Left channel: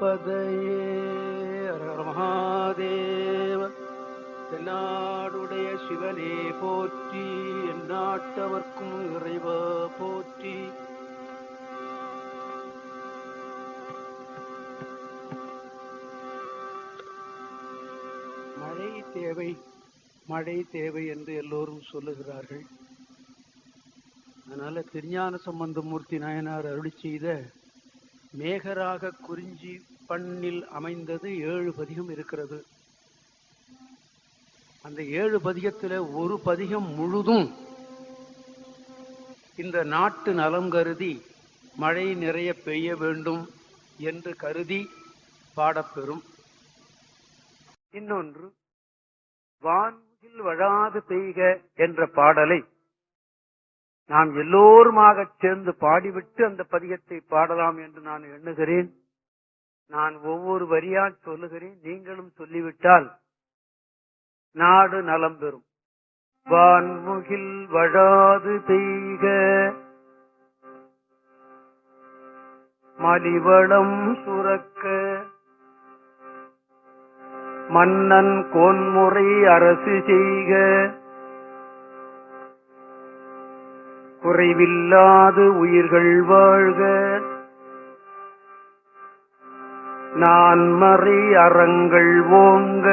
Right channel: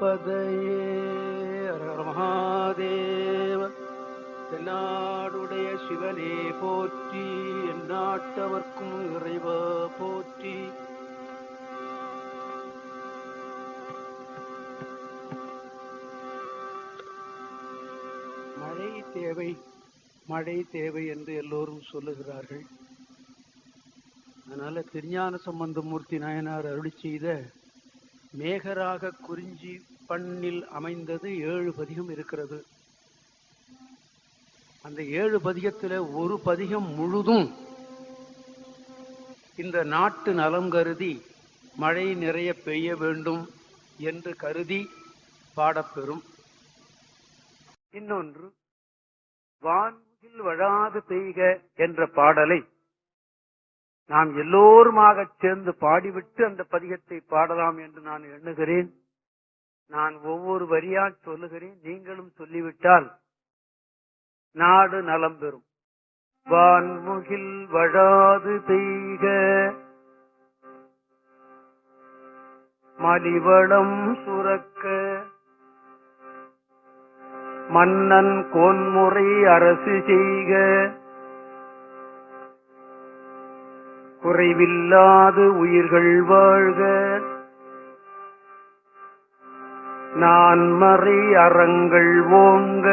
பதையே மகாதேவ தென்னாடுடைய சிவனே போற்றி, எந்நாட்டவர்க்கும் இறைவா போற்றி. மழை தேவை என்று எல்லோரும் சொல்லுகிறார்கள். அதனால திருஞான சம்பந்தமூர்த்தி நாயனார் அருளி செய்த மேகராக குறிஞ்சி பண்ணில் அமைந்தது 7 பதிகம் இருக்கிறது. அந்த 7 பதிகத்தில் ஒரு பதிகம் முழுதும் இந்த நாட்டு நலம் கருதி மழை நிறைய பெய்ய வேண்டும் என்று கருதி பாடப்பெறும். இன்னொன்று வான்முகில் வழாது பெய்க என்ற பாடலை நாம் எல்லோருமாக சேர்ந்து பாடிவிட்டு அந்த பதிகத்தை பாடலாம் என்று நான் எண்ணுகிறேன். நான் ஒவ்வொரு வரியா சொல்லுகிறேன், நீங்களும் சொல்லிவிட்டால் நாடு நலம் பெறும். வான்முகில் வழாது பெய்க மலிவளம் சுரக்க மன்னன் கோன்முறை அரசு செய்க குறைவில்லாது உயிர்கள் வாழ்க நான்மறை அறங்கள் ஓங்க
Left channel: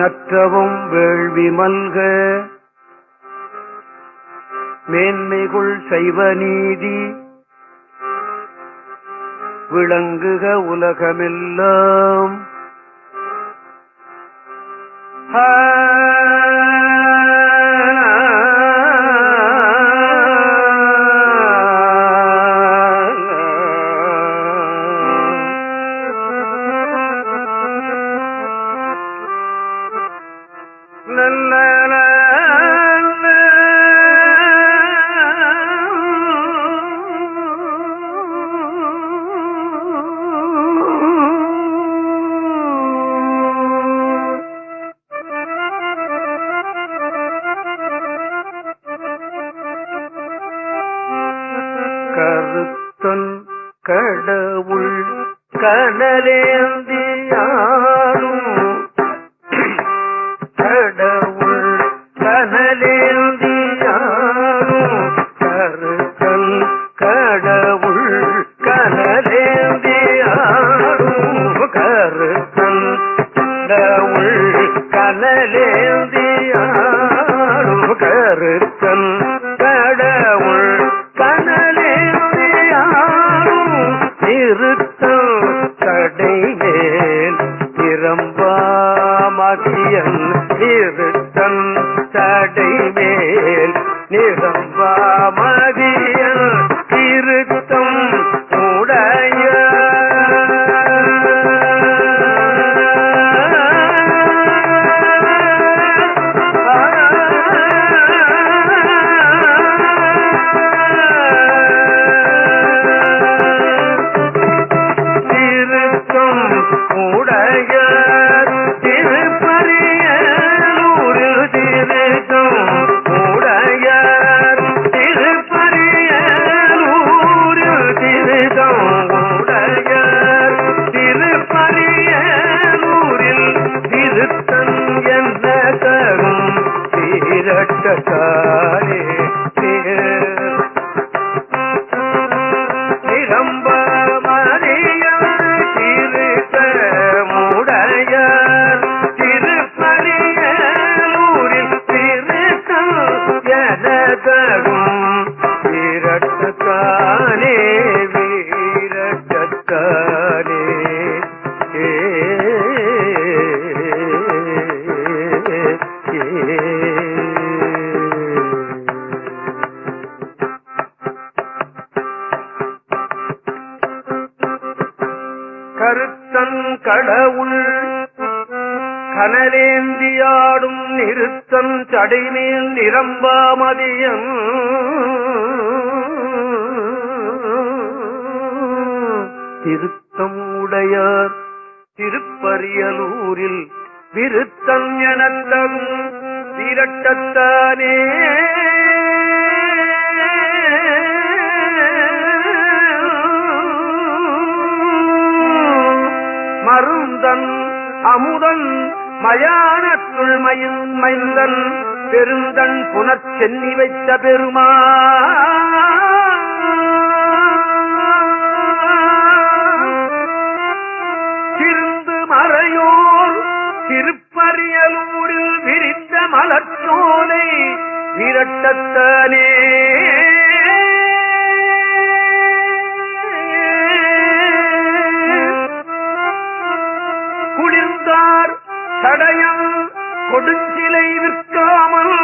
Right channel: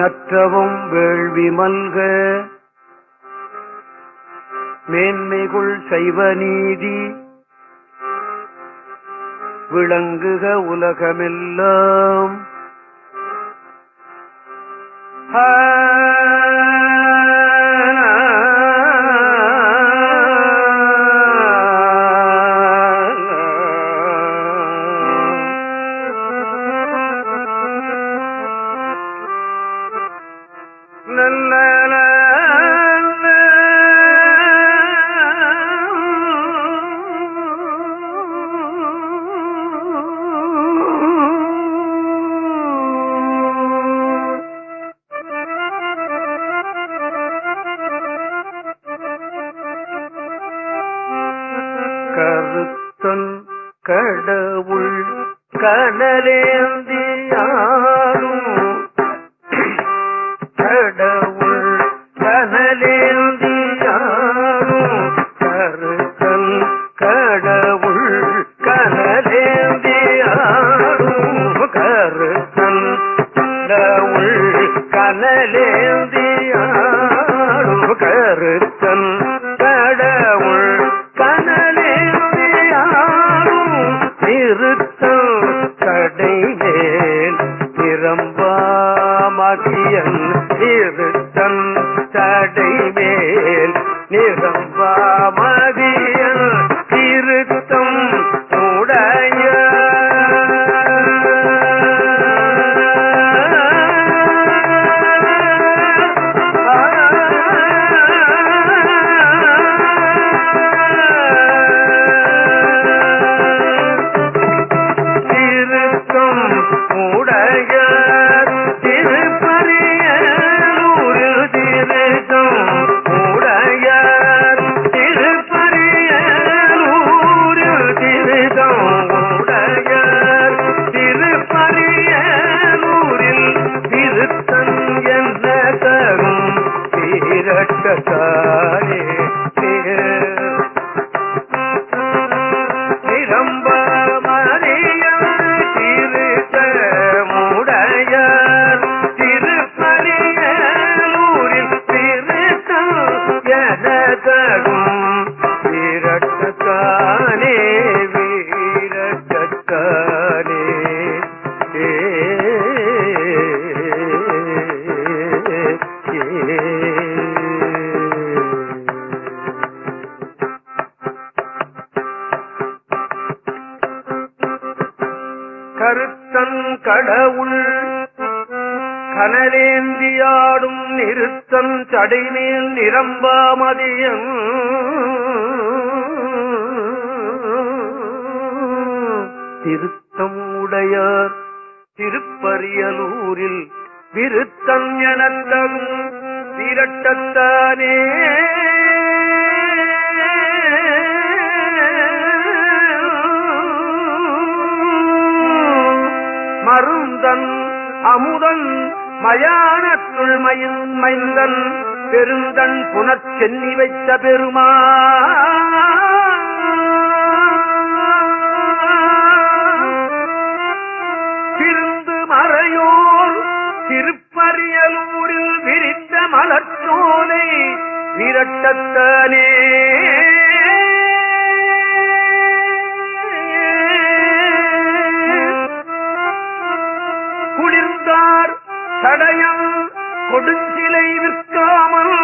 நற்றவும் வேள்வி மல்க மேன்மைகுள் சைவ நீதி விளங்குக உலகமெல்லாம். கருத்தன் கடவுள் கனலேந்தியாடும் கடவுள் கனலேந்தியாடும் கருத்தன் கடவுள் கனலேந்தியாடும் கருத்தன் கடவுள் கனலேந்தியாடும் கருத்தன் கடவுள் தடைமேல் நிரம்பாமதியன் இருத்தன் தடைமேல் நிரம்பாமதியன் இருத்தம் உடைய கருத்தன் கடவுள் கனலேந்தியாடும் நிறுத்தன் சடைமேல் நிரம்பாமதியம் திருத்தம் உடையார் திருப்பரியலூரில் விருத்தன் எனந்தகும் விரட்டத்தானே அமுதன் மயானத்துள் மைந்தன் பெருந்தன் புனர்ச்சென்னி வைத்த பெருமா திருந்து மறையோர் திருப்பரியலூரில் விரிந்த மலர்ச்சோலை விரட்டத்தானே குளிர்ந்தார் சடையம் கொடுஞ்சிலை விற்காமல்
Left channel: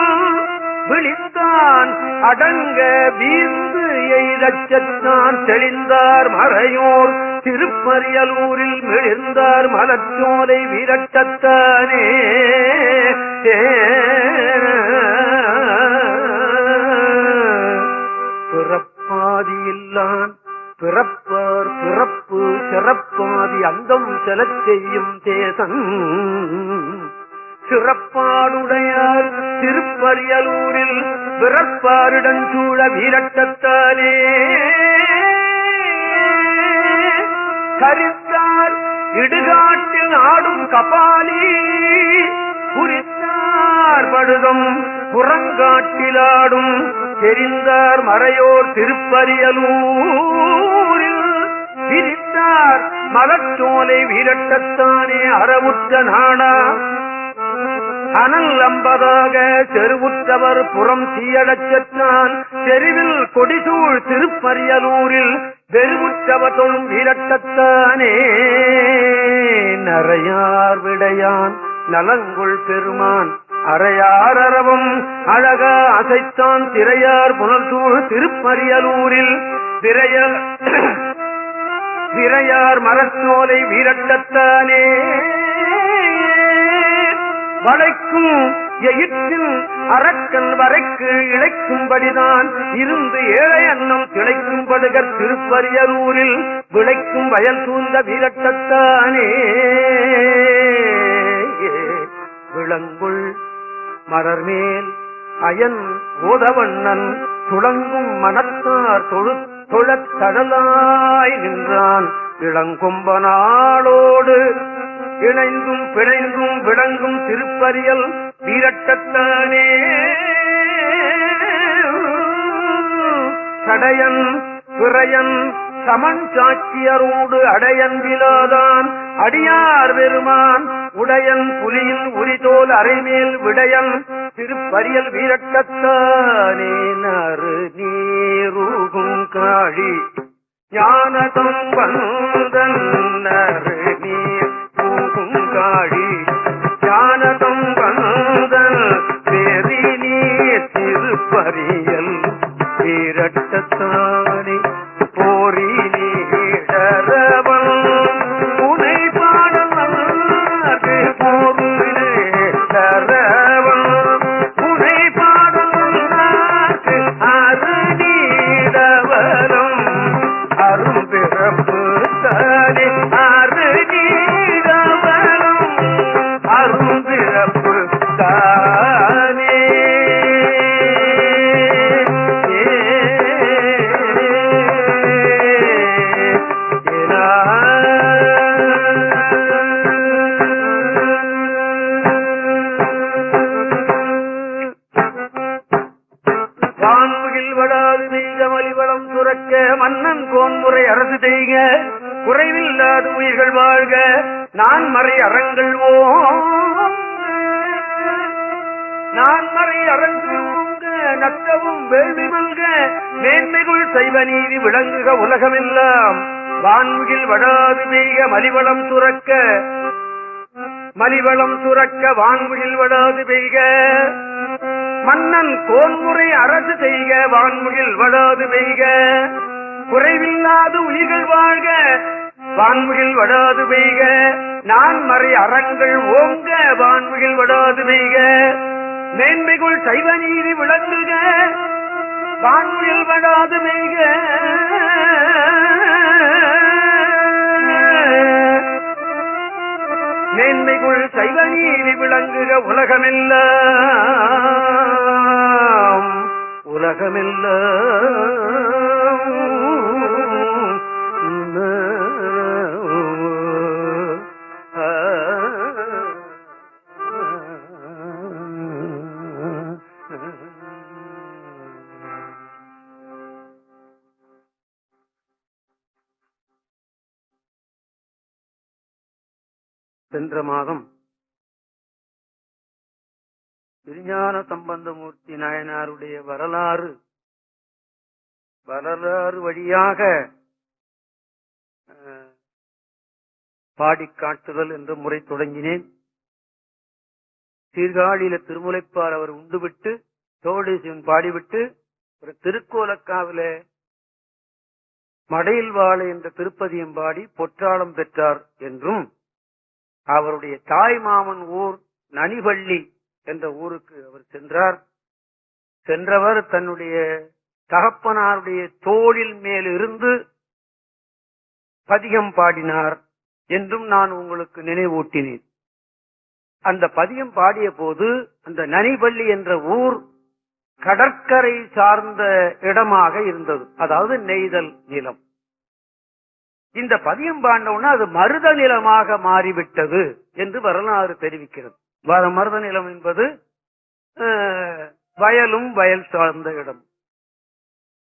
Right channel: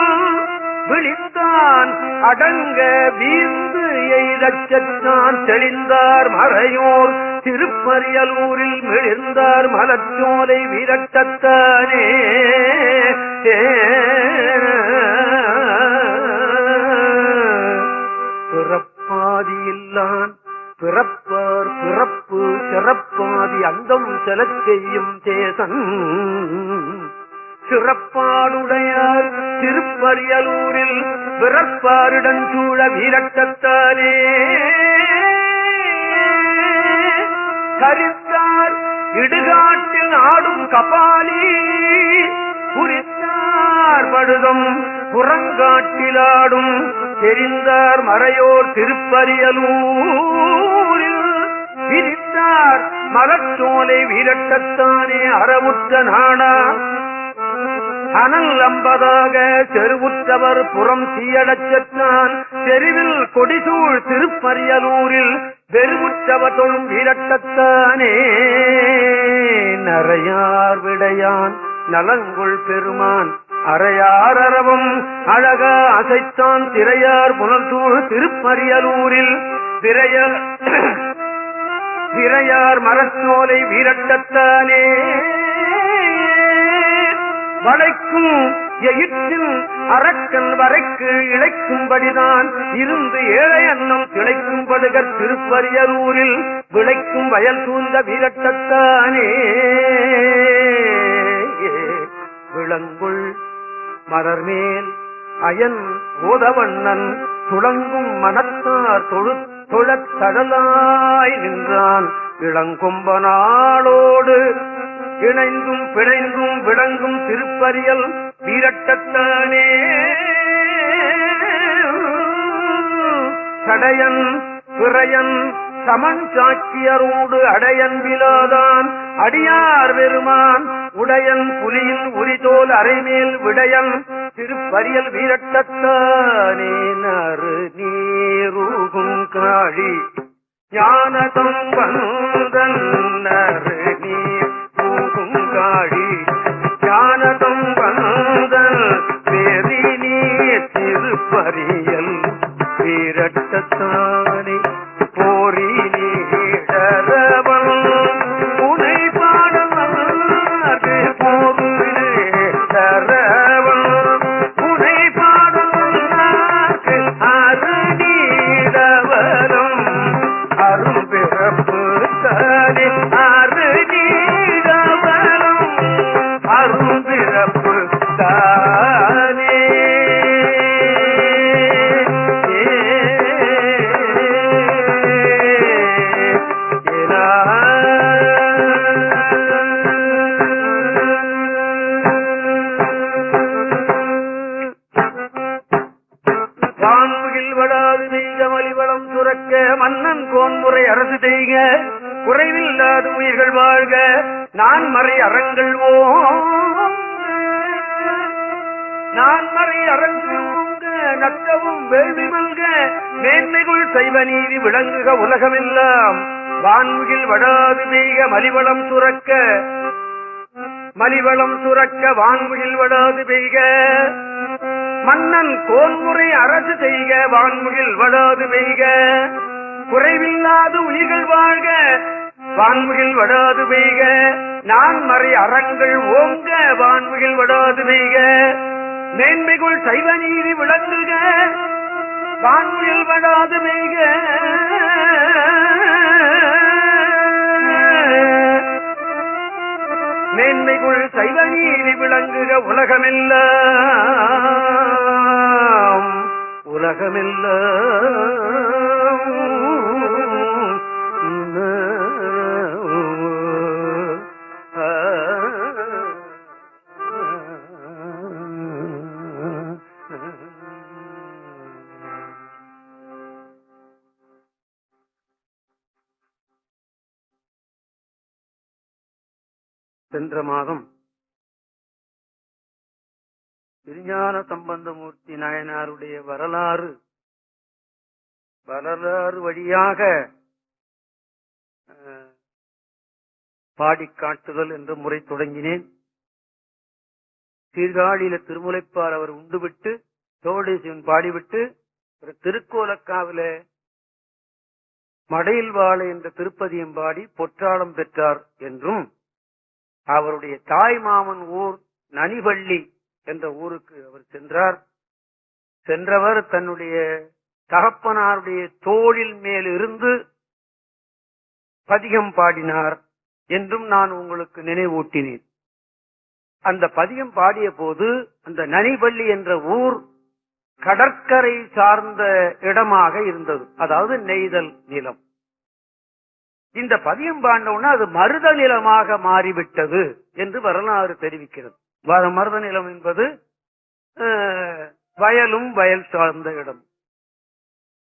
விழித்தான் அடங்க வீர்ந்து எய்தச்சான் தெளிந்தார் மறையோர் திருப்பரியலூரில் மிளிர்ந்தார் மலர்ச்சோலை விரட்டத்தானே பிறப்பாதி இல்லான் பிறப்பார் பிறப்பு சிறப்பாதி அந்தம் செலச் செய்யும் தேசன் சிறப்பாடுடையார் திருப்பரியலூரில் பிறப்பாருடன் சூழ வீரட்டத்தானே கரித்தார் இடுகாட்டில் ஆடும் கபாலி குறித்தார் படுதும் புறங்காட்டிலாடும் தெரிந்தார் மறையோர் திருப்பரியலூரில் விரித்தார் மலர்ச்சோலை வீரட்டத்தானே அறவுற்ற நாடா அனல் அம்பதாக செருவுற்றவர் புறம் தீயடச்சான் தெருவில் கொடிசூழ் திருப்பரியலூரில் வெறுவுற்றவர் தொழும் வீரட்டத்தானே நரையார் விடையான் நலங்குள் பெருமான் அறையார் அரவம் அழகா அசைத்தான் திரையார் புனர்சூழ் திருப்பரியலூரில் விரையார் மரச்சோலை வீரட்டத்தானே வளைக்கும் எயிற்றில் அரக்கன் வரைக்கு இழைக்கும்படிதான் இருந்து ஏழை அன்னம் திளைக்கும்படுகர் திருப்பரியலூரில் விளைக்கும் வயல் சூழ்ந்த வீரட்டத்தானே விளங்குள் மலர்மேல் அயன் ஓதவண்ணன் துளங்கும் மனத்தார் தொழத் தடலாய் நின்றான் இளங்கொம்பனாளோடு இணைந்தும் பிணைந்தும் விளங்கும் திருப்பரியல் வீரட்டத்தானே சடையன் பிறையன் சமன் சாட்சியரோடு அடையன் விலாதான் அடியார் பெருமான் உடையன் புலியின் உரிதோல் அரைமேல் விடையன் திருப்பரியல் வீரட்டத்தானே நறு நீருகும் காழி ஞானதம் வந்தன் நறு நீர் காழி ஞானதம் வந்தல் பெரி நீர் திருப்பரியல் வீரட்டத்தானே போரி நீடரவன் உனை பாடலார்க்கு போருடரவன் உனை பாடலார்க்கு அருநீடவரம் அரும்பிறப்பு தானே அருநீடவரம் அரும்பிறப்பு தானே வான்முகில் வடாது செய்க மலிவளம் சுரக்க மன்னன் கோன்முறை அரசு செய்க குறைவில்லாத உயிர்கள் வாழ்க நான் மறை அறங்கள் நான்மறை அறங்கள் ஓங்க நத்தவும் வேள்வி மல்க மேன்மைகுள் செய்வ நீதி விளங்குக உலகமெல்லாம் வான்முகில் வடாது பெய்க மலிவளம் சுரக்க வான்முகில் வடாது பெய்க மன்னன் கோன்முறை அரசு செய்க வான்முகில் வடாது பெய்க குறைவில்லாத உயிர்கள் வாழ்க வான்முகில் வடாது பெய்க நான் மறை அறங்கள் ஓங்க வான்முகில் வடாது பெய்க மேன்மைகுள் சைவ நீதி விளங்குக வான்முகில் வடாது பெய்க மேன்மைகுள் சைவ நீதி விளங்குக உலகமெல்லாம் உலகமெல்லாம் சென்ற மாதம் திருஞான சம்பந்தமூர்த்தி நாயனாருடைய வரலாறு வழியாக பாடி காட்டுதல் என்ற முறை தொடங்கினேன். சீர்காழியில திருமுலைப்பால் அவர் உண்டுவிட்டு தோடேசிவன் பாடிவிட்டு ஒரு திருக்கோலக்காவில மடையில் வாழை என்ற திருப்பதியம் பாடி பொற்றாளம் பெற்றார் என்றும், அவருடைய தாய் மாமன் ஊர் நனிவள்ளி என்ற ஊருக்கு அவர் சென்றார். சென்றவர் தன்னுடைய தகப்பனாருடைய தோளில் மேல் இருந்து பதிகம் பாடினார் என்றும் நான் உங்களுக்கு நினைவூட்டினேன். அந்த பதிகம் பாடிய போது அந்த நனிவள்ளி என்ற ஊர் கடற்கரை சார்ந்த இடமாக இருந்தது, அதாவது நெய்தல் நிலம். இந்த பதியம் பாண்டவுடனே அது மருத நிலமாக மாறிவிட்டது என்று வரலாறு தெரிவிக்கிறது. மருத நிலம் என்பது வயலும் வயல் சார்ந்த இடம்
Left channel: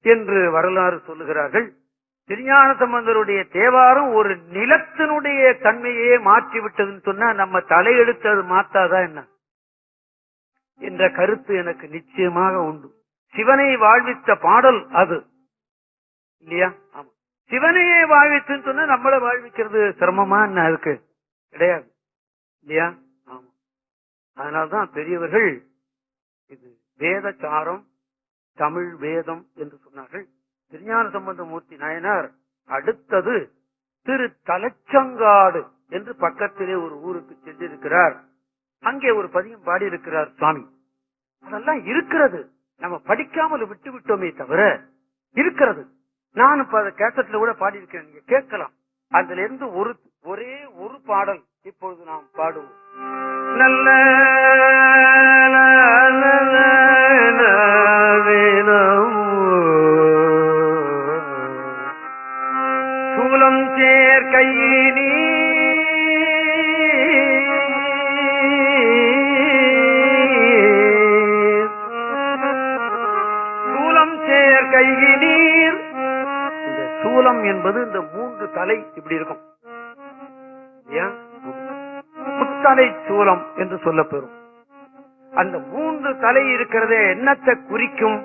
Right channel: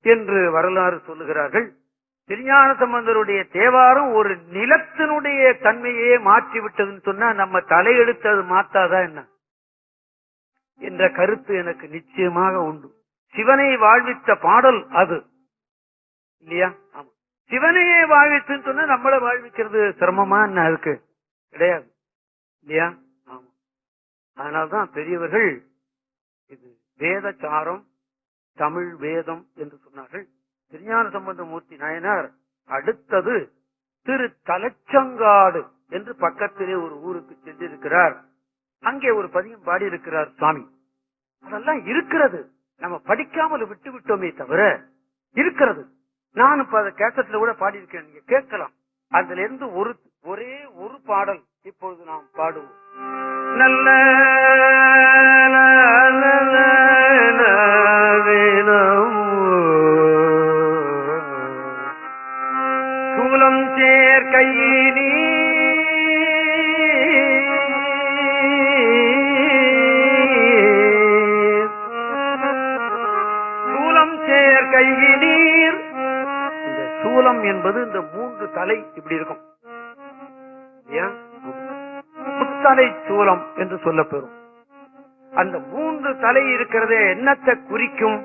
என்று வரலாறு சொல்லுகிறார்கள். திருஞான சம்பந்தருடைய தேவாரம் ஒரு நிலத்தினுடைய தன்மையே மாற்றிவிட்டதுன்னு சொன்னா நம்ம தலையெடுத்து அது மாத்தாதா என்ன என்ற கருத்து எனக்கு நிச்சயமாக உண்டு. சிவனை வாழ்வித்த பாடல் அது இல்லையா? ஆமா, சிவனையே வாழ்வித்துன்னு சொன்னா நம்மள வாழ்விக்கிறது சிரமமா என்ன இருக்கு? கிடையாது இல்லையா? ஆமா, அதனால்தான் பெரியவர்கள் இது வேதசாரம் தமிழ் வேதம் என்று சொன்னார்கள். திருஞான சம்பந்தமூர்த்தி நாயனார் அடுத்தது திரு தலச்சங்காடு என்று பக்கத்திலே ஒரு ஊருக்கு சென்றிருக்கிறார். அங்கே ஒரு பதியம் பாடியிருக்கிறார் சுவாமி. அதெல்லாம் இருக்கிறது, நம்ம படிக்காமல் விட்டு விட்டோமே தவிர இருக்கிறது. நான் இப்ப அதை கேசட்ல கூட பாடியிருக்கேன், நீங்க கேட்கலாம். அதுல இருந்து ஒரே ஒரு பாடல் இப்பொழுது நாம் பாடுவோம். நல்ல சூலம் சேர் கையினி சூலம் சேர் கையினீர். இந்த சூலம் என்பது இந்த மூன்று தலை இப்படி இருக்கும், புத்தலை சூலம் என்று சொல்லப்பெறும். அந்த மூன்று தலை இருக்கிறதே என்னத்தை குறிக்கும்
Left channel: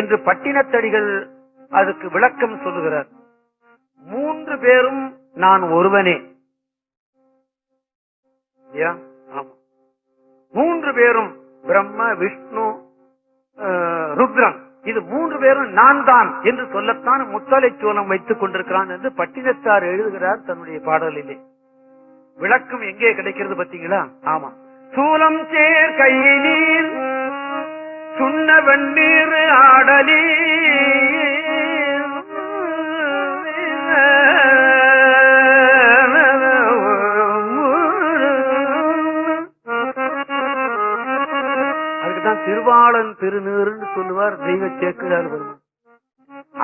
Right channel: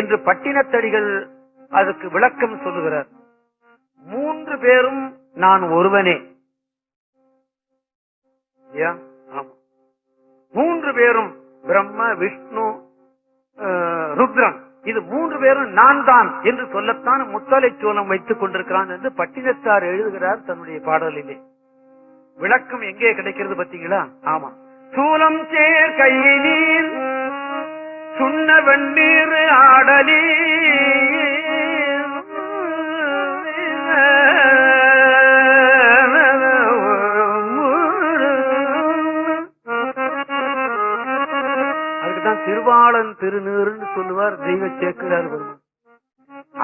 என்று பட்டினத்தடிகள் அதுக்கு விளக்கம் சொல்லுகிறார். மூன்று பேரும் நான் ஒருவனே. மூன்று பேரும் பிரம்ம விஷ்ணு ருத்ரன், இது மூன்று பேரும் நான் தான் என்று சொல்லத்தான் முத்தலை சூலம் வைத்துக் கொண்டிருக்கிறான் என்று பட்டினத்தார் எழுதுகிறார் தன்னுடைய பாடலிலே. விளக்கம் எங்கே கிடைக்கிறது பார்த்தீங்களா? ஆமா, சூலம் சேர் கையினீர் சுண்ண வெண்ணீர் ஆடலி அதுக்குதான் திருவாளன் திருநீர்னு சொல்லுவார் தெய்வ சேக்கிழார் பெருமான்.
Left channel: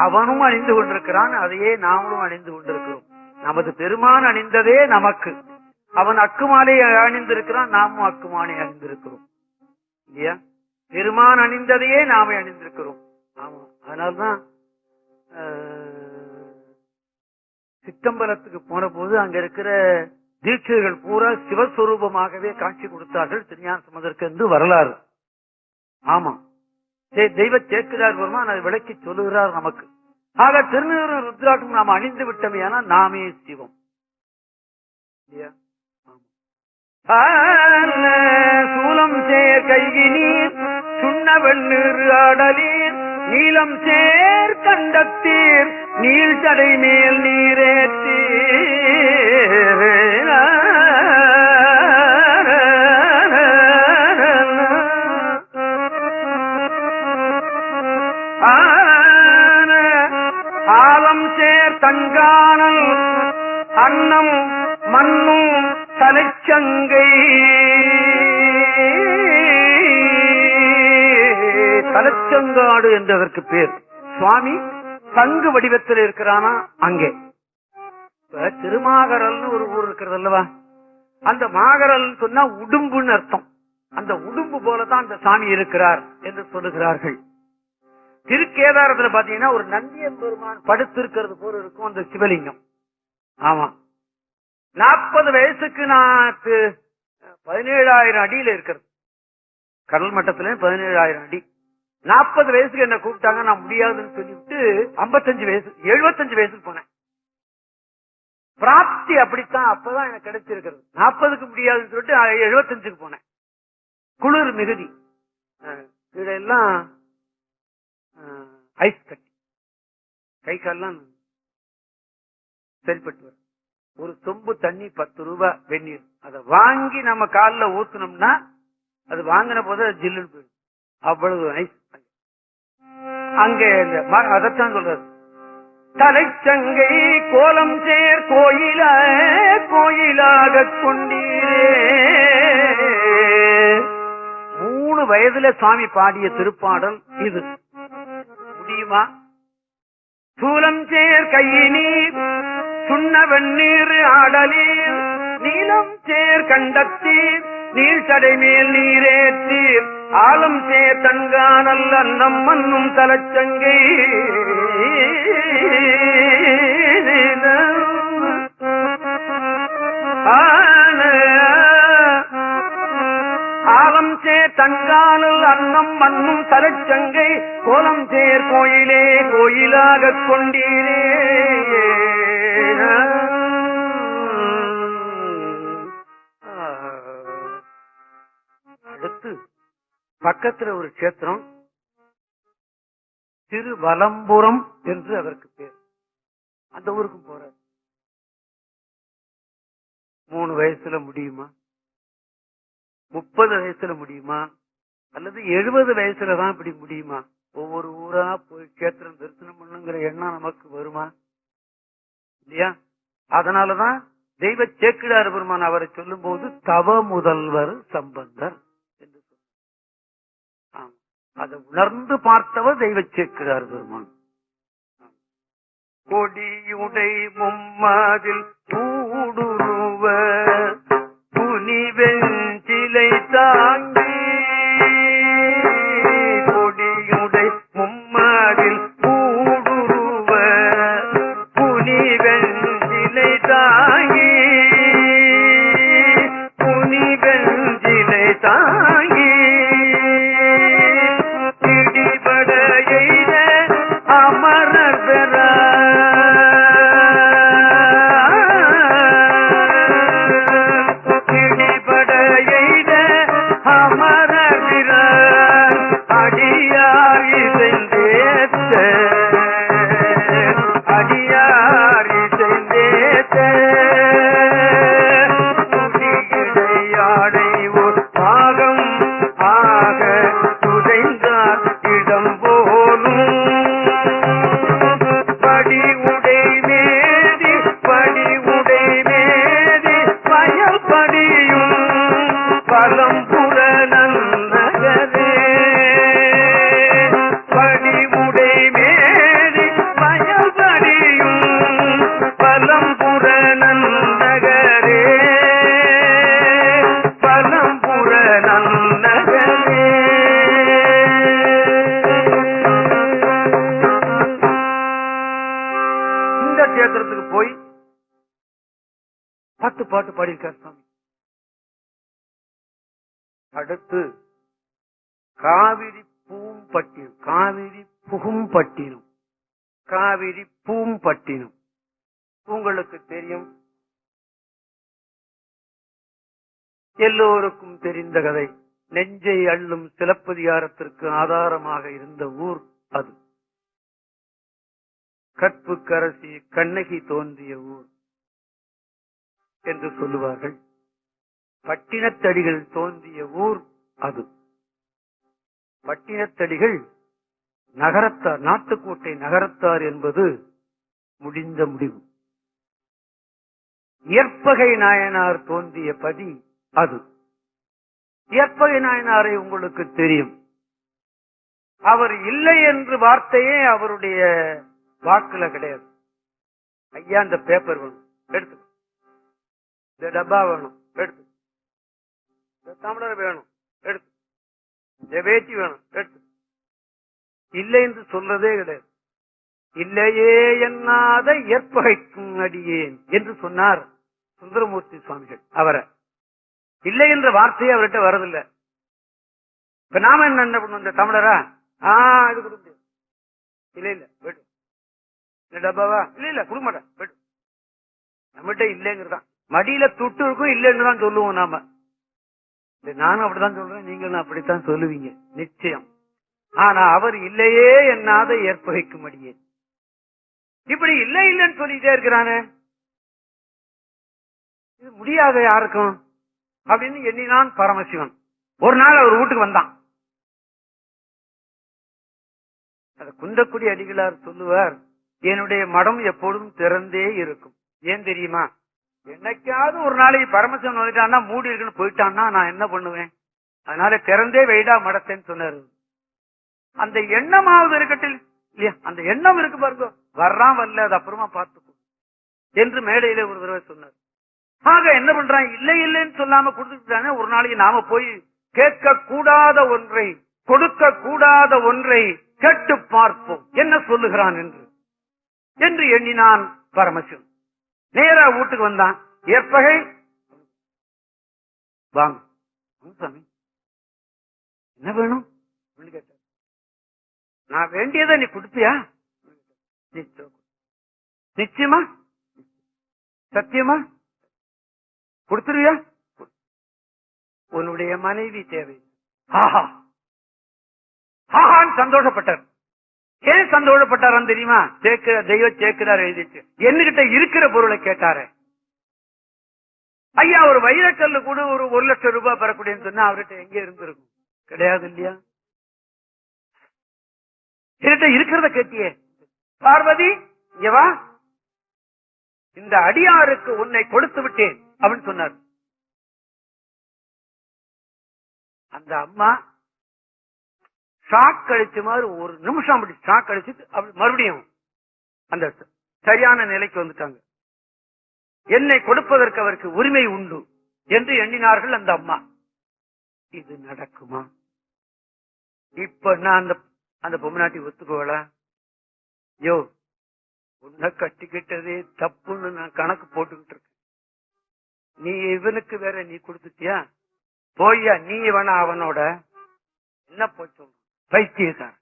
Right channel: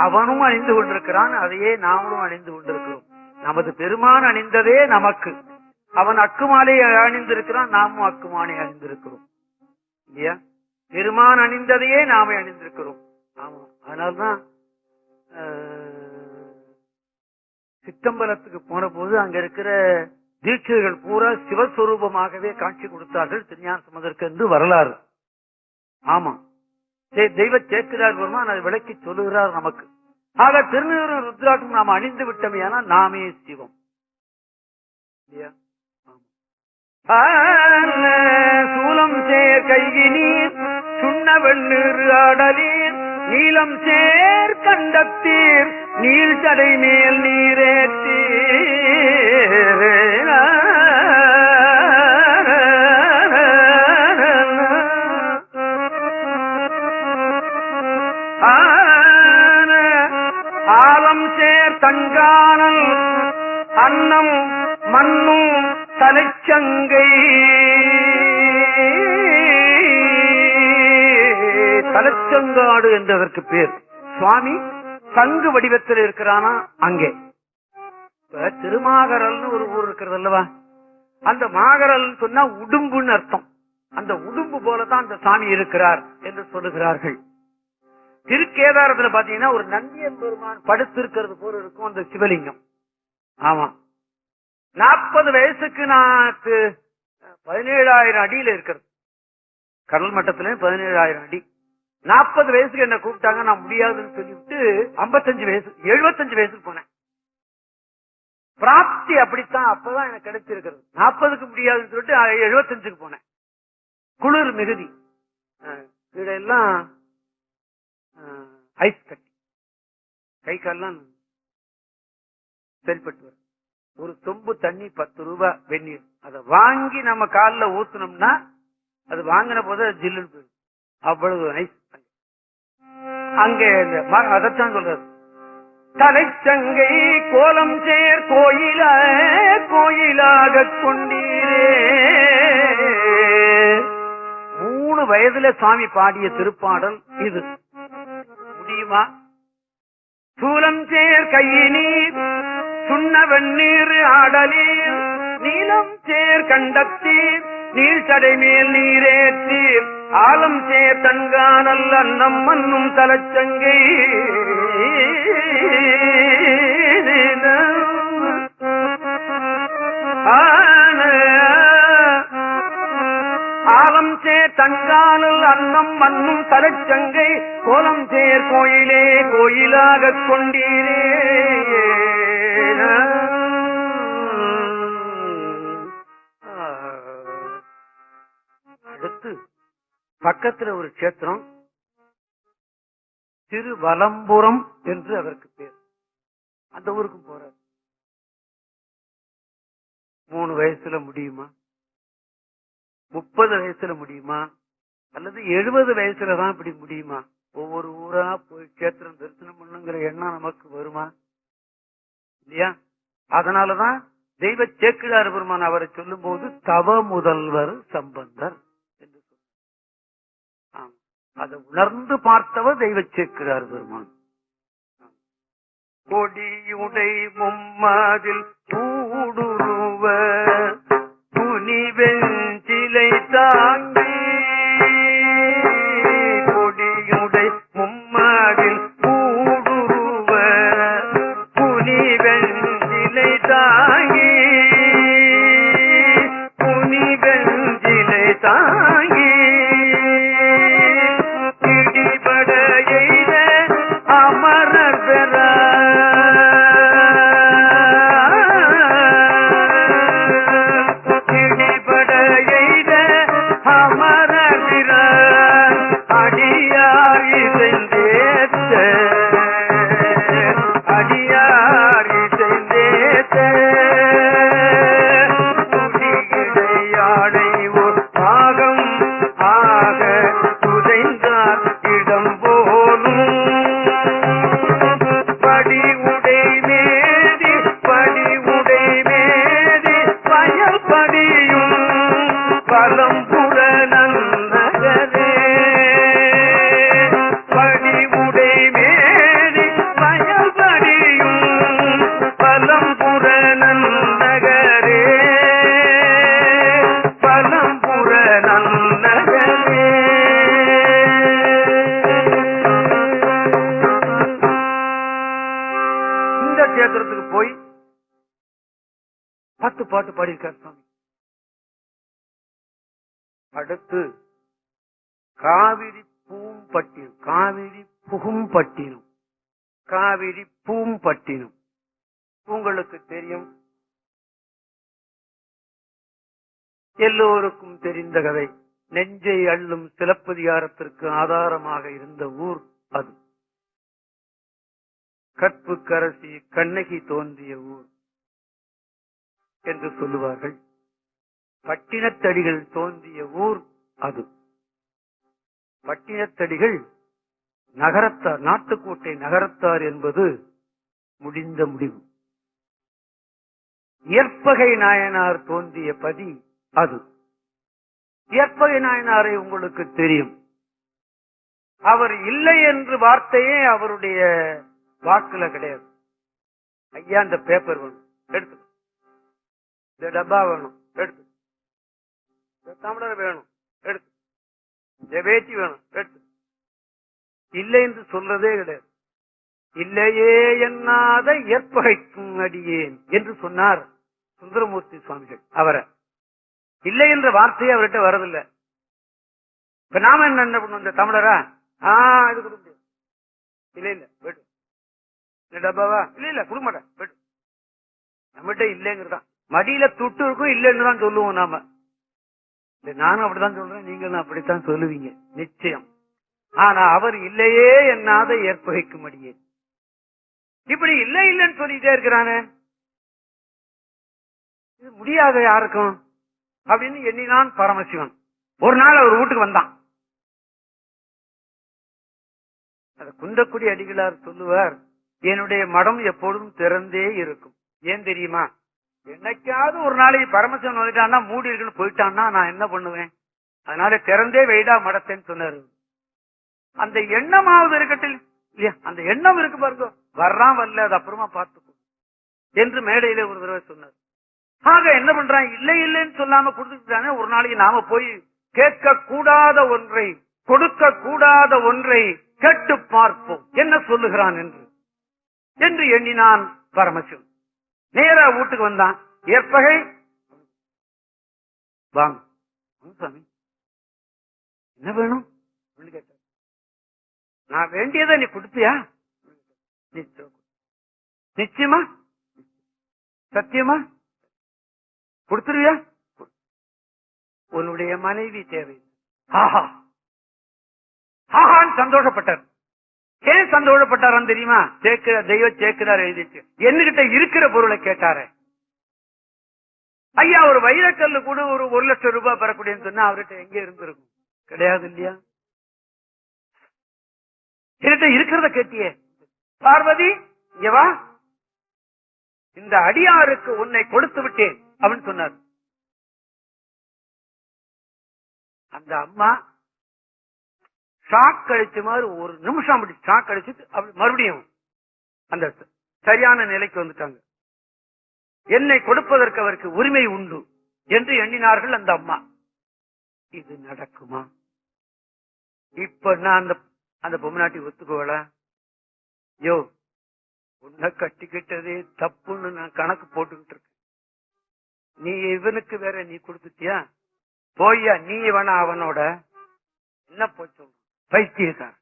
அவனும் அணிந்து கொண்டிருக்கிறான், அதையே நாமளும் அணிந்து கொண்டிருக்கிறோம். நமது பெருமான் அணிந்ததே நமக்கு. அவன் அக்குமாலை அணிந்திருக்கிறான், நாமும் அக்குமாலை அணிந்திருக்கிறோம் இல்லையா? பெருமான் அணிந்ததையே நாம அணிந்திருக்கிறோம். ஆமா, அதனால்தான் சித்தம்பலத்துக்கு போன போது அங்க இருக்கிற தீட்சைகள் பூரா சிவஸ்வரூபமாகவே காட்சி கொடுத்தார்கள் திருஞான சம்பந்தருக்கு என்று வரலாறு. ஆமா, தெய்வ சேக்கிழார் பெருமான் அதை விளக்கி சொல்லுகிறார் நமக்கு. ஆக திருநீறு ருத்ராட்டம் நாம் அணிந்து விட்டோமே, ஆனால் நாமே சிவம் இல்லையா? சூலம் சேர் கைகினீர் சுண்ண வெண்ணீர் ஆடலீர் நீலம் சேர் கண்டத்தீர் நீள் தடை மேல் நீரேற்றி ஆலம் சேர் தங்கானல் அன்னம் மண்ணும் தலைச்சங்கை. தலைச்சங்காடு என்றதற்கு பேர். சுவாமி சங்கு வடிவத்தில் இருக்கிறானா அங்கே. இப்ப திருமாகரல்னு ஒரு ஊர் இருக்கிறது அல்லவா, அந்த மாகரல் சொன்னா உடும்புன்னு அர்த்தம். அந்த உடும்பு போலதான் அந்த சாமி இருக்கிறார் என்று சொல்லுகிறார்கள். திருக்கேதாரத்துல பாத்தீங்கன்னா ஒரு நந்தியம் பெருமான் படுத்திருக்கிறது போல இருக்கும் அந்த சிவலிங்கம். ஆமா, 40 வயசுக்கு நான் 17,000 அடியில இருக்கிறது, கடல் மட்டத்துல 17,000 அடி. 40 வயசுக்கு என்ன கூப்பிட்டாங்க, நான் முடியாதுன்னு சொல்லிவிட்டு 55 வயசு 75 வயசுக்கு போனேன். பிராப்தி அப்படித்தான், அப்பதான் எனக்கு கிடைச்சிருக்கிறது. 40க்கு முடியாதுன்னு சொல்லிட்டு 75க்கு போனேன். குளிர் மிகுதி, இதெல்லாம் ஐஸ் கட்டி, கை கால்லாம் சரிப்பட்டு வரும். ஒரு சொம்பு தண்ணி 10 ரூபாய் வெந்நீர், அதை வாங்கி நம்ம காலில் ஊத்துனோம்னா அது வாங்கின போது ஜில்லுன்னு போயிடும், அவ்வளவு ஐஸ். அங்கே அதைத்தான் சொல்றது, தலைச்சங்கை கோலம் சேர் கோயிலாக கொண்டீரே. 3 வயதுல சுவாமி பாடிய திருப்பாடல் இது. முடியுமா? சூலம் சேர் கையினீர் சுண்ண வெண்ணீர் ஆடலீர், நீலம் சேர் கண்டத்தீர் நீழ்சடை மேல் நீரேற்றீர், ஆலம் சேர் தன்கானல் அன்னம் மன்னும் தலைச்சங்கை. ஆலம் சேர் தன்கானல் அன்னம் மன்னும் தலைச்சங்கை, கோலம் சேர் கோயிலாக கொண்டீரே. அடுத்து பக்கத்துல ஒரு கஷேத்திரம் திருவலம்புரம் என்று அதற்கு பேர். அந்த ஊருக்கும் போறார். 3 வயசுல முடியுமா? 30 வயசுல முடியுமா? அல்லது 70 வயசுலதான் இப்படி முடியுமா? ஒவ்வொரு ஊரா போய் கஷேத்திரம் தரிசனம் பண்ணுங்கிற எண்ணம் நமக்கு வருமா? இல்லையா? அதனாலதான் தெய்வ சேக்கிழார் பெருமான் அவரை சொல்லும் போது தவ முதல்வர் சம்பந்தர் என்று சொன்னார். அதை உணர்ந்து பார்த்தவர் தெய்வ சேக்கிழார் பெருமான். கொடியுடை மும்மதில் கூடுருவ புனிவெஞ்சிலை தாங்கி, கொடியுடை மும்மதில் கூடுருவ புனிவெஞ்சிலை தாங்கி, புனிவெஞ்சிலை தாங்கி இடிபட எய்த அமரர் பெற, இடிபட எய்த அமரர் பெற அடியார் இசைந்தேத்த, அடியார் இசைந்தேத்த துடியிடையாடை ஒரு பாகம் ஆக துதைந்தார் இடம் போலும், படி உடை மேதி பயல் படியும் பலம்புற நன்னகரே, படி உடை மேதி பயல் படியும் பலம்புற நன்னகரே, பலம்புற நன்னகரே. இந்த கஷேத்திரத்துக்கு போய் 10 பாட்டு பாடியிருக்கார் சுவாமி. அடுத்து காவிரி பூம்பட்டினம், காவிரி புகும்பட்டினம், காவிரி பூம்பட்டினம் உங்களுக்கு தெரியும், எல்லோருக்கும் தெரிந்த கதை. நெஞ்சை அள்ளும் சிலப்பதிகாரத்திற்கு ஆதாரமாக இருந்த ஊர் அது. கற்புக்கரசி கண்ணகி தோன்றிய ஊர் என்று சொல்லுவார்கள். பட்டினத்தடிகள் தோன்றிய ஊர் அது. பட்டினத்தடிகள் நகரத்தார், நாட்டுக்கோட்டை நகரத்தார் என்பது முடிந்த முடிவு. இயற்பகை நாயனார் தோன்றிய பதி அது. இயற்பகை நாயனாரை உங்களுக்கு தெரியும். அவர் இல்லை என்று வார்த்தையே அவருடைய வாக்குல கிடையாது. ஐயா இந்த பேப்பர் வேணும் எடுத்து, இந்த டப்பா வேணும் எடுத்து, இந்த தமிழர் வேணும் எடுத்து, இந்த வேட்டி வேணும் எடுத்து, இல்லை என்று சொல்றதே கிடையாது. இல்லையே எண்ணாத இயற்பகைக்கும் அடியேன் என்று சொன்னார் சுந்தரமூர்த்தி சுவாமிகள். அவரை இல்லை என்ற வார்த்தையே அவர்கிட்ட வரதில்லை. இப்ப நாம என்ன பண்ணுவோம், இந்த தமிழரா இது கொடுக்க முடியும், இல்ல இல்ல போயிட்டு டப்பாவா, இல்ல இல்ல கொடுக்க மாட்டேன் போயிட்டு, நம்மகிட்ட இல்லைங்கிறதான். மடியில துட்டு இருக்கும், இல்லைன்னு தான் சொல்லுவோம் நாம. நானும் அப்படித்தான் சொல்றேன், நீங்களும் அப்படித்தான் சொல்லுவீங்க நிச்சயம். ஆனா அவர் இல்லையே என்னாத ஏற்பகைக்கும்படியே இப்படி இல்லை இல்லைன்னு சொல்லிட்டே இருக்கிறானே, இது முடியாத யாருக்கும் அப்படின்னு எண்ணினான் பரமசிவன். ஒரு நாள் அவர் வீட்டுக்கு வந்தான். அத குந்தக்குடி அடிகளார் சொல்லுவார், என்னுடைய மடம் எப்பொழுதும் திறந்தே இருக்கும். ஏன் தெரியுமா, என்னைக்காவது ஒரு நாளைக்கு பரமசிவன் வந்துட்டான்னா மூடி இருக்குன்னு போயிட்டான்னா நான் என்ன பண்ணுவேன், அதனால திறந்தே வைடா மடத்தேன்னு சொன்னாரு. அந்த எண்ணமாவது இருக்கட்டும் இல்லையா, அந்த எண்ணம் இருக்கு பாருங்க, வர்றான் வரல அது அப்புறமா பார்த்துக்கும் என்று மேடையில ஒரு தடவை சொன்னார். ஆக என்ன பண்றான், இல்லை இல்லைன்னு சொல்லாம கொடுத்துட்டானே, ஒரு நாளைக்கு நாம போய் கேட்க கூடாத ஒன்றை, கொடுக்க கூடாத ஒன்றை கேட்டு பார்ப்போம் என்ன சொல்லுகிறான் என்று எண்ணினான் பரமசிவன். நேரா வீட்டுக்கு வந்தான். ஏற்பகை வாங்க சாமி, என்ன வேணும் கேட்டார். நான் வேண்டியதை நீ கொடுப்பியா, நிச்சயமா சத்தியமா கொடுத்துருவியா, உன்னுடைய மனைவி தேவை. ஆஹா ஆஹான்னு சந்தோஷப்பட்டார். ஏன் சந்தோஷப்பட்டாரான்னு தெரியுமா, தெய்வ சேக்கிரார் எழுதிச்சு, என்கிட்ட இருக்கிற பொருளை கேட்டாரு. ஐயா ஒரு வைரக்கல்லு கூட ஒரு 1 லட்சம் ரூபாய் பெறக்கூடியன்னு சொன்னா அவர்கிட்ட எங்க இருந்திருக்கும், கிடையாது இல்லையா. என்கிட்ட இருக்கிறத கேட்டியே, பார்வதி இங்க வா, இந்த அடியாருக்கு உன்னை கொடுத்து விட்டேன் அப்படின்னு சொன்னார். அந்த அம்மா ஷாக் கழிச்ச மாதிரி ஒரு நிமிஷம் அப்படி ஷாக் கழிச்சுட்டு அப்படி மறுபடியும் அந்த சரியான நிலைக்கு வந்துட்டாங்க. என்னை கொடுப்பதற்கு அவருக்கு உரிமை உண்டு என்று எண்ணினார்கள் அந்த அம்மா. இது நடக்குமா, இப்ப நான் அந்த பொம்மநாட்டி ஒத்துக்கோல, யோ உன்னை கட்டிக்கிட்டதே தப்புன்னு நான் கணக்கு போட்டுக்கிட்டு இருக்கேன், நீ இவனுக்கு வேற நீ கொடுத்துட்டியா, போய்யா நீ வேணா அவனோட என்ன போய் சொல்ற பைத்தியக்கார்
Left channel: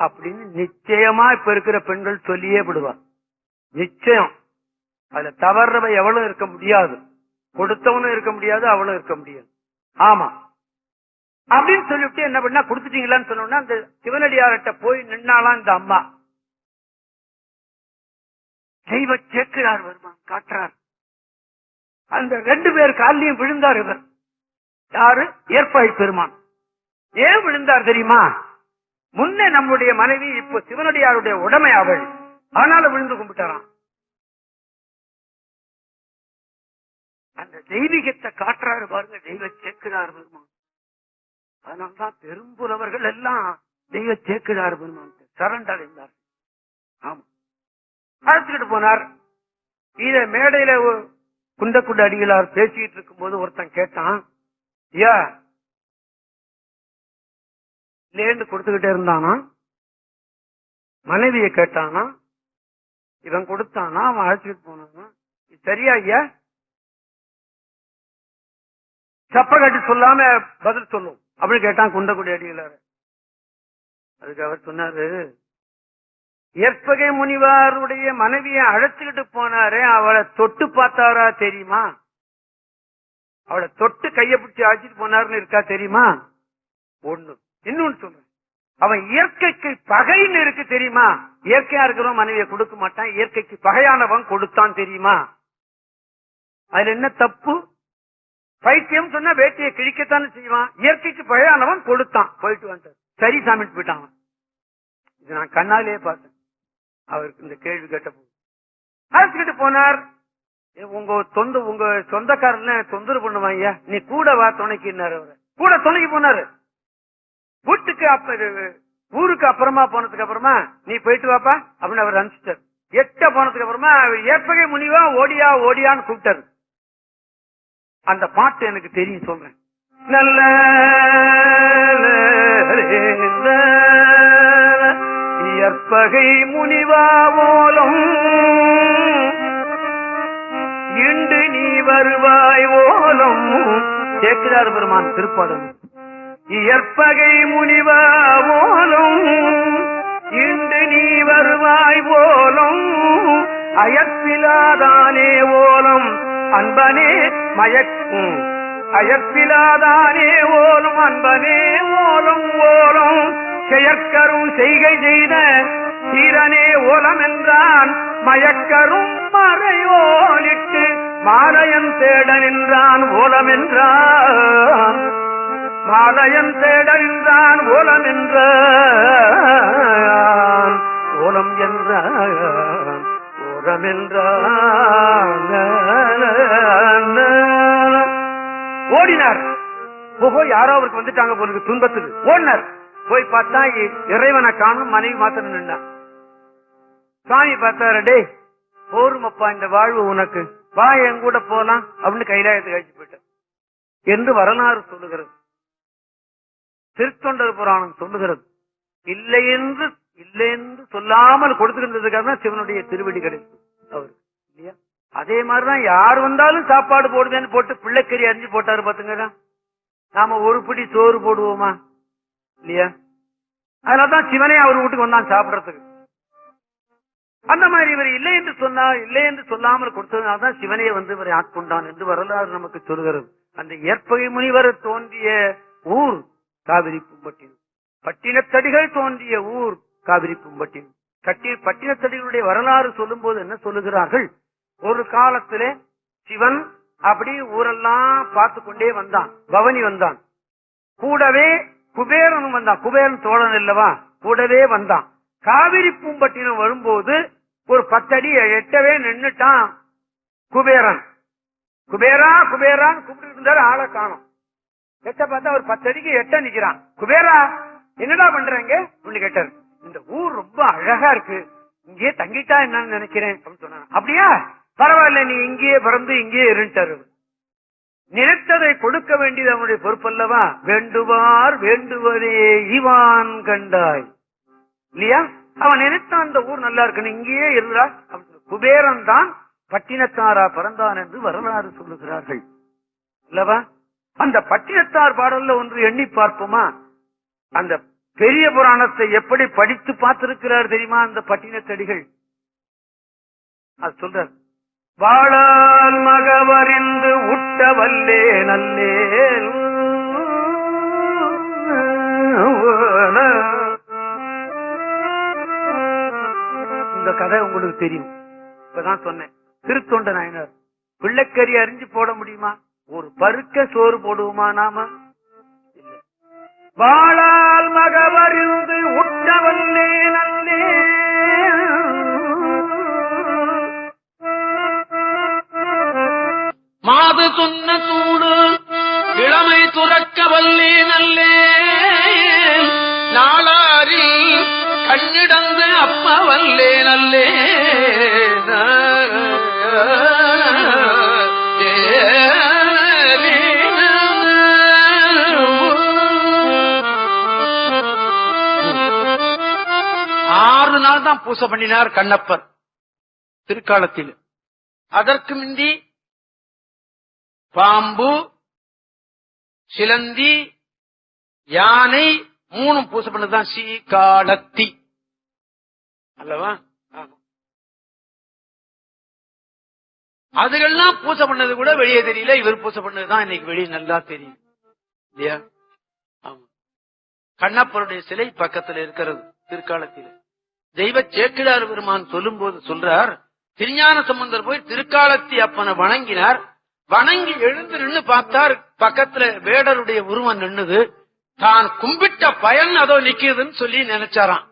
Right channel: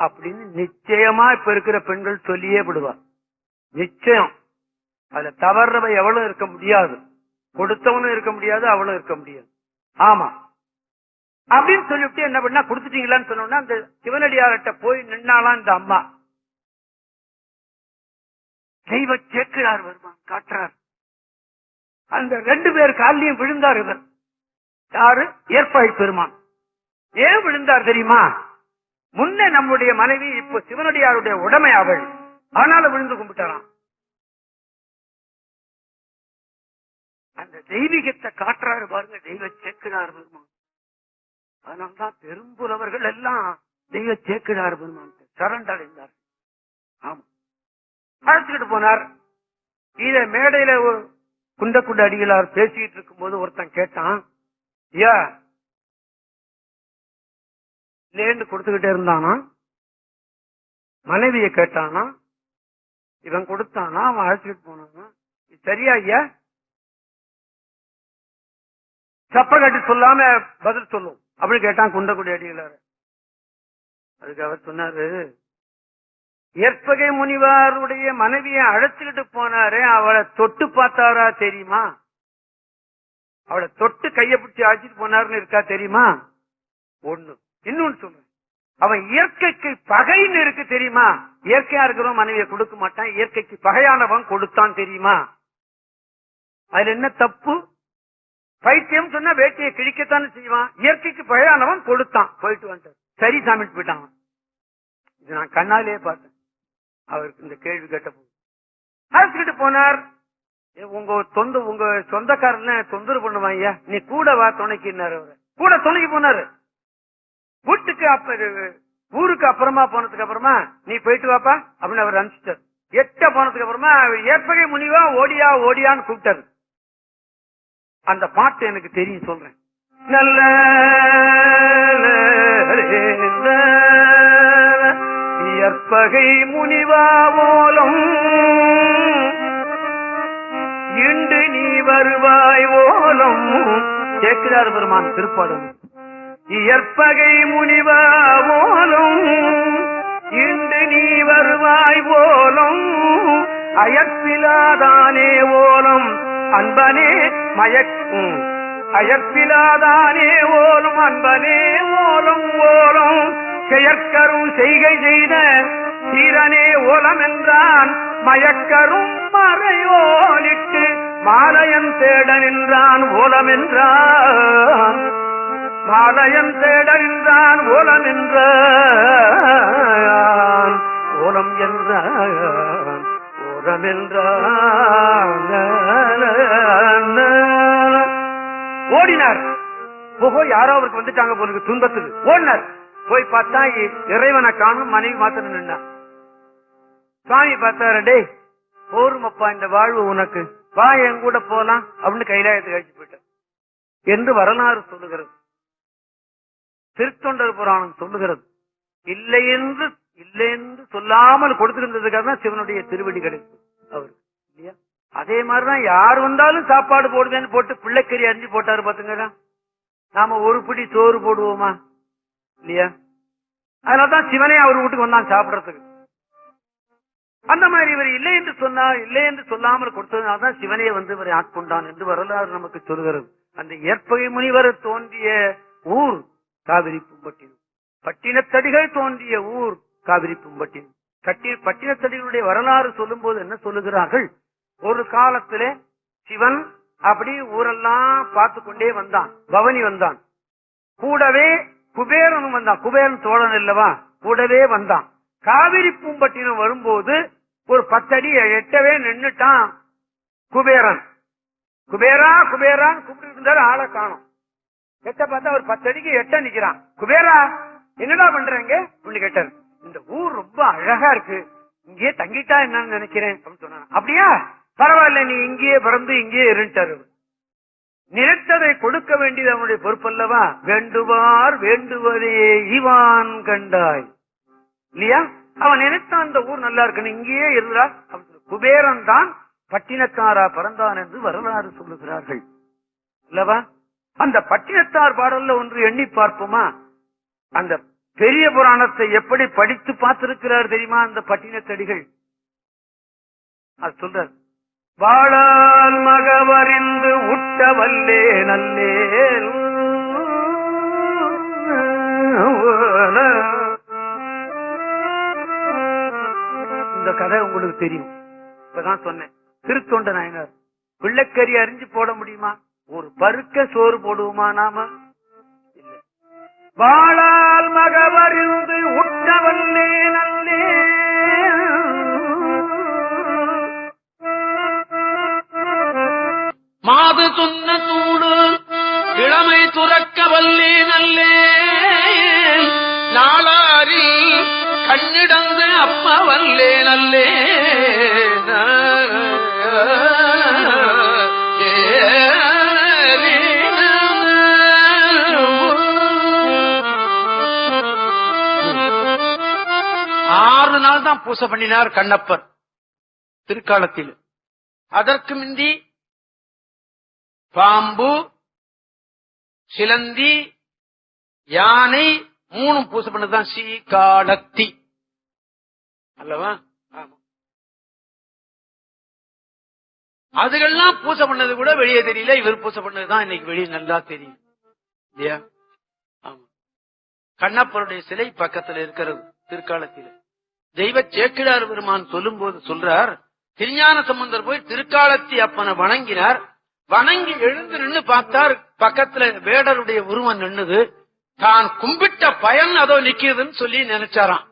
அப்படின்னு நிச்சயமா இப்ப இருக்கிற பெண்கள் சொல்லியே விடுவா. நிச்சயம் அதுல தவறவ எவ்வளவு இருக்க முடியாது, கொடுத்தவனும் இருக்க முடியாது, அவளும் இருக்க முடியாது. ஆமா அப்படின்னு சொல்லிவிட்டு என்ன பண்ணா, கொடுத்துட்டீங்களான்னு சொன்னோம்னா அந்த சிவனடியார்கிட்ட போய் நின்னாலாம் இந்த அம்மா. தெய்வ சேக்கிழார் வருமான் காட்டுறார். அந்த 2 பேர் காலையும் விழுந்தார் இவர். யாரு, ஏற்பாய் பெருமான். ஏன் விழுந்தார் தெரியுமா, முன்னே நம்முடைய மனைவி இப்போ சிவனடியாருடைய உடைமை அவள், ஆனால விழுந்து கும்பிட்டாராம். அந்த தெய்வீகத்தை காட்டுறாரு பாருங்க தெய்வ சேக்கிழார் பெருமான். அதனால்தான் பெரும்புலவர்கள் எல்லாம் தெய்வ சேக்கிழார் பெருமான் சரண்டடைந்தார். ஆமா அழைச்சுக்கிட்டு போனார். இத மேடையில குண்டக்குண்ட அடிகளார் பேசிக்கிட்டு இருக்கும் போது ஒருத்தன் கேட்டான், ஐயா லேண்டு கொடுத்துக்கிட்டே இருந்தானா, மனைவியை கேட்டானா, இவன் கொடுத்தானா, அவன் அழைச்சிட்டு போனானா, சரியா ஐயா, சப்ப கட்டி சொல்லாம பதில் சொல்லும் அப்படின்னு கேட்டான் குண்டக்குடி அடிகளார். அதுக்கு அவர் சொன்னாரு, ஏற்பகை முனிவாருடைய மனைவியை அழைச்சுக்கிட்டு போனாரே, அவளை தொட்டு பார்த்தாரா தெரியுமா, அவளை தொட்டு கைய பிடிச்சி அழைச்சிட்டு போனாருன்னு இருக்கா தெரியுமா, ஒண்ணு. இன்னொன்னு சொல்றேன், அவன் இயற்கைக்கு பகைன்னு இருக்கு தெரியுமா, இயற்கையா இருக்கிறவன் மனைவியை கொடுக்க மாட்டான், இயற்கைக்கு பகையானவன் கொடுத்தான் தெரியுமா, அதுல என்ன தப்பு, பைத்தியம் சொன்னா வேட்டையை கிழிக்கத்தானே செய்வான், இயற்கைக்கு பகையானவன் கொடுத்தான், போயிட்டு வந்தார், சரி சாமிட்டு போயிட்டான். இது நான் கண்ணாலே பார்த்தேன். அவருக்கு இந்த கேள்வி கேட்ட போது அழைச்சுக்கிட்டு போனார். உங்க சொந்தக்காரன்னு தொந்தரவு பண்ணுவாங்க, நீ கூட வா துணைக்குன்னாரு. அவரை கூட துணைக்கு போனாரு. வீட்டுக்கு ஊருக்கு அப்புறமா போனதுக்கு அப்புறமா நீ போயிட்டு வாப்பா அப்படின்னு அவர் அனுப்பிச்சிட்டார். எட்ட போனதுக்கு அப்புறமா ஏற்பகை முனிவா ஓடியா ஓடியான்னு கூப்பிட்டாரு. அந்த பாட்டு எனக்கு தெரியும், சொல்றேன். நல்ல ஏற்பகை முனிவா ஓலம் இண்டு நீ வருவாய் ஓலம். சேக்கிழார் பெருமான் திருப்பாடல். இயற்பகை முனிவா ஓலம் இன்று நீ வருவாய் ஓலம். அயற்பிலாதானே ஓலம் அன்பனே மயக்கும். அயற்பிலாதானே ஓலும் அன்பனே ஓலம் ஓலம். செயற்கரும் செய்கை செய்த தீரனே ஓலம் என்றான். மயக்கரும் மறையோலிட்டு மாலையன் தேட நின்றான் ஓலம் என்றான். மாலையன் தேட நின்றான் ஓலம் என்றான். ஓலம் என்றான் ஓலம் என்றான். ஓடினார். ஓஹோ யாரோ அவருக்கு வந்துட்டாங்க போலுக்கு துன்பத்துக்கு. ஓடினார். போய் பார்த்தா இறைவனை காணும். மனைவி மாத்திரம் நின்றான். சுவாமி பார்த்தாரு. டே போருமப்பா இந்த வாழ்வு உனக்கு, வா என் கூட போலாம் அப்படின்னு கைலாயத்துக்கு அழைச்சு போயிட்டார் என்று வரலாறு சொல்லுகிறது. திருத்தொண்டர் புராணம் சொல்லுகிறது. இல்லை என்று சொல்லாமல் கொடுத்திருந்ததுக்காக தான் சிவனுடைய திருவடி கிடைக்கும் அவருக்கு இல்லையா? அதே மாதிரிதான் யார் வந்தாலும் சாப்பாடு போடுவேன்னு போட்டு பிள்ளைக்கறி அரிஞ்சு போட்டாரு பாத்துங்க. நாம ஒரு பிடி சோறு போடுவோமா இல்லையா? அதனாலதான் சிவனே அவர் வீட்டுக்கு வந்தான் சாப்பிடறதுக்கு. அந்த மாதிரி இவர் இல்லை என்று சொன்னார். இல்லை என்று சொல்லாமல் கொடுத்ததுனால்தான் சிவனே வந்து இவரை ஆட்கொண்டான் என்று வரலாறு நமக்கு சொல்கிறது. அந்த ஏற்பகை முனிவர் தோன்றிய ஊர் காவிரி பூம்பட்டினம். பட்டினத்தடிகள் தோன்றிய ஊர் காவிரி பூம்பட்டினம். பட்டினத்தடிகளுடைய வரலாறு சொல்லும் போது என்ன சொல்லுகிறார்கள்? ஒரு காலத்திலே சிவன் அப்படி ஊரெல்லாம் பார்த்து கொண்டே வந்தான். பவனி வந்தான். கூடவே குபேரனும் வந்தான். குபேரன் தோழன் இல்லவா, கூடவே வந்தான். காவிரி பூம்பட்டினம் வரும்போது ஒரு 10 அடி எட்டவே நின்னுட்டான் குபேரன். குபேரா குபேரான்னு கூப்பிட்டு இருந்தாரு. ஆளை காணும். எட்ட பார்த்தா ஒரு 10 அடிக்கு எட்ட நிக்கிறான். குபேரா என்னடா பண்றீங்க அப்படின்னு கேட்டாரு. இந்த ஊர் ரொம்ப அழகா இருக்கு, இங்கேயே தங்கிட்டா என்னன்னு நினைக்கிறேன் அப்படின்னு சொன்னாங்க. அப்படியா, பரவாயில்ல, நீ இங்கேயே பிறந்து இங்கேயே இருட்டாரு. நினைத்ததை கொடுக்க வேண்டியது அவனுடைய பொறுப்பல்லவா? வேண்டுவார் வேண்டுவதே ஈவான் கண்டாய் இல்லையா? அவன் நினைத்தான் அந்த ஊர் நல்லா இருக்குன்னு இங்கேயே இருந்தா. குபேரன் தான் பட்டினத்தாரா பிறந்தான் என்று வரலாறு சொல்லுகிறார்கள் அல்லவா? அந்த பட்டினத்தார் பாடல்ல ஒன்று எண்ணி பார்ப்போமா? அந்த பெரிய புராணத்தை எப்படி படித்து பார்த்திருக்கிறார் தெரியுமா அந்த பட்டினத்தடிகள்? அது சொல்றார். வாழால் மகவறிந்து உட்ட வல்லே நல்லே. இந்த கதை உங்களுக்கு தெரியும். இப்பதான் சொன்னேன். திருத்தொண்ட நாயனார் பிள்ளைக்கறி அறிஞ்சு போட முடியுமா? ஒரு பருக்க சோறு போடுவோமா நாம? இல்ல. வாழால் மகவறிந்து உட்டவல்லே நல்லே. மாது சொன்ன தூடு இளமை துறக்க வல்லே நல்லே. நாளாரில் கண்ணிடந்து அப்ப வல்லே நல்லே. ஆறு நாள் தான் பூசை பண்ணினார் கண்ணப்பர் திருக்காலத்தில். அதற்கு முந்தி பாம்பு, சிலந்தி, யானை மூணும் பூசை பண்ணதுதான் சீகாலத்தி அல்லவா? அதுகள்லாம் பூசை பண்ணது கூட வெளியே தெரியல. இவர் பூசை பண்ணதுதான் இன்னைக்கு வெளியே நல்லா தெரியும் இல்லையா? ஆமா. கண்ணப்பருடைய சிலை பக்கத்தில் இருக்கிறது திருக்காலத்தில். தெய்வ சேக்கிழார் பெருமான் சொல்லும் போது சொல்றார், திருஞான சம்பந்தர் போய் திருக்காலத்தி அப்பனை வணங்கினார். வணங்கி எழுந்து நின்று பார்த்தார், பக்கத்துல வேடருடைய உருவம் நின்னுது. தான் கும்பிட்ட பயன் அதோ நிக்கிறதுன்னு சொல்லி நினைச்சாராம்.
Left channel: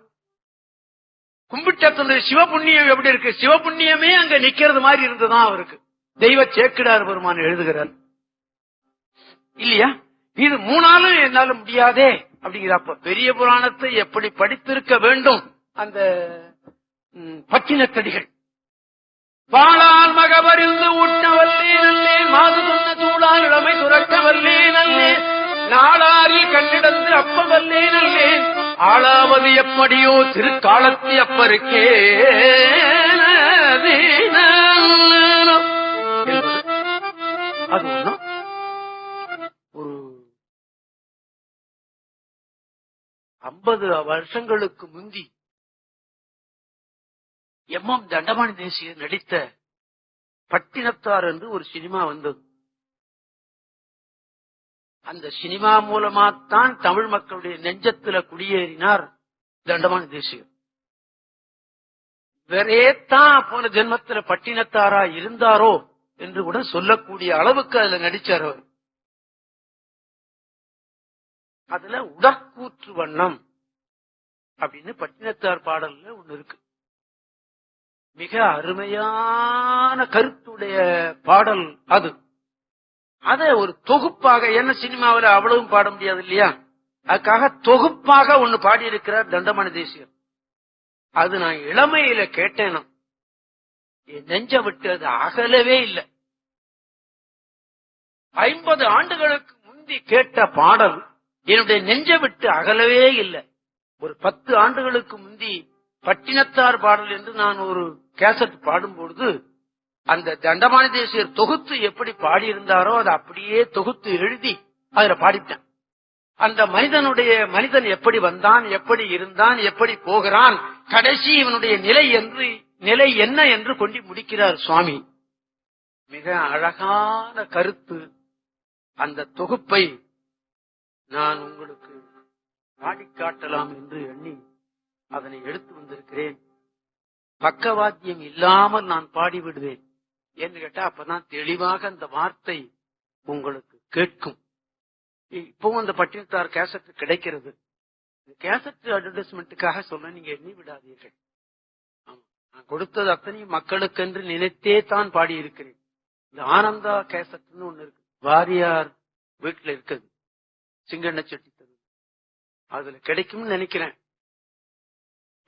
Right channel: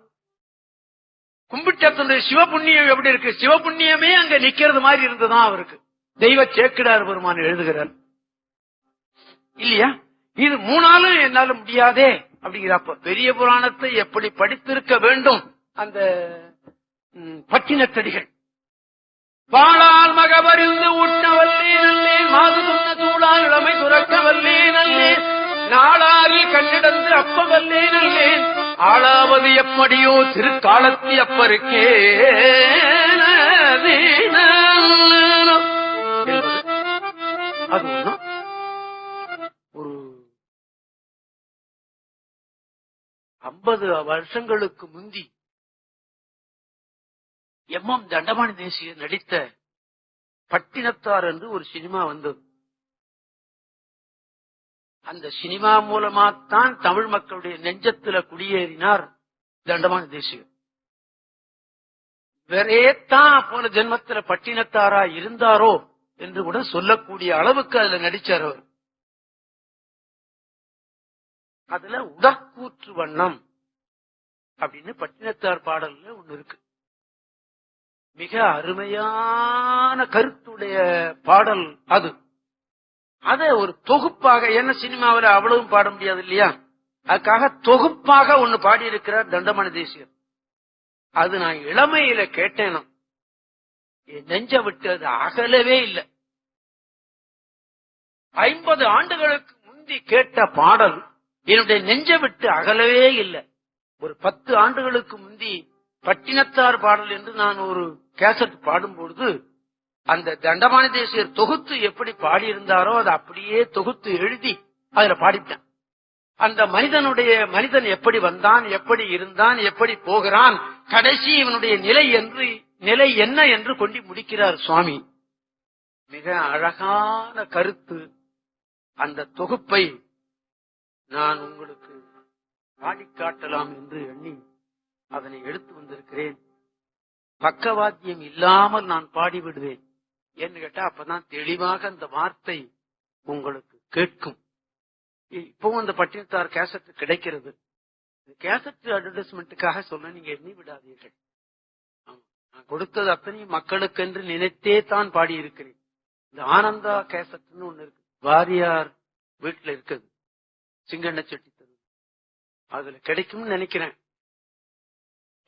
கும்பிட்டத்தினுடைய சிவபுண்ணியம் எப்படி இருக்கு? சிவபுண்ணியமே அங்க நிக்கிறது மாதிரி இருந்துதான் அவருக்கு. தெய்வ சேக்கிடார் பெருமான் எழுதுகிறார் இல்லையா? இது மூணாலும் என்னால முடியாதே அப்படிங்கிறப்ப பெரிய புராணத்தை எப்படி படித்திருக்க வேண்டும் அந்த பட்டினத்தடிகள். பாலால் மகவறிந்து உண்ணவல்லே நல்லே. மாது சொன்ன சூழால் இளமை துறக்க வல்லே நல்லே. நாளாரில் கண்ணிடந்து அப்ப வல்லே நல்லே. ஆளாவது எப்படியோ திருக்காலத்தி அப்பருக்கே. அது ஒண்ணும். ஒரு 50 வருஷங்களுக்கு முந்தி எம் தண்டபாணி தேசிகர் நடித்த பட்டினத்தார் என்று ஒரு சினிமா வந்தது. அந்த சினிமா மூலமாத்தான் தமிழ் மக்களுடைய நெஞ்சத்துல குடியேறினார் தண்டபாணி தேசிகர். வேறேத்தான் போன ஜென்மத்துல பட்டினத்தாரா இருந்தாரோ என்று கூட சொல்லக்கூடிய அளவுக்கு அதுல நடிச்சார் அவர். அதுல உடற்கூற்று வண்ணம் அப்படின்னு பட்டினத்தார் பாடல்ல ஒண்ணு இருக்கு. மிக அருமையான கருத்துடைய பாடல் அது. அத ஒரு தொகுப்பாக, என்ன சினிமாவில் அவ்வளவும் பாட முடியாது இல்லையா, அதுக்காக தொகுப்பாக ஒண்ணு பாடியிருக்கிறார் தண்டபாணி தேசிகர். அது நான் இளமையில கேட்டேனா, என் நெஞ்ச விட்டு அது அகலவே இல்லை. 50 ஆண்டுகளுக்கு முந்தி கேட்ட பாடல் என்னுடைய நெஞ்ச விட்டு அகலவே இல்லை. ஒரு 10 ஆண்டுகளுக்கு முந்தி பட்டினத்தார் பாடல் என்று நான் ஒரு கேசட் பாடும்பொழுது அந்த தண்டபாணி தேசிகர் தொகுத்து எப்படி பாடியிருந்தாரோ அதை அப்படியே தொகுத்து எழுதி அதுல பாடிட்டேன். அந்த மனிதன் எப்படி வந்தான், எப்படி இருந்தான், எப்படி போகிறான், கடைசி இவனுடைய நிலை என்ன என்று கொண்டு முடிக்கிறார் சுவாமி. மிக அழகான கருத்து. அந்த தொகுப்பை நான் உங்களுக்கு பாடிக்காட்டலாம் என்று எண்ணி அதனை எடுத்து வந்திருக்கிறேன். பக்கவாத்தியம் இல்லாமல் நான் பாடிவிடுவேன். ஏன்னு கேட்டா அப்பதான் தெளிவாக அந்த வார்த்தை உங்களுக்கு கேட்கும். இப்பவும் அந்த பட்டினத்தார் கேசட் கிடைக்கிறது. கேசட் அட்வர்டைஸ்மெண்ட்டுக்காக சொல்ல நீங்க எண்ணி விடாதீர்கள். நான் கொடுத்தது அத்தனையும் மக்களுக்கு என்று நினைத்தே தான் பாடியிருக்கிறேன். இந்த ஆனந்தா கேசட்னு ஒண்ணு இருக்கு, வாரியார் வீட்டுல இருக்குது, சிங்கண்ண செட்டி தரு, அதுல கிடைக்கும்னு நினைக்கிறேன்.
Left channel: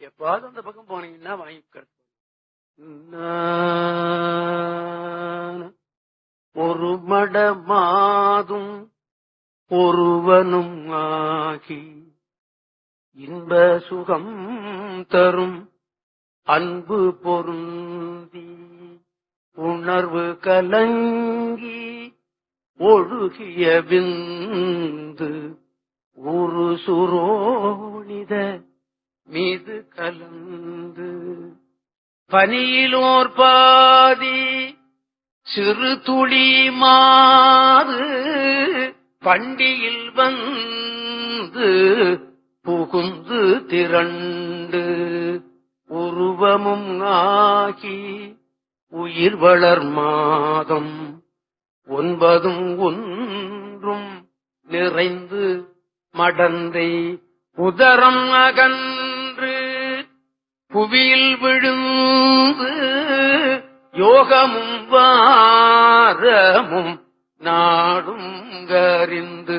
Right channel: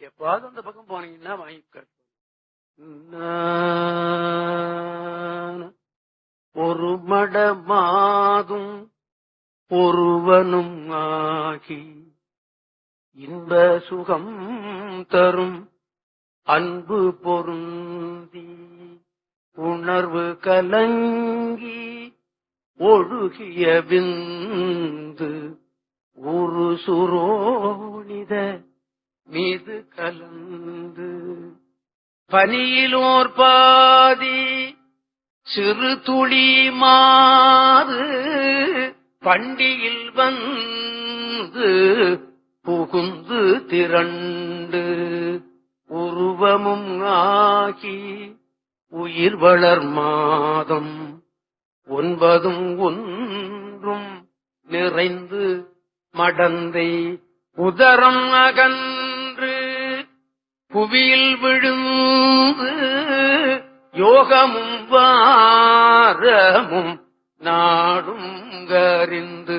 எப்பாவது அந்த பக்கம் போனீங்கன்னா வாங்கி. ஒரு மடமாதும் ஒருவனும் ஆகி இன்ப சுகம் தரும் அன்பு பொருந்தி உணர்வு கலங்கி ஒழுகிய விந்து ஒரு சுரோணித மீது கலந்து பனியிலோர் பாதி சிறு துளி மாறு பண்டியில் வந்து புகுந்து திரண்டு உருவமும் ஆகி உயிர் வளர் மாதம் 9 ஒன்றும் நிறைந்து மடந்தை உதரம் அகன்று புவியில் விழுந்து யோகமும் வாரமும் நாடும் கறிந்து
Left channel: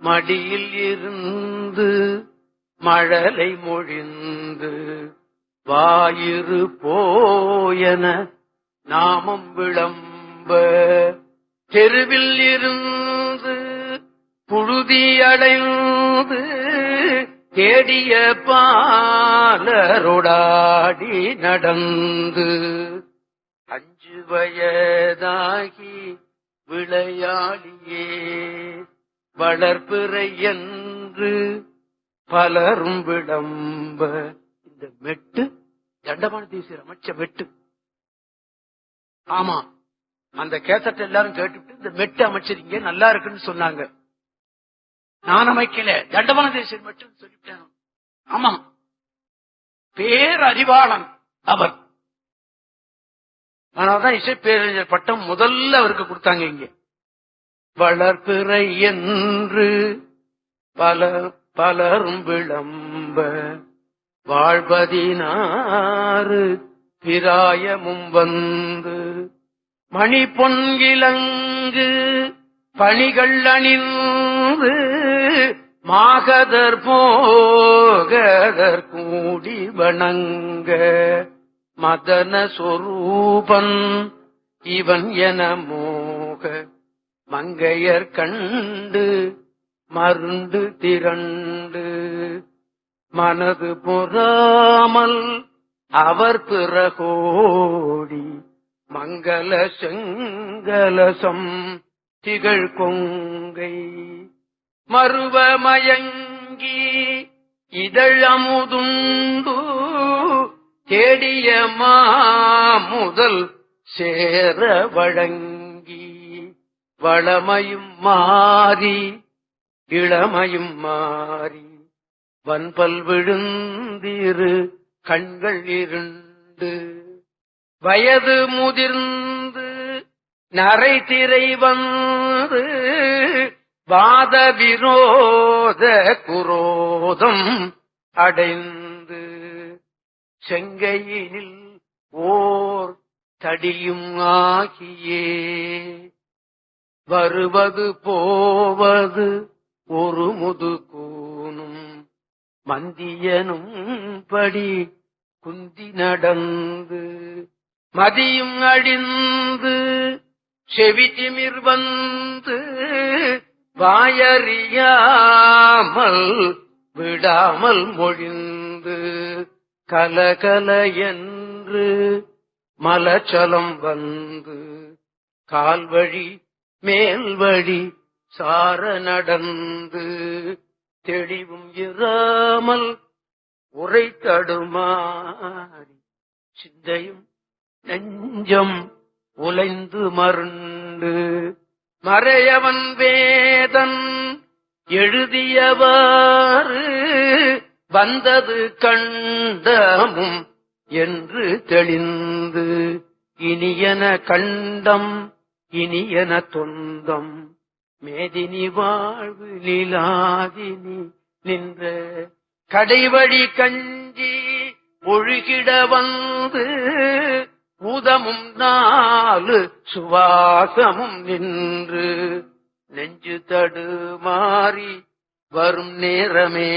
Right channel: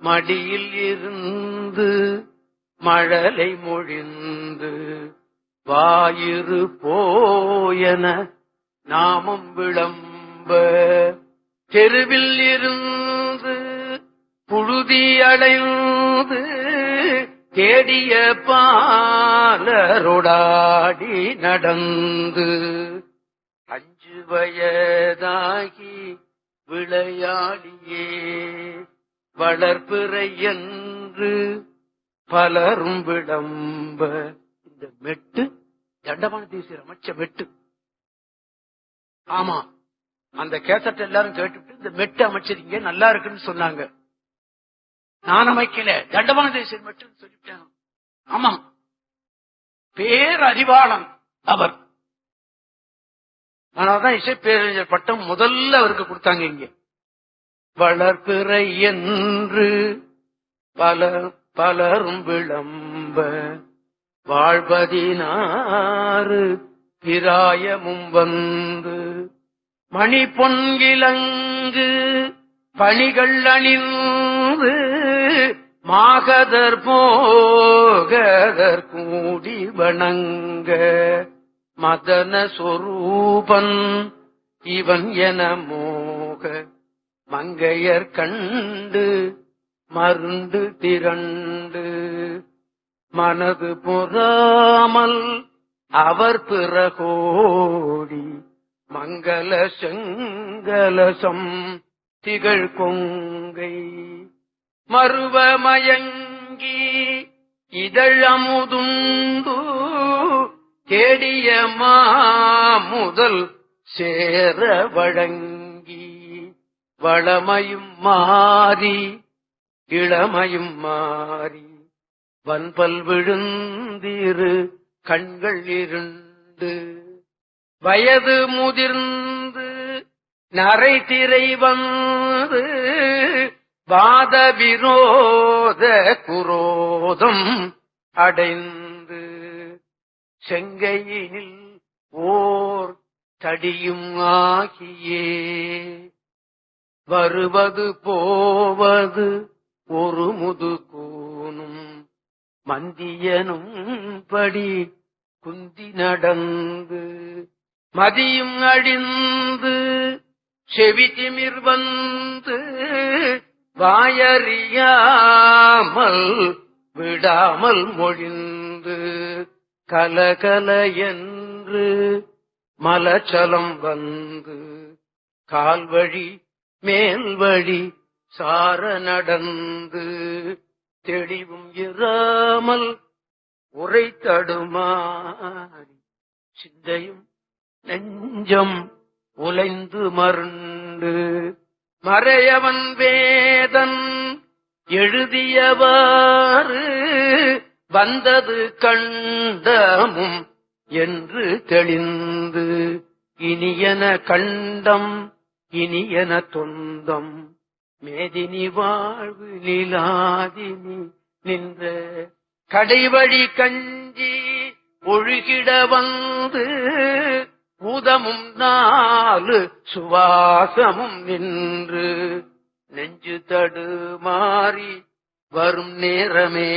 மடியில் இருந்து மழலை மொழிந்து வாயிறு போயன நாமம் விளம்ப தெருவில் இருந்து புழுதி அடைந்து தேடிய பாலரோடாடி நடந்து 5 வயதாகி விளையாடியே வளர்பிறை என்று பலரும் விளம்ப. இந்த மெட்டு தண்டபாணி தேசிகர் அமைச்ச மெட்டு. ஆமா, அந்த கேசட் எல்லாரும் கேட்டுவிட்டு இந்த மெட்டு அமைச்சிருங்க நல்லா இருக்குன்னு சொன்னாங்க. நான் அமைக்கல, தண்டபாணி தேசிகர் மெட்டுன்னு சொல்லிவிட்டேன். ஆமா, பேரறிவாளன் அவர். அதனால்தான் இசை பேரறிஞர் பட்டம் முதல்ல அவருக்கு கொடுத்தாங்க. இங்க வளர்பிறை என்று பலரும் விளம்ப வாழ்வதினாறு பிராயமும் வந்து மணி பொன்கிலங்கு பணிகள் அணிந்து மாகதர் போகதர் கூடி வணங்க மதன சொரூபன் இவன் என மோக மங்கையர் கண்டு மருண்டு திரண்டு மனது பொறாமல் அவர் பிறகோடி மங்கள செங்கலசம் திகழ் கொங்கை மருவமயங்கி இதழமுதுண்டு தேடிய மாமுதல் சேர வழங்கி வளமையும் மாறி இளமையும் மாறி வன்பல் விழுந்திரு கண்கள் இருண்டு வயது முதிர்ந்து நரை திரை வந்து வாத விரோத குரோதம் அடைந்து செங்கையினில் ஓர் தடியும் ஆகியே வருவது போவது ஒரு முதுகூனும் மந்தியனும் படி குந்தி நடந்து மதியும் அழிந்து செவி திமிர் வந்து வாயறியாமல் விடாமல் மொழிந்து கலகல என்று மலச்சலம் வந்து கால்வழி மேல்வழி சார நடந்து தெளிவும் இராமல் உரை தடுமாறி சிந்தையும் நெஞ்சம் உலைந்து மருண்டு மறையவன் வேதன் எழுதியவாறு வந்தது கண்டமும் என்று தெளிந்து இனியன கண்டம் இனியன தொந்தம் மேதினி வாழ்வு நிலாதினி நின்ற கடைவழி கஞ்சி ஒழுகிட வந்து பூதமும் நாலு சுவாசமும் நின்று நெஞ்சு தடுமாறி வரும் நேரமே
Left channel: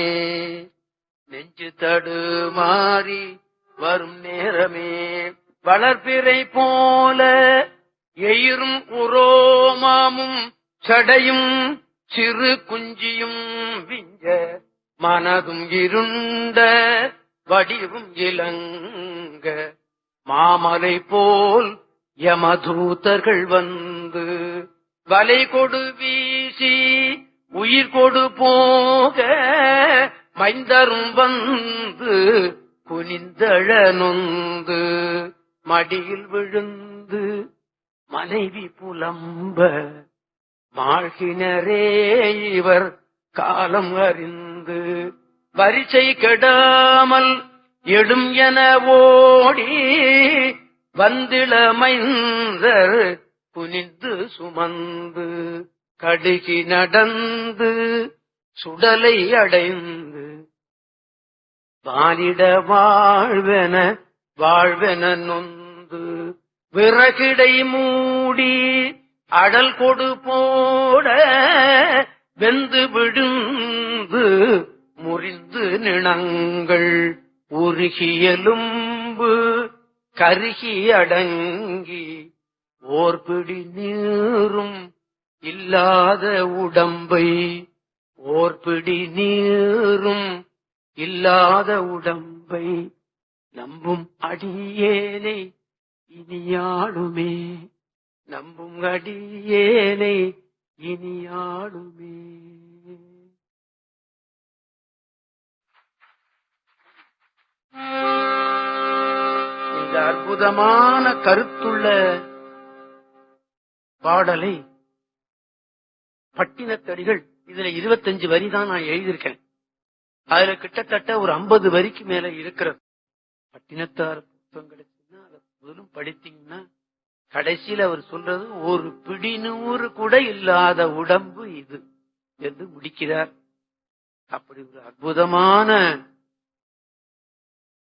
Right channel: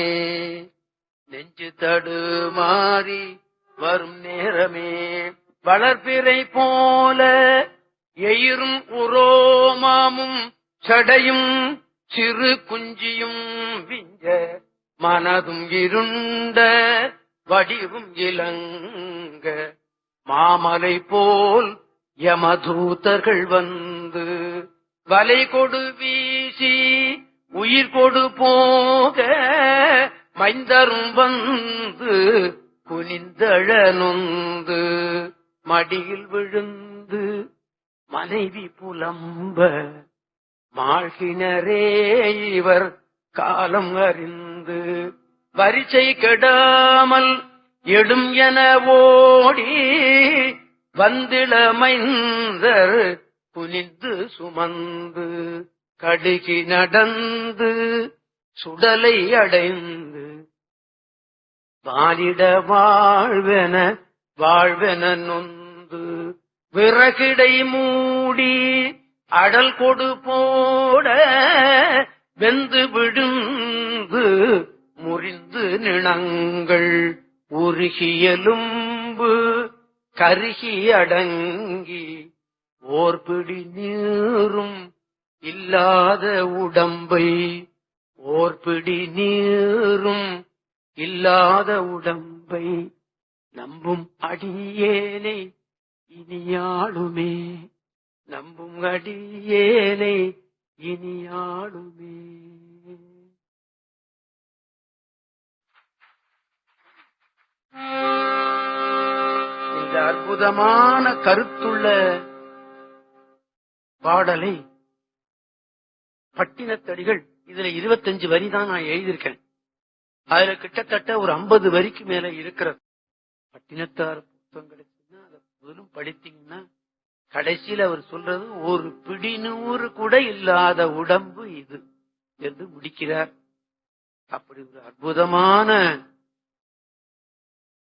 நெஞ்சு தடுமாறி வரும் நேரமே வளர்பிறை போல எயிரும் உரோமாமும் சடையும் சிறு குஞ்சியும் விஞ்ச மனதும் இருண்ட வடிவும் இலங்க மாமலை போல் யமதூதர்கள் வந்து வலை கொடு வீசி உயிர் கொடு போக மைந்தரும் வந்து குனிந்தழ நொந்து மடியில் விழுந்து மனைவி புலம்ப மாழ்கினரே இவர் காலம் அறிந்து வரிசை கெடாமல் எடும் என ஓடி வந்திளமைந்தர் குனிந்து சுமந்து கடுகி நடந்து சுடலை அடைந்து வாலிட வாழ்வென வாழ்வென நொந்து விறகிடை மூடி அடல் கொடு போட வெந்து விழுந்து முறிந்து நிணங்கள் உருகியலும்பு கருகி அடங்கி ஓர்பிடி நீரும் இல்லாத உடம்பை ஓர்பிடி நீரும் இல்லாத உடம்பை நம்பும் அடியேனை இனியாளுமே நம்பும் அடியேனை இனியாளுமே. இந்த அற்புதமான கருத்துள்ள பாடலை பட்டினத்தடிகள் இதுல 25 வரி தான் நான் எழுதியிருக்கேன். அதுல கிட்டத்தட்ட ஒரு 50 வரிக்கு மேல இருக்கிறது. பட்டினத்தார் புத்தகம் கிடைச்சுன்னா அதை முதலும் படித்தீங்கன்னா கடைசியில் அவர் சொல்றது ஒரு பிடி நூறு கூட இல்லாத உடம்பு இது என்று முடிக்கிறார். அப்படி ஒரு அற்புதமான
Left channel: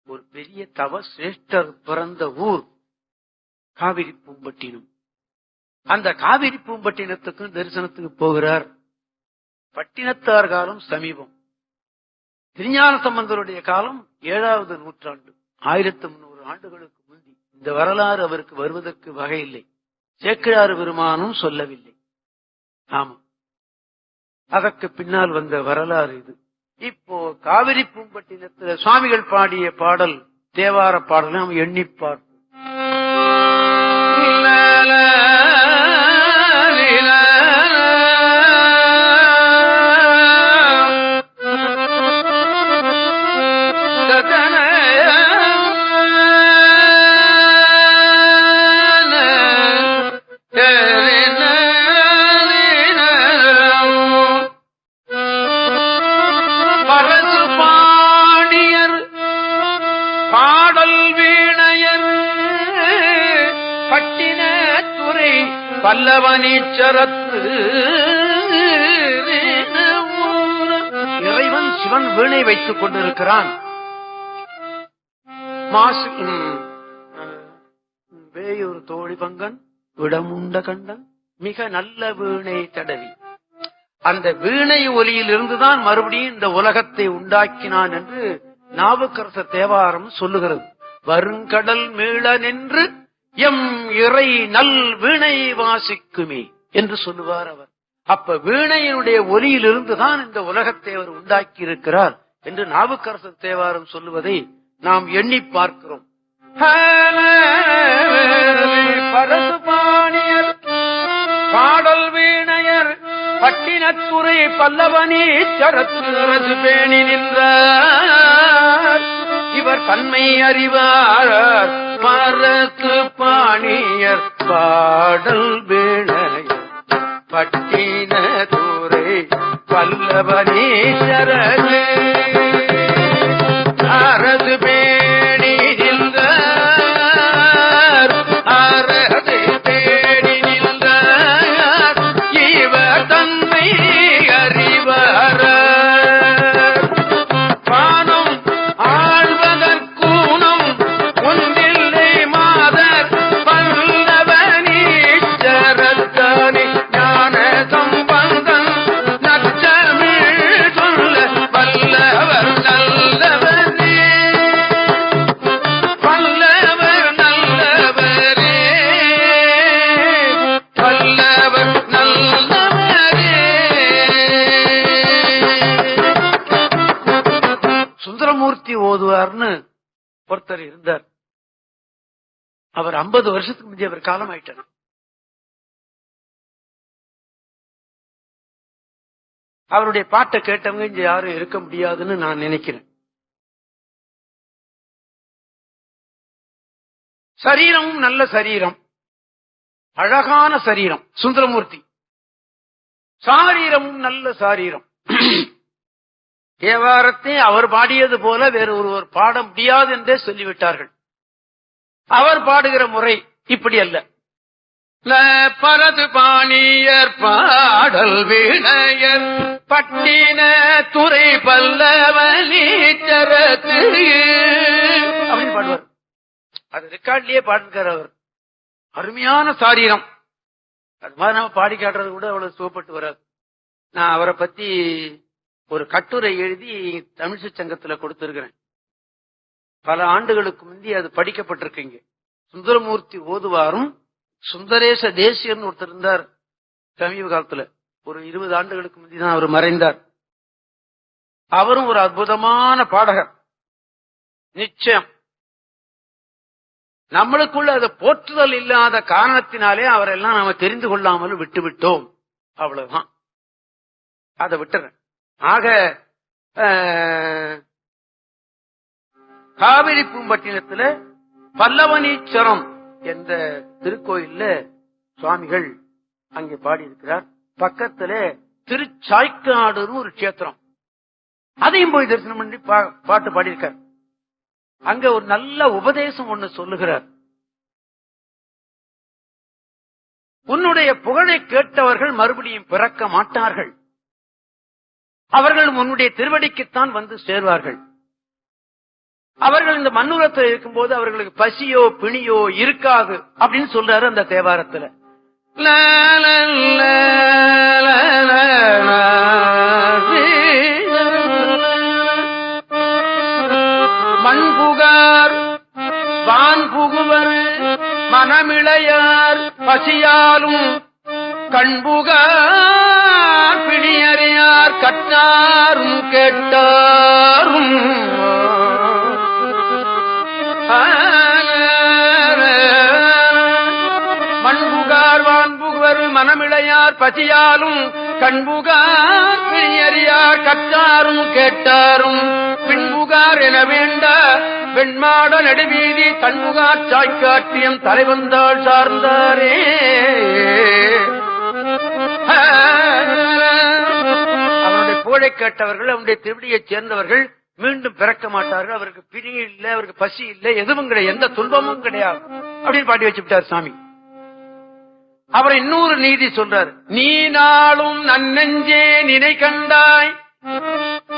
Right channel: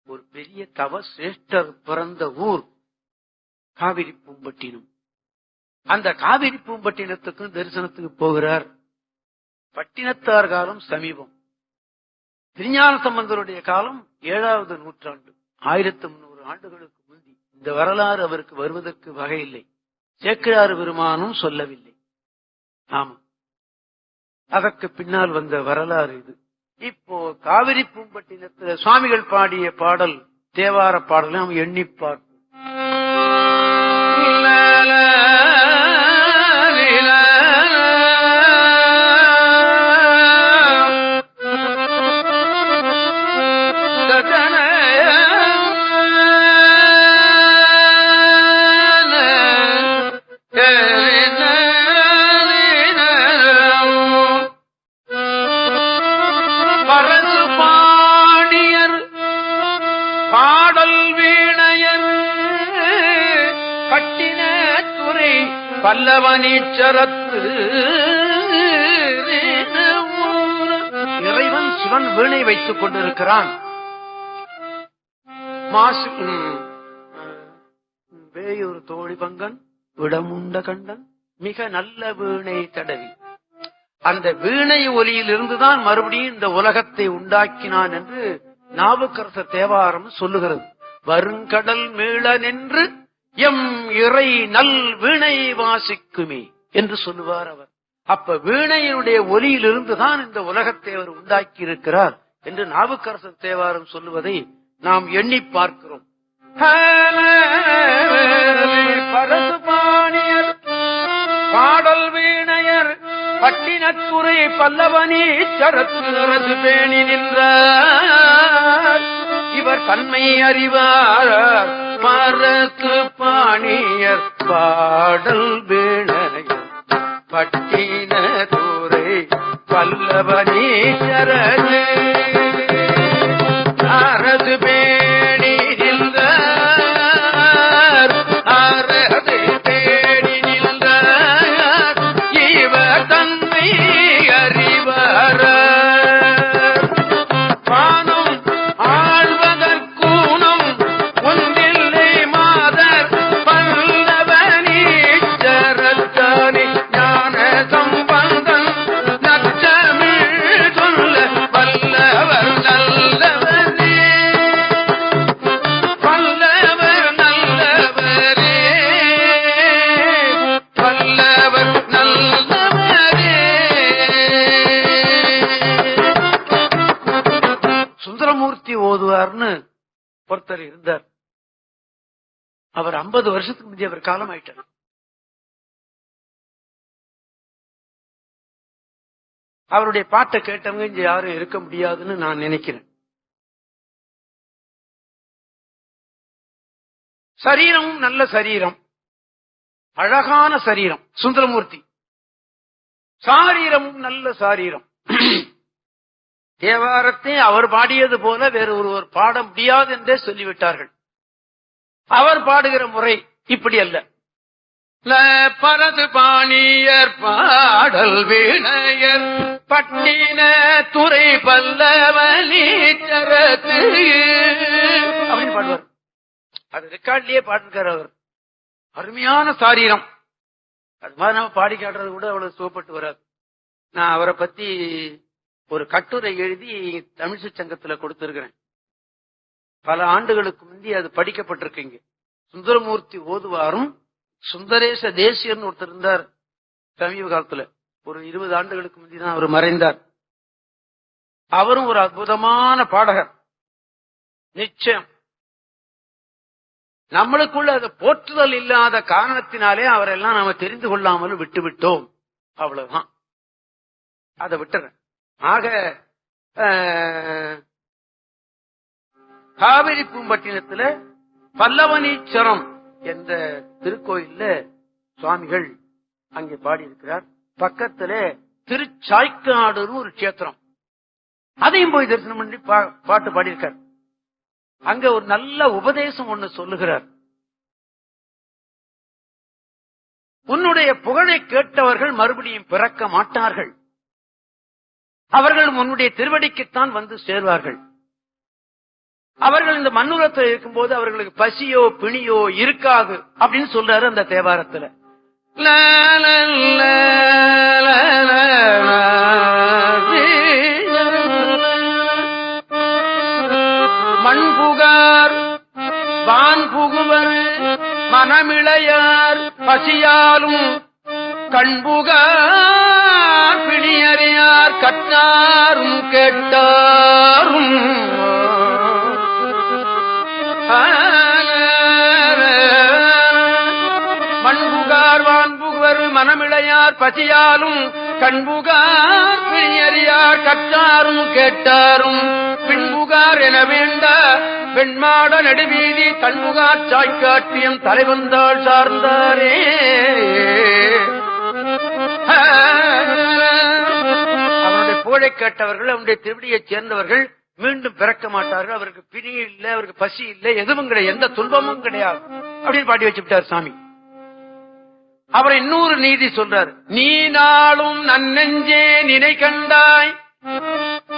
ஒரு பெரிய தவ சிரேஷ்டர் பிறந்த ஊர் காவிரி பூம்பட்டினம். அந்த காவிரி பூம்பட்டினத்துக்கும் தரிசனத்துக்கு போகிறார். பட்டினத்தார் காலம் சமீபம், திருஞான சம்பந்தருடைய காலம் 7வது நூற்றாண்டு, 1300 ஆண்டுகளுக்கு முந்தி. இந்த வரலாறு அவருக்கு வருவதற்கு வகையில்லை, சேக்கிழார் பெருமானும் சொல்லவில்லை. ஆமா, அதற்கு பின்னால் வந்த வரலாறு இது. இப்போ காவிரி பூம்பட்டினத்துல சுவாமிகள் பாடிய பாடல், தேவார பாடலை நாம் எண்ணி பார்ப்போம். பட்டின துறை பல்லவனீச்சரத்து. இறைவன் சிவன் வீணை வைத்துக் கொண்டிருக்கிறான். வேயூர் தோழி பங்கன் விடமுண்ட கண்டன் மிக நல்ல வீணை தடவி, அந்த வீணை ஒலியில் இருந்துதான் மறுபடியும் இந்த உலகத்தை உண்டாக்கினான் என்று நாவுக்கரசர் தேவாரம் சொல்லுகிறது. வருங்கடல் மீள நின்று எம் இறை நல் வீணை வாசிக்குமே என்று சொல்லுவார் அவர். அப்ப வீணையினுடைய ஒலியில் இருந்துதான் இந்த உலகத்தை அவர் உண்டாக்கி இருக்கிறார் என்று நாவுக்கரசர் தேவாரம் சொல்லுவதை நாம் எண்ணி பார்க்கிறோம். பரசுபாணியர் பாடல் வீணையர் பட்டினத்துறை பல்லவனீச்சரத்து பேணி நின்றார். இவர் தன்மை அறிவார் பரசு பாணியர் பாடல் வீணையர் பட்டினத்துறை பல்லவனீச்சரத்து அரசு பேணி நின்றார். அரசு பேணி நின்றார். இவர் தன்மை அறிவார் பானம் ஆழ்வதற்கூனம் ஒன்றில்லை மாதர் பல்லவனீச்சரத்தானே ஞான சம்பந்தன் நற்றமிழ் சொல்ல வல்லவர் நல்லவரே வல்லவர் நல்லவரே வல்லவர் நல்லவரே. சுந்தரமூர்த்தி ஓதுவார்னு ஒருத்தர் இருந்தார். அவர் 50 வருஷத்துக்கு முந்தைய அவர் காலம் ஆயிட்டார். அவருடைய பாட்டை கேட்டவங்க இங்க யாரும் இருக்க முடியாதுன்னு நான் நினைக்கிறேன். சரீரமும் நல்ல சரீரம், அழகான சரீரம் சுந்தரமூர்த்தி. சாரீரமும் நல்ல சாரீரம். தேவாரத்தை அவர் பாடியது போல வேறு ஒருவர் பாட முடியாது என்றே சொல்லிவிட்டார்கள். அவர் பாடுகிற முறை இப்படி அல்ல. பரது பாணியர் பாடல் வீணையர் பட்டின துறை பல்லவனீச்சரத்து அப்படின்னு பாடுவார். அது ரெக்கார்ட்லயே பாடுகிறார் அவர். அருமையான சாரீரம். அது மாதிரி நம்ம பாடி காட்டுறது கூட அவ்வளவு சுவப்பட்டு வராது. நான் அவரை பத்தி ஒரு கட்டுரை எழுதி தமிழ்ச்சி சங்கத்துல கொடுத்திருக்கிறேன். பல ஆண்டுகளுக்கு முந்தி அது படிக்கப்பட்டிருக்கீங்க. சுந்தரமூர்த்தி ஓதுவாரும் சுந்தரேச தேசியர்னு ஒருத்தர் இருந்தார். சமீப காலத்துல ஒரு 20 ஆண்டுகளுக்கு முந்திதான் அவர் மறைந்தார். அவரும் ஒரு அற்புதமான பாடகர். நிச்சயம் நம்மளுக்குள்ள அதை போற்றுதல் இல்லாத காரணத்தினாலே அவரெல்லாம் நாம தெரிந்து கொள்ளாமல் விட்டுவிட்டோம். அவ்வளவுதான். அதை விட்டுறேன். ஆக காவிரி பூம்பட்டினத்துல பல்லவனீச்சரம் என்ற திருக்கோயில்ல சுவாமிகள் அங்கே பாடியிருக்கிறார். பக்கத்துல திருச்சாய்க்காடுன்னு ஒரு கஷேத்திரம், அதையும் போய் தரிசனம் பண்ணி பாட்டு பாடியிருக்கார். அங்க ஒரு நல்ல உபதேசம் ஒண்ணு சொல்லுகிறார். உன்னுடைய புகழை கேட்டவர்கள் மறுபடியும் பிறக்க மாட்டார்கள். அவர்கள் உன்னுடைய திருவடிக்குத்தான் வந்து சேர்வார்கள். அவர்கள் இந்த மண்ணுலகத்தில் இருக்கும்போது அவர்களுக்கு பசியோ பிணியோ இருக்காது அப்படின்னு சொல்றாரு அந்த தேவாரத்துல. மண்புகார் வான்புகுவர் மனமிளையார் பசியாலும் கண்புகார் பிணியறியார் கற்றாரும் கேட்டாரும் மண்புகார் வான்புகுவர் மனமிளையார் பசியாலும் கண்புகார் பிணியறியார் கற்றாரும் கேட்டாரும் பின்புகார் என வேண்ட வெண்மாட நடுவீதி கண்புகார் சாய்க்காட்டியம் தலைவந்தாள் சார்ந்தாரே. அவருடைய புகழை கேட்டவர்கள், அவருடைய திருவடியைச் சேர்ந்தவர்கள் மீண்டும் பிறக்க மாட்டார்கள். அவருக்கு பிரி இல்லை, அவருக்கு பசி இல்லை, எதுவும் கிடையாது, எந்த துன்பமும் கிடையாது அப்படின்னு பாடி வச்சுட்டார் சாமி. அப்புறம் இன்னொரு நீதி சொல்றாரு, நீ நாளும் நன்னெஞ்சே நினை கண்டாய்.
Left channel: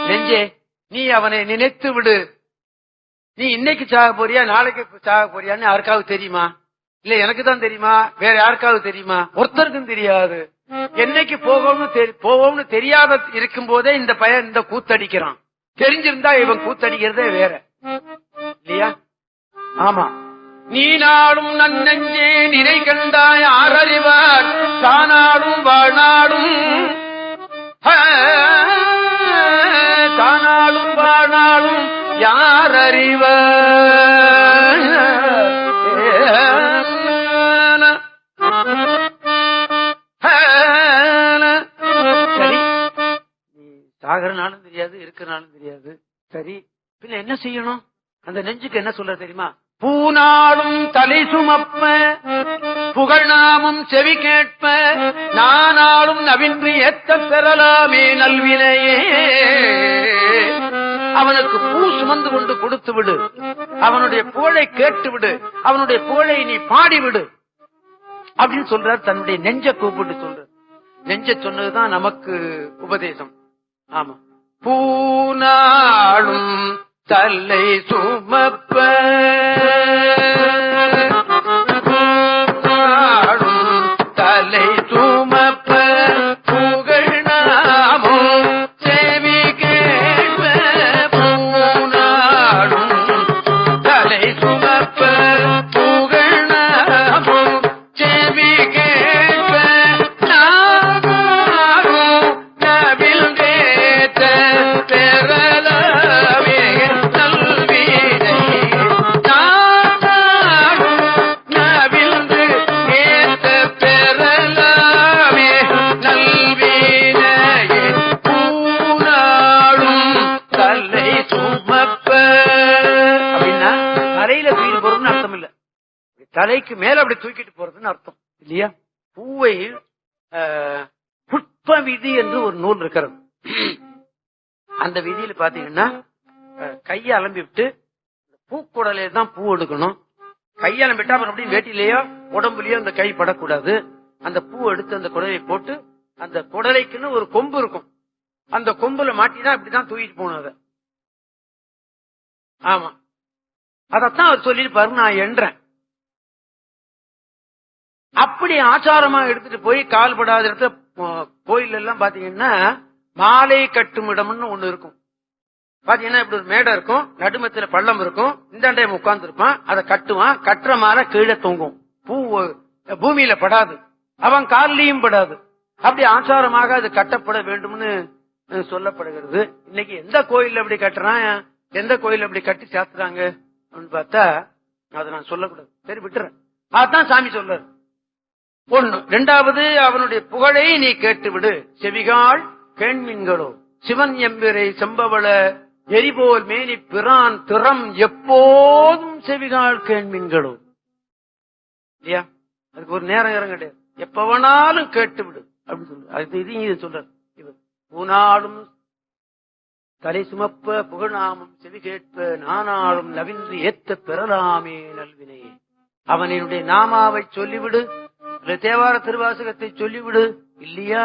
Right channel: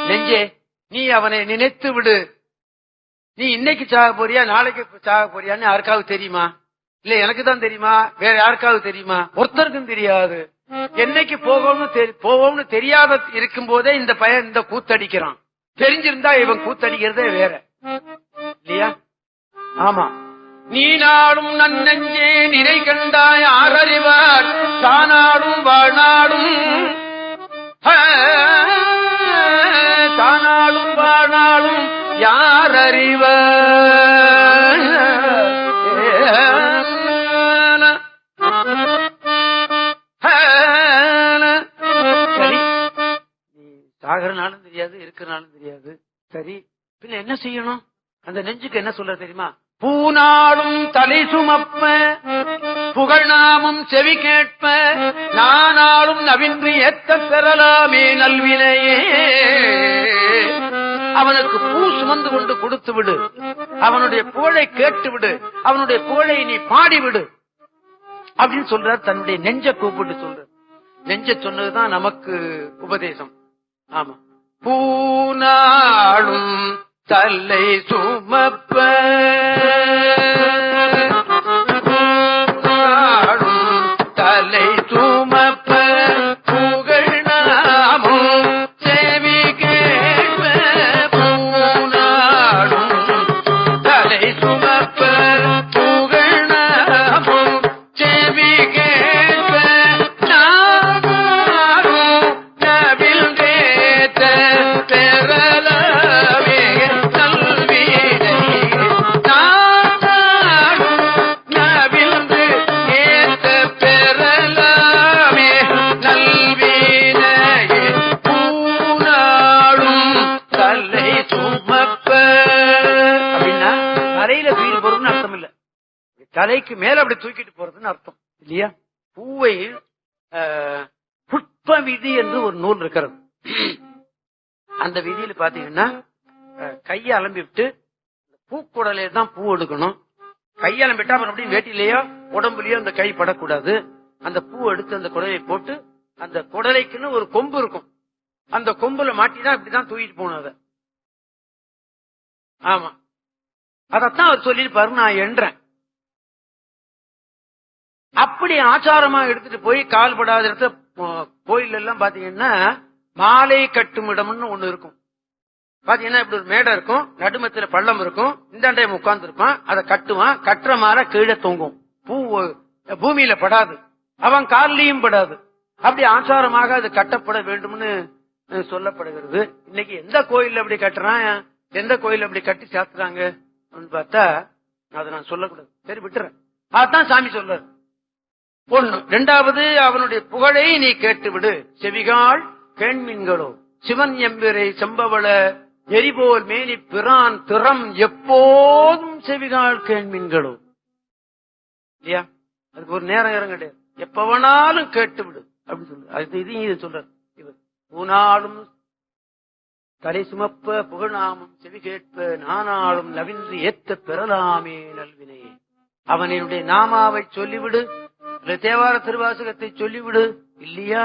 நெஞ்சே, நீ அவனை நினைத்து விடு. நீ இன்னைக்கு சாக போறியா நாளைக்கு சாக போறியான்னு யாருக்காவது தெரியுமா? இல்ல எனக்கு தான் தெரியுமா? வேற யாருக்காவது தெரியுமா? ஒருத்தருக்கும் தெரியாது. என்னைக்கு போவோம்னு தெரியாத இருக்கும் போதே இந்த பையன் இந்த கூத்தடிக்கிறான். தெரிஞ்சிருந்தா இவன் கூத்தடிக்கிறதே வேற இல்லையா? ஆமா. நீ நாடும் நன்னெஞ்சே நினை கண்டாய் ஆரறிவார் தானாடும் வாழ்நாடும் தானாடும் வாழ்நாடும் யார் அறிவார். சரி, சாகரனாலும் தெரியாது இருக்கிறனாலும் தெரியாது. சரி, பின்ன என்ன செய்யணும்? அந்த நெஞ்சுக்கு என்ன சொல்ற தெரியுமா? பூநாளும் தலை சுமப்ப புகழ்நாமும் செவி கேட்ப நானாலும் நவின்று ஏத்த பெறலாமே நல்வினையே. அவனுக்கு பூ சுமந்து கொண்டு கொடுத்து விடு, அவனுடைய புகழை கேட்டு விடு, அவனுடைய புகழை நீ பாடிவிடு அப்படின்னு சொல்றார். தன்னுடைய நெஞ்ச கூப்பிட்டு சொல்ற. நெஞ்ச சொன்னதுதான் நமக்கு உபதேசம். ஆமா. பூநாளும் தலை சுமப்ப தலை சுமப்ப புகழ் நாமும் செவி கேட்ப பூநாளும் தலை சுமப்ப புகழ் நாமும் செவி கேட்ப நாமும் நவில் கேட்ட பெறலாமே நல்வினை. நாமும் நவில் கேட்ட பெறலாமே நல்வினை. பூநாளும் தலை சுமப்ப அப்படின்னா தலையில தூக்கிட்டு போறதுன்னு அர்த்தம் இல்ல, தலைக்கு மேல அப்படி தூக்கிட்டு போறதுன்னு அர்த்தம் இல்லையா? பூவை புஷ்ப விதி என்று ஒரு நூல் இருக்கிறது. அந்த விதியில பாத்தீங்கன்னா கையை அலம்பிட்டு பூக்குடலையில தான் பூ எடுக்கணும். கையை அலம்பிட்டா அப்புறம் அப்படி வேட்டிலேயோ உடம்புலயோ அந்த கை படக்கூடாது. அந்த பூ எடுத்து அந்த குடலை போட்டு அந்த குடலைக்குன்னு ஒரு கொம்பு இருக்கும், அந்த கொம்புல மாட்டினா இப்படிதான் தூக்கிட்டு போகணும் அதை. ஆமா, அதத்தான் அவர் சொல்லிருப்பாரு, நான் என்றேன். அப்படி ஆச்சாரமா எடுத்துட்டு போய் கால்படாத இடத்துல கோயில் எல்லாம் பாத்தீங்கன்னா மாலை கட்டும் இடம்னு ஒண்ணு இருக்கும். பாத்தீங்கன்னா இப்படி ஒரு மேடை இருக்கும், நடுமத்தில பள்ளம் இருக்கும், இந்த டைம் உட்கார்ந்து இருப்பான், அதை கட்டுவான். கட்டுற மாலை கீழே தொங்கும், பூ பூமியில படாது, அவன் காலிலையும் படாது. அப்படி ஆச்சாரமாக அது கட்டப்பட வேண்டும்னு சொல்லப்படுகிறது. இன்னைக்கு எந்த கோயில் அப்படி கட்டுறான், எந்த கோயில் அப்படி கட்டி சாத்துறாங்க அப்படின்னு பார்த்தா அதை நான் சொல்லக்கூடாது, சரி விட்டுறேன். அதான் சாமி சொல்றாரு. ஒண்ணு. இரண்டாவது, அவனுடைய புகழை நீ கேட்டு விடு. செவிகாள் கேண்மீன்களோ சிவன் எம்பிரை செம்பவள எரிபோல் மேனி பிரான் திறம் எப்போதும் செவிகாள் கேண்மீன்களோ இல்லையா? அதுக்கு ஒரு நேரம் கிடையாது, எப்ப வேணாலும் கேட்டு விடு அப்படின்னு சொல்ற. அது இதையும் சொல்ற. இவர் பூனாலும் தலை சுமப்ப புகழாமும் செவி கேட்ப நானாலும் நவின்று ஏத்த பெறலாமே நல்வினை. அவனுடைய நாமாவை சொல்லிவிடு, தேவார திருவாசகத்தை சொல்லிவிடு இல்லையா?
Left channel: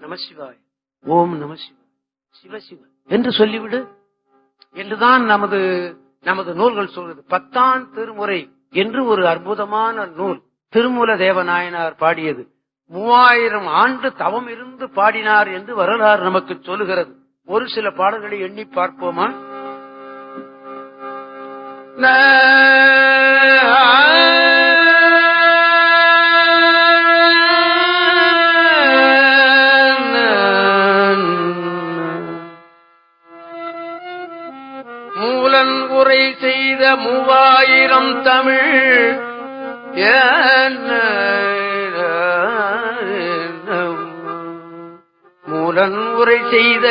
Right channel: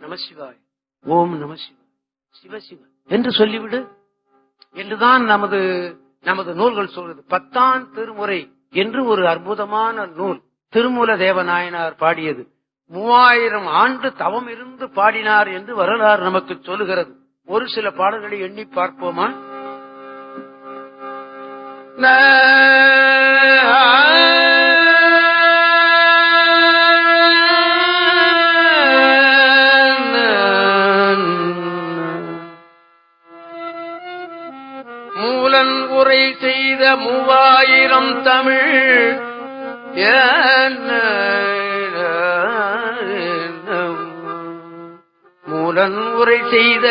நமசிவாய், ஓம் நமசிவாய், சிவசிவ என்று சொல்லிவிடு என்றுதான் நமது நூல்கள் சொல்றது. 10ஆம் திருமுறை என்று ஒரு அற்புதமான நூல் திருமூல தேவநாயனார் பாடியது. 3000 ஆண்டு தவம் இருந்து பாடினார் என்று வரலாறு நமக்கு சொல்லுகிறது. ஒரு சில பாடல்களை எண்ணி பார்ப்போமா? மூலன் உரை செய்த 3000 தமிழ் மூலன் உரை செய்த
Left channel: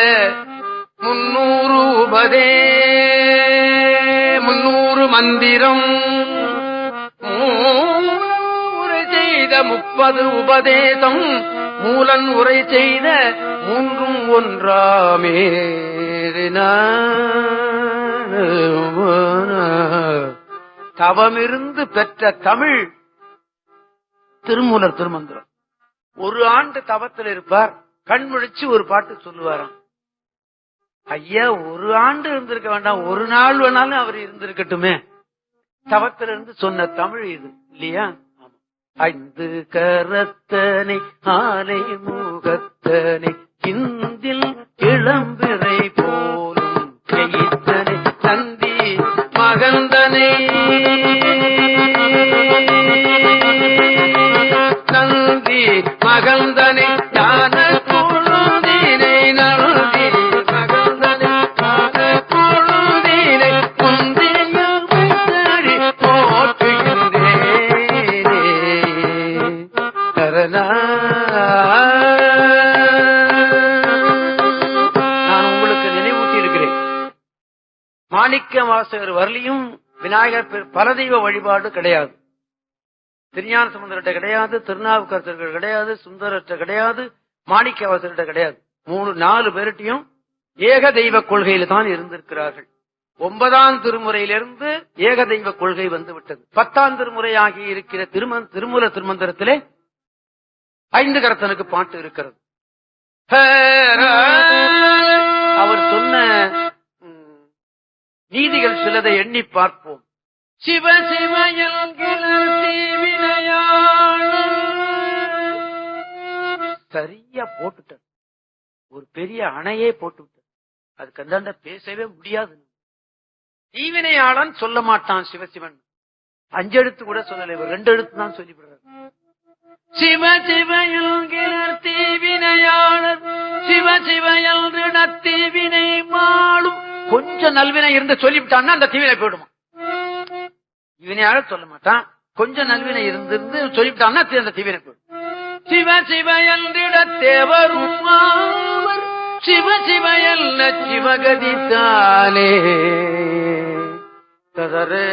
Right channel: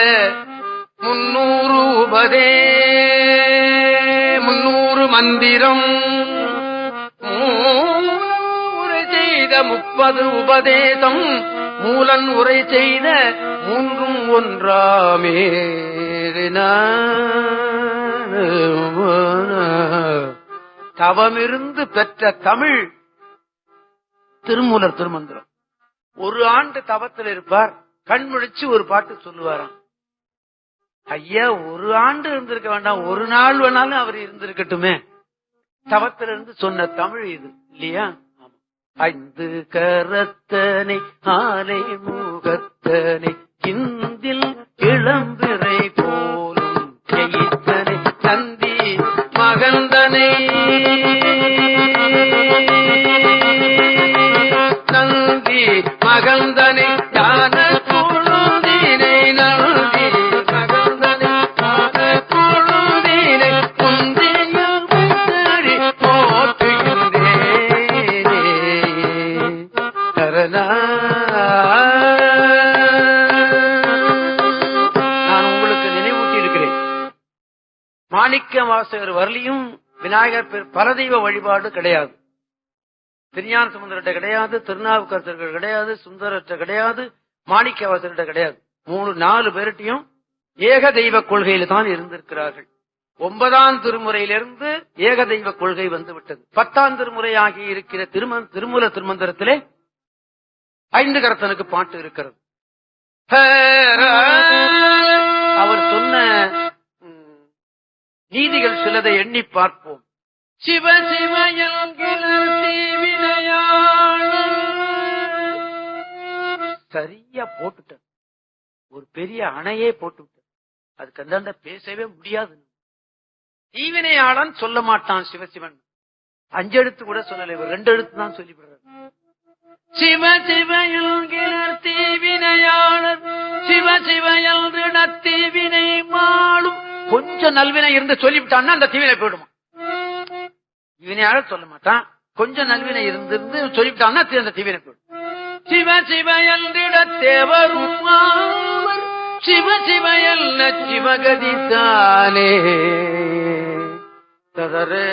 300 மந்திரம் உரை செய்த 30 உபதேசம் மூலன் உரை செய்த 3 ஒன்றாமே. தவமிருந்து பெற்ற தமிழ் திருமூலர் திருமந்திரம். ஒரு ஆண்டு தவத்தில் இருப்பார். கண் முழிச்சு ஒரு பாட்டு சொல்லுவாராம். ஐயா, ஒரு ஆண்டு இருந்திருக்க வேண்டாம், ஒரு நாள் வேணாலும் அவர் இருந்திருக்கட்டுமே. தவத்திலிருந்து சொன்ன தமிழ் இது இல்லையா? ஐந்து கரத்தனை ஆலை முகத்தனை இந்தில் இளம்பிறை போலும் எயித்தனை நந்தி மகந்தனை நந்தி மகந்தனை ஞான பொழுதினை நந்தி மகந்தனை ஞான பொழுதினை முந்தியும் நான் உங்களுக்கு நினைவூட்டி இருக்கிறேன். மாணிக்க வாசகர் வரலையும் விநாயகர் பரதெய்வ வழிபாடு கிடையாது. திருஞான சம்பந்தர்கிட்ட கிடையாது, திருநாவுக்கரசர்கள் கிடையாது, சுந்தரற்ற கிடையாது, மாணிக்க வாசகர்கிட்ட கிடையாது. 3-4 பேர்கிட்டையும் ஏக தெய்வ கொள்கையில தான் இருந்திருக்கிறார்கள். 9ஆம் திருமுறையிலிருந்து ஏக தெய்வ கொள்கை வந்துவிட்டது. 10ஆம் திருமுறையாகி இருக்கிற திருமூல திருமந்திரத்திலே 5 கரத்தனுக்கு பாட்டு இருக்கிறது. அவர் சொன்ன நீதிகள் சிலதை எண்ணி பார்ப்போம். சிவ சரியா போட்டுட்ட, ஒரு பெரிய அணையே போட்டு அதுக்கு அந்தாண்ட பேசவே முடியாது. தீவினையாளன் சொல்ல மாட்டான் சிவசிவன். 5 எழுத்து கூட சொல்லல, 2 எழுத்து தான் சொல்லிவிடுறாரு. சிவ சிவயல்கிற தீவினையாளர் சிவ சிவயல் தீவினை மாளும். கொஞ்சம் நல்வினை இருந்து சொல்லிவிட்டான்னா அந்த தீவினை போயிடுமா. தீவினையாளர் சொல்ல மாட்டான், கொஞ்சம் நல்வினை இருந்து சொல்லிவிட்டான்னா அந்த தீவினை போயிடும். சிவ சிவயல் தேவரும் சிவ சிவயல் சிவகதி தானே ததரே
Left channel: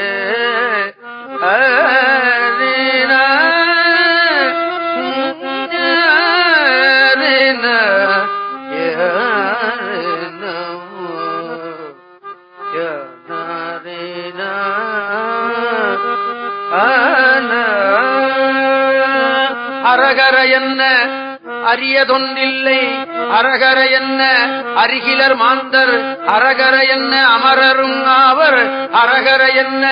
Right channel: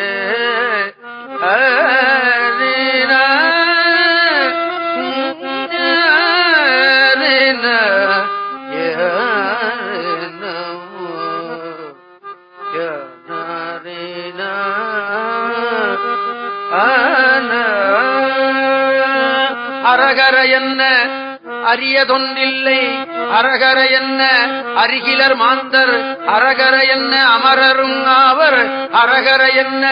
அரகர என்ன அரியதொன்றில்லை, அரகர என்ன அருகிலர் மாந்தர், அரகர என்ன அமரரும் ஆவர், அரகர என்ன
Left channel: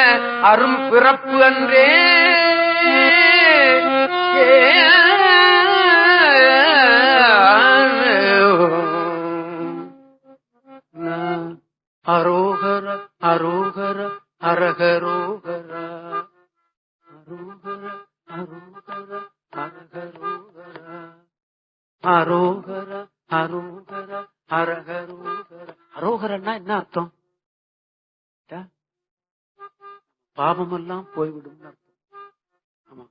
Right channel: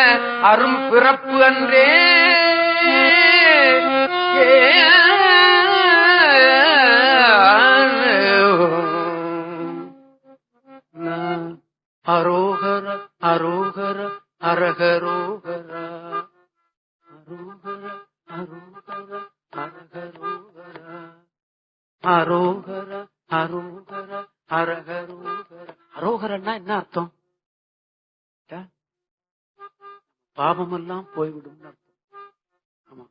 அரும் பிறப்பு அன்றே. அரோகர அரோகர அரகரோகர அரோகர அரோகர அரகரோகர அரோகர அரோகர அரகரோகர. அரோகரன்னா என்ன அர்த்தம்? பாபமெல்லாம் போய்விடும் அர்த்தம். ஆமா,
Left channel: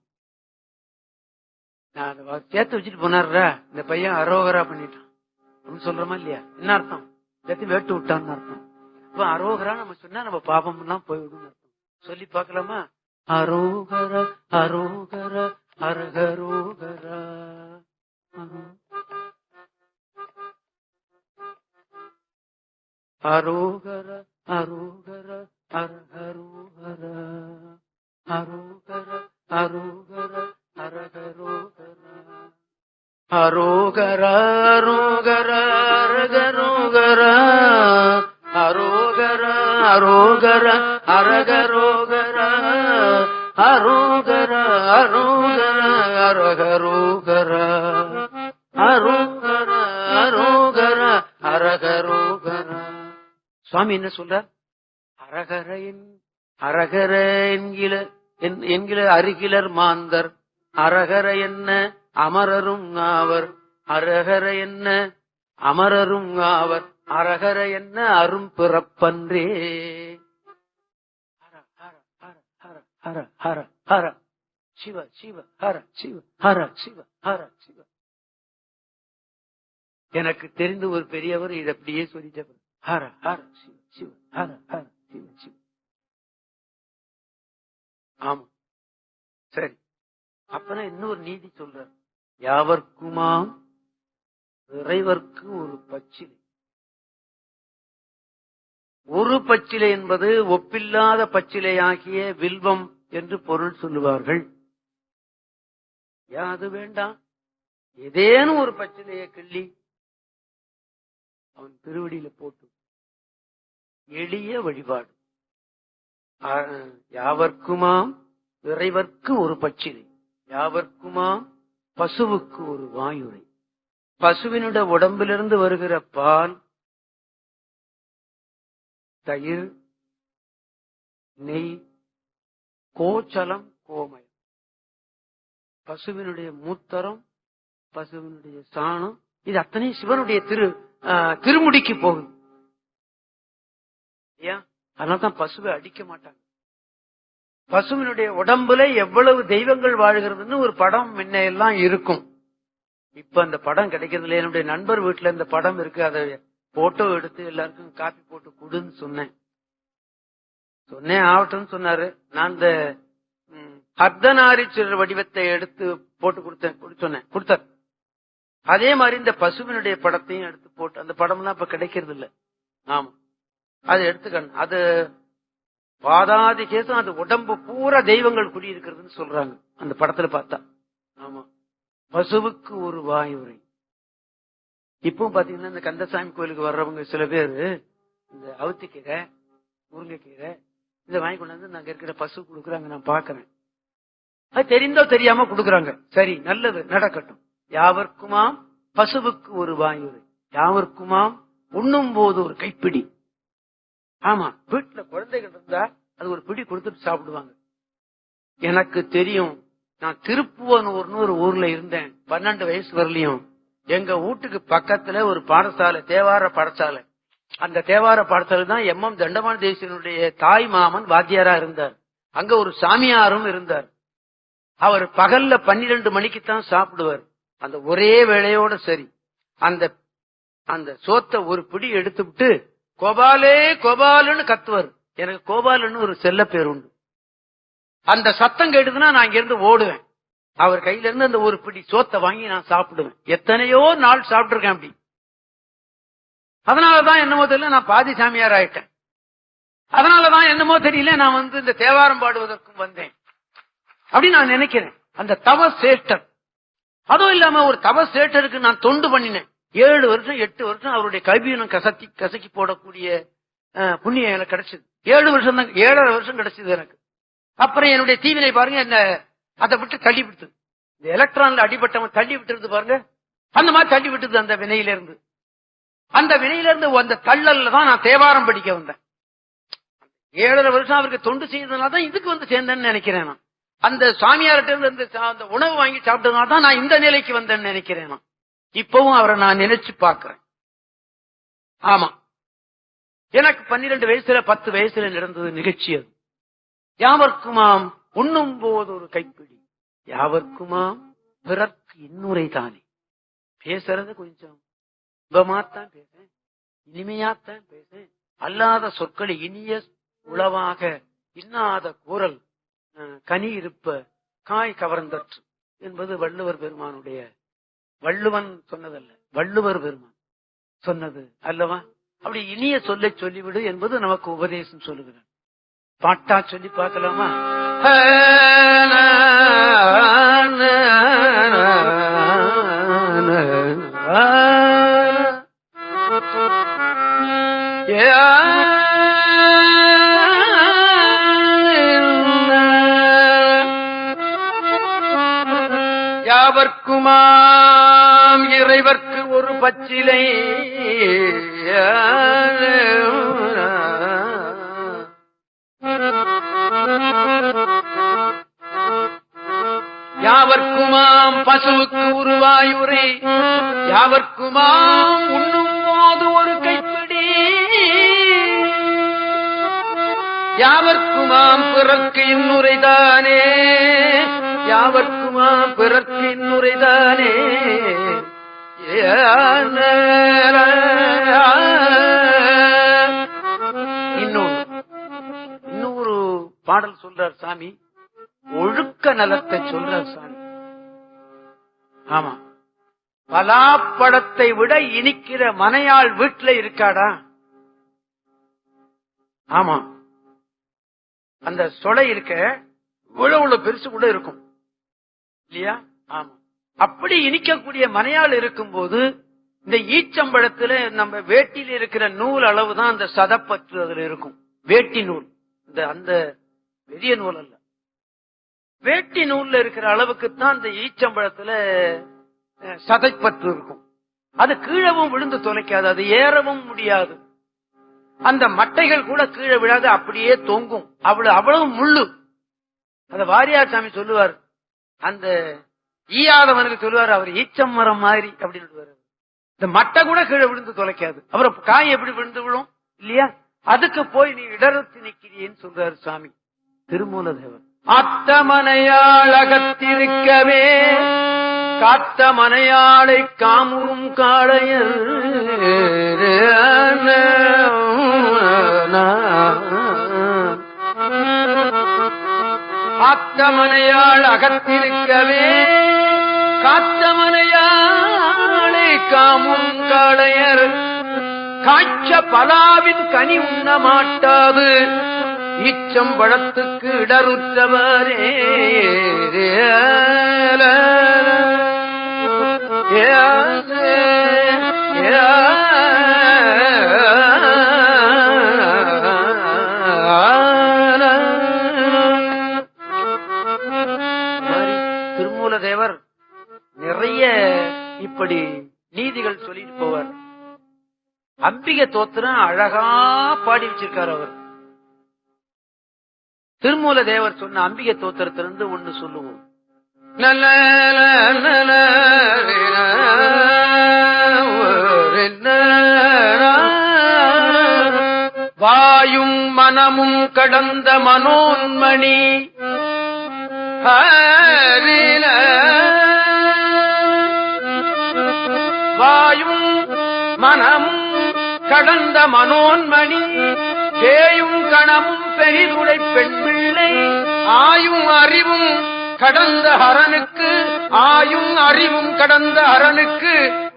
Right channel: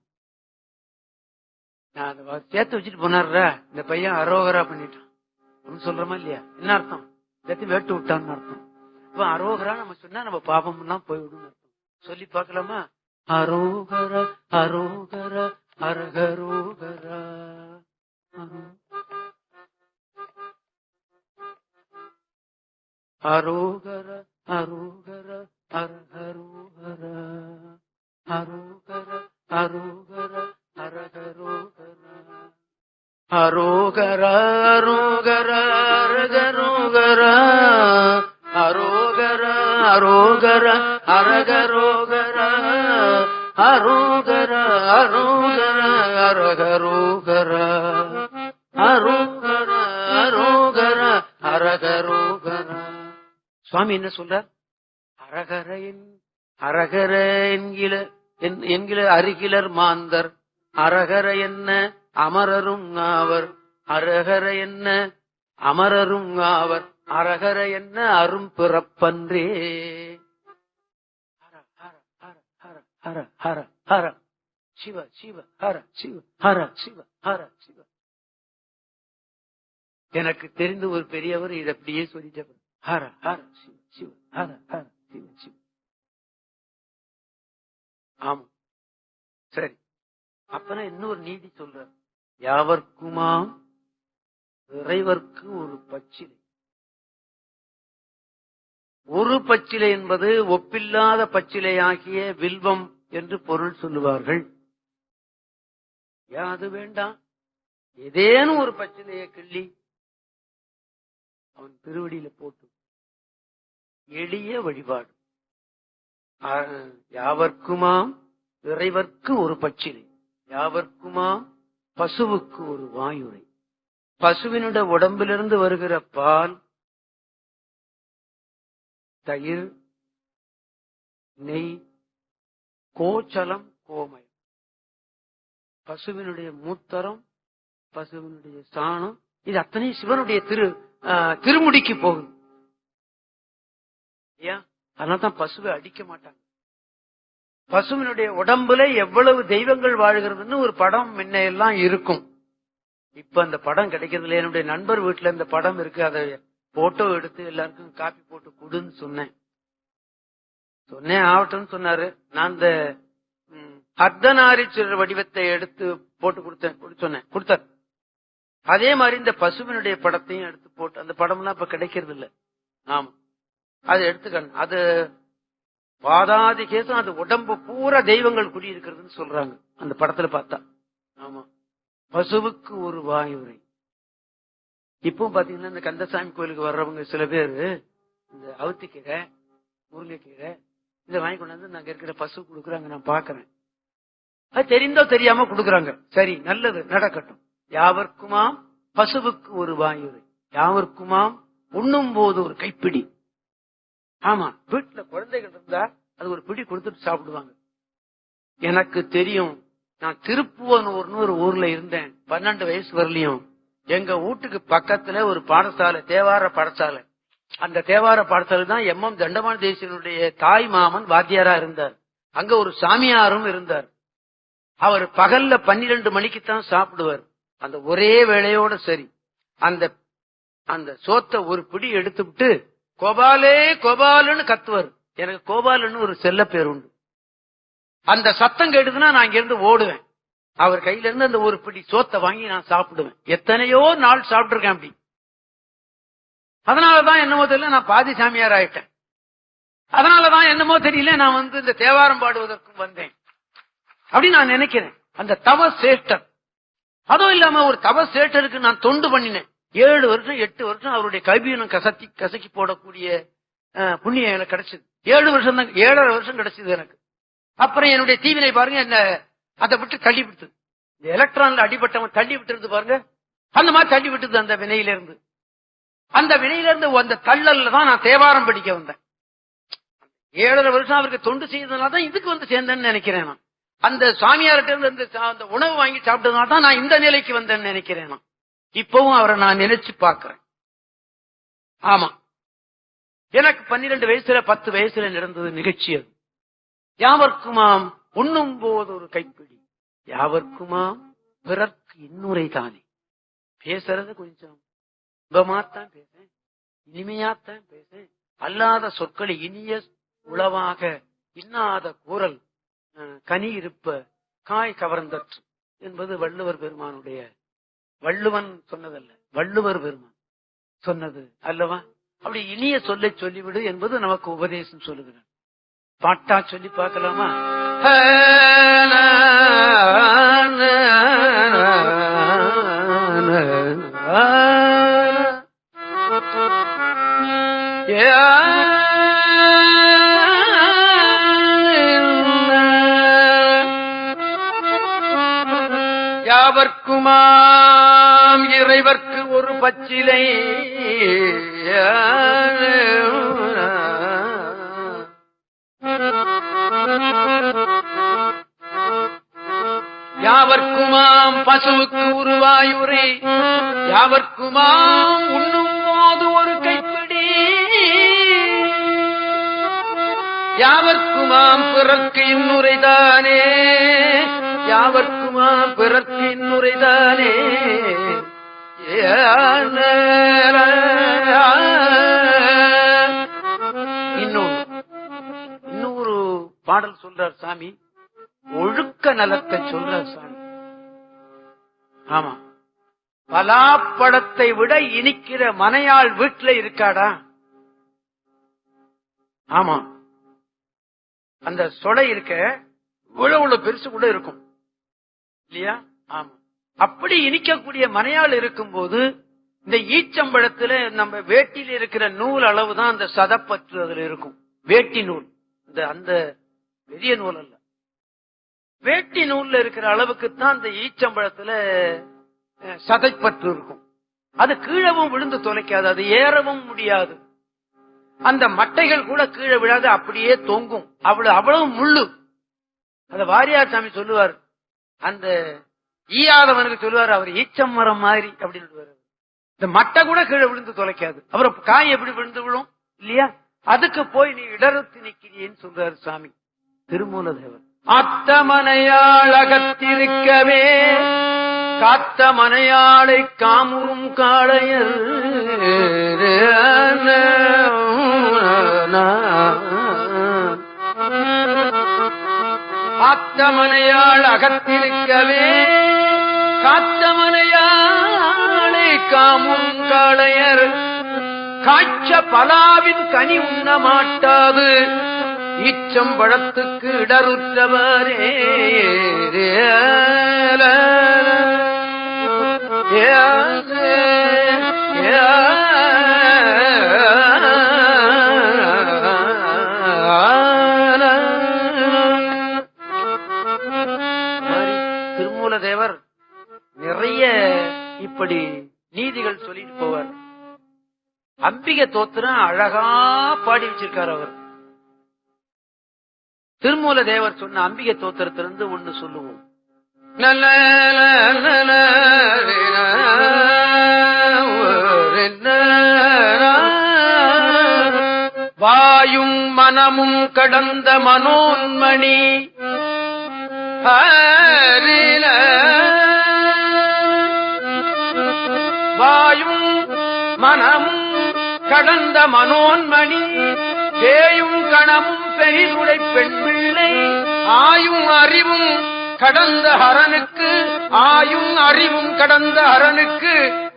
நான் சேர்த்து வச்சுட்டு போனார்ல இந்த பையன் அரோகரா பண்ணிட்டான் சொல்றோமா இல்லையா? என்ன அர்த்தம்? சேர்த்து வேட்டு விட்டான்னு அர்த்தம். இப்ப அரோகரா நம்ம சொன்னா நம்ம பாபம் எல்லாம் போய்விடும் அர்த்தம். சொல்லி பார்க்கலாமா? அரோகர அரோகர அரகரோகரா அரோகர அரோகர அரகரோகர அரோகர அரோகர அரகரோகர அரோகர அரோகர அரகரோகர அரோகர அரோகர அரகரோகர அரோகர அரோகர அரகரோகர அரோகர அரோகர அரகரோகர. சுவாமி என்ன சொல்றார்? அரகர என்கிற அருகிலர் மாந்தர், அரகர என்ன அமரரும் ஆவர், அரகர என்ன அமரரும் ஆவர், அரகர என்ன அரும் பிறப்பன்றே. ஹர ஹர ஹர சிவ சிவ ஹர சிவ ஹர சிவ ஹர சிவ. எனக்கு தெரிந்த ஒரு பெரியவர் இதை அப்படியே சொல்லிட்டு ஹர ஹர சிவ சிவ ஹர ஹர சிவ சிவ. ஆமா, சரி. அப்பனா இன்னொரு நீதி சொல்ற, யாவர்க்குமாம் இறைவர்க்கு ஒரு பச்சிலை. ஒரு பச்சிலை என்பது ஒப்பில்லாத பச்சிலையாகிய வில்வம் என்று பொருள் சொல்லுவார்கள். யாது வேண்டாம், ஏதேனும் ஒரு பச்சிலையை கிள்ளி அவன் திருவடியில போட்டு எளிய வழிபாடு. யாவர்க்குமாம் இறைவர்க்கு ஒரு பச்சிலை, யாவர்க்குமாம் பசுவுக்கு ஒரு வாயுரை. பசுவினுடைய உடம்பிலிருந்து வருகிற பால், தயிர், நெய், கோச்சலம், கோமை, பசுவினுடைய மூத்தரம், பசுவினுடைய சாணம், இது அத்தனை சிவனுடைய திருமுடிக்கு போகுது. அதனால்தான் பசுவை அடிக்க மாட்டாங்க. பசுவினுடைய உடம்புல எவ்வளவு தெய்வங்கள் வாழ்கிறதுன்னு ஒரு படம் முன்ன எல்லாம் இருக்கும். இப்ப அந்த படம் கிடைக்கிறது இல்லை. என்னுடைய நண்பர் வீட்டுல இந்த படம் இருக்கு. அதை போட்டோ எடுத்து எல்லாருக்கும் காப்பி போட்டு கொடுன்னு சொன்னேன். ஆகட்டும்னு சொன்னாரு. நான் இந்த அர்த்தநாரீஸ்வரர் வடிவத்தை எடுத்து போட்டு கொடுத்தார். அதே மாதிரி இந்த பசுவினுடைய படத்தையும் எடுத்து போட்டு, அந்த படம்லாம் இப்ப கிடைக்கிறது இல்ல. ஆமா, அதை எடுத்துக்கணும். அது பாதாதி கேசம், அது உடம்பு பூரா தெய்வங்கள் குடியிருக்கிறதுன்னு சொல்றாங்க அந்த படத்துல பார்த்தா. ஆமா, பசுவுக்கு ஒரு வாயுரை. இப்பவும் பாத்தீங்கன்னா இந்த கந்தசாமி கோயிலுக்கு வர்றவங்க சில பேரு இந்த அவுத்திக்கீரை, முருங்கைக்கீரை இதை வாங்கி கொண்டாந்து நாங்க இருக்கிற பசு கொடுக்குறாங்க. நான் பாக்குறேன். அது தெரிந்தோ தெரியாம கொடுக்குறாங்க. சரி, நல்லது, நடக்கட்டும். யாவர்க்குமாம் பசுவுக்கு ஒரு வாயுரை, யாவர்க்குமாம் உண்ணும் போது ஒரு கைப்பிடி. ஆமா, வீட்டுல குழந்தைகள் இருந்தா அது ஒரு பிடி கொடுத்துட்டு சாப்பிடுவாங்க. எனக்கு தெரியும். நான் திருப்புவனூர்னு ஒரு ஊர்ல இருந்தேன். 12 வயசு வரலையும் எங்க வீட்டுக்கு பக்கத்துல ஒரு பாடசாலை, தேவார பாடசாலை. அந்த தேவார பாடசாலை தான் MM தண்டமான தேசியனுடைய தாய் மாமன் வாத்தியாரா இருந்தார். அங்க ஒரு சாமியாரும் இருந்தார். அவர் பகல்ல 12 மணிக்குத்தான் சாப்பிடுவார். அந்த ஒரே வேளையோட சரி அந்த சோத்தை ஒரு பிடி எடுத்துவிட்டு கோபாலே கோபாலுன்னு கத்துவார். எனக்கு கோபாலுன்னு ஒரு செல்ல பேர் உண்டு. அந்த சத்தம் கேட்டுதுன்னா நான் இங்கிருந்து ஓடுவேன். அவர் கையில இருந்து அந்த ஒரு பிடி சோத்தை வாங்கி நான் சாப்பிடுவேன். எத்தனையோ நாள் சாப்பிட்டுருக்கேன் அப்படி. அதனாலதான் என்னமோ தெரியல நான் பாதி சாமியார் ஆயிட்டேன். அதனாலதான் என்னமோ தெரியல நான் இந்த தேவாரம் பாடுவதற்கும் வந்தேன் அப்படின்னு நான் நினைக்கிறேன். அந்த தவ சேஷ்டர், அதுவும் இல்லாம ஒரு தவ சேஷ்டருக்கு நான் தொண்டு பண்ணினேன். 7 வருஷம் 8 வருஷம் அவருடைய கைபீனம் கசக்கி போடக்கூடிய புண்ணியம் எனக்கு கிடைச்சது. 7 வருஷம் தான், 7.5 வருஷம் கிடைச்சது எனக்கு. அப்புறம் என்னுடைய தீவினை பாருங்க, என்ன அதை விட்டு தள்ளி விட்டு, இந்த எலக்ட்ரான்ல அடிபட்டவன் தள்ளி விட்டுறது பாருங்க, அந்த மாதிரி தள்ளி விட்டுது அந்த வினையில இருந்து. அந்த வினையில இருந்து அந்த தள்ளல்ல தான் நான் தேவாரம் படிக்க வந்தேன். 7.5 வருஷம் அவருக்கு தொண்டு செய்ததுனால தான் இதுக்கு சேர்ந்தேன்னு நினைக்கிறேன். நான் அந்த சாமியார்கிட்ட இருந்து அந்த உணவு வாங்கி சாப்பிட்டதுனால தான் நான் இந்த நிலைக்கு வந்தேன்னு நினைக்கிறேன். நான் இப்பவும் அவரை நான் நினைச்சு பார்க்கிறேன். ஆமா, எனக்கு 12 வயசுல 10 வயசுல நடந்தது நிகழ்ச்சி அது. யாவர்க்குமாம் உண்ணும் போது ஒரு கைப்பிடி, யாவர்க்குமாம் பிறர்க்கு இன்னுரை தானே. பேசுறது கொஞ்சம் இன்பமாத்தான் பேசேன், இனிமையாத்தான் பேசேன். அல்லாத சொற்களை இனிய உளவாக இன்னாத கூறல் கனி இருப்ப காய் கவர்ந்தற்று என்பது வள்ளுவர் பெருமானுடைய, வள்ளுவன் சொன்னதல்ல, வள்ளுவர் பெருமான் சொன்னது அல்லவா. அப்படி இனிய சொல்லை சொல்லிவிடு என்பது நமக்கு உபதேசம் சொல்லுகிறார். பாட்டா சொல்லி பார்க்கலாமா? யாவர்க்குமாம் இறைவர்க்கு ஒரு பச்சிலை, யாவர்க்குமாம் பசுவுக்கு ஒரு வாயுரை, யாவர்க்குமாம் உண்ணும் போது ஒரு கைப்பிடி, யாவர்க்குமாம் பிறர்க்கு இன்னுரைதானே, யாவர்க்குமாம் பிறர்க்கு இன்னுரைதானே. இன்னொரு பாடல் சொல்றார் சாமி, ஒழுக்க நலத்தை சொல்றார் சாமி. ஆமா, பலாப்பழத்தை விட இனிக்கிற மனையாள் வீட்டுல இருக்காடா? ஆமா, அந்த சொலை இருக்க இவ்வளவு பெருசு கூட இருக்கும் இல்லையா? ஆமா, அப்படி இனிக்கக்கூடிய மனையாள் இருக்கும்போது இந்த ஈச்சம்பழத்துல நம்ம வேட்டியில் இருக்கிற நூல் அளவு தான் அந்த சதப்பற்று அதுல இருக்கும். வேட்டி நூல், அந்த பெரிய நூல் அல்ல, வேட்டி நூல்ல இருக்கிற அளவுக்குத்தான் அந்த ஈச்சம்பழத்துல சதைப்பற்று இருக்கும். அது கீழவும் விழுந்து தொலைக்காது, அது ஏறவும் முடியாது. அந்த மட்டைகள் கூட கீழே விழாது, அப்படியே தொங்கும். அவ்வளவு முள்ளு. அத வாரியார் சாமி சொல்லுவார், அந்த ஈயாதவனுக்கு சொல்லுவார், அவர் ஈச்சம் மரம் மாதிரி அப்படின்னு சொல்லுவார். இந்த மட்டை கூட கீழே விழுந்து தொலைக்காது. அப்புறம் காய் எப்படி விழுந்து விழும் இல்லையா? அதுக்கு போய் நீ இடறுத்து நிற்கிறேன்னு சொல்றாரு சாமி திருமூலதேவர். அத்தமனையாள் அகத்திருக்கவே காத்த மனையாளை காமுறும் காளையர் ஆத்தமனையாள் அகத்திருக்கவே காத்த மனையாளை காமுறும் காளையர் காய்ச்ச பலாவின் கனி உண்ண மாட்டாது ஈச்சம்பழத்துக்கு இடருற்றவரே. திருமூலதேவர் நிறைய இப்படி நீதிகள் சொல்லிட்டு போவார். அம்பிகை தோத்திரம் அழகா பாடி வச்சிருக்கார் அவர். திருமூலதேவர் சொன்ன அம்பிகை தோத்திரத்திலிருந்து ஒண்ணு சொல்லுவோம். வாயும் மனமும் கடந்த மனோன்மணி வாயும் மனமும் கடந்த மனோன்மணி பேயும் கணமும் பெரிதுடை பெண் பிள்ளை ஆயும் அறிவும் கடந்த அரனுக்கு ஆயும் அறிவும் கடந்த அரனுக்கு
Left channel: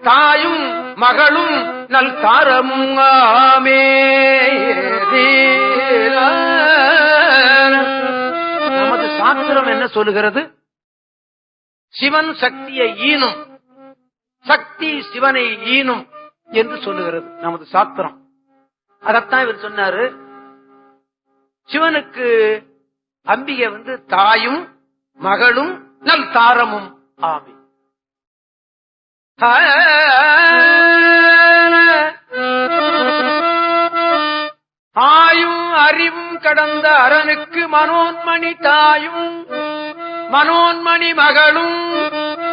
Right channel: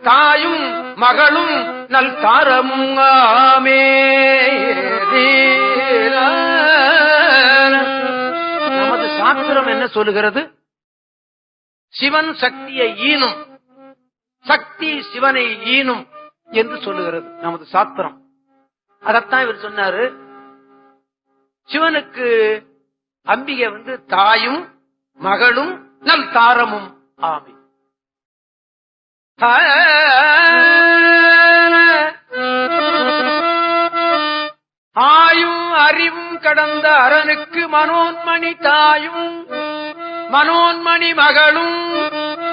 தாயும் மகளும் நல் தாரமும் ஆமே. நமது சாஸ்திரம் என்ன சொல்லுகிறது? சிவன் சக்தியை ஈனும், சக்தி சிவனை ஈனும் என்று சொல்லுகிறது நமது சாஸ்திரம். அதத்தான் இவர் சொன்னாரு. சிவனுக்கு அம்பிகை தாயும் மகளும் நல் தாரமும் ஆமி. ஆயும் அறிவும் கடந்த அரனுக்கு மனோன்மணி தாயும் மனோன்மணி மகளும்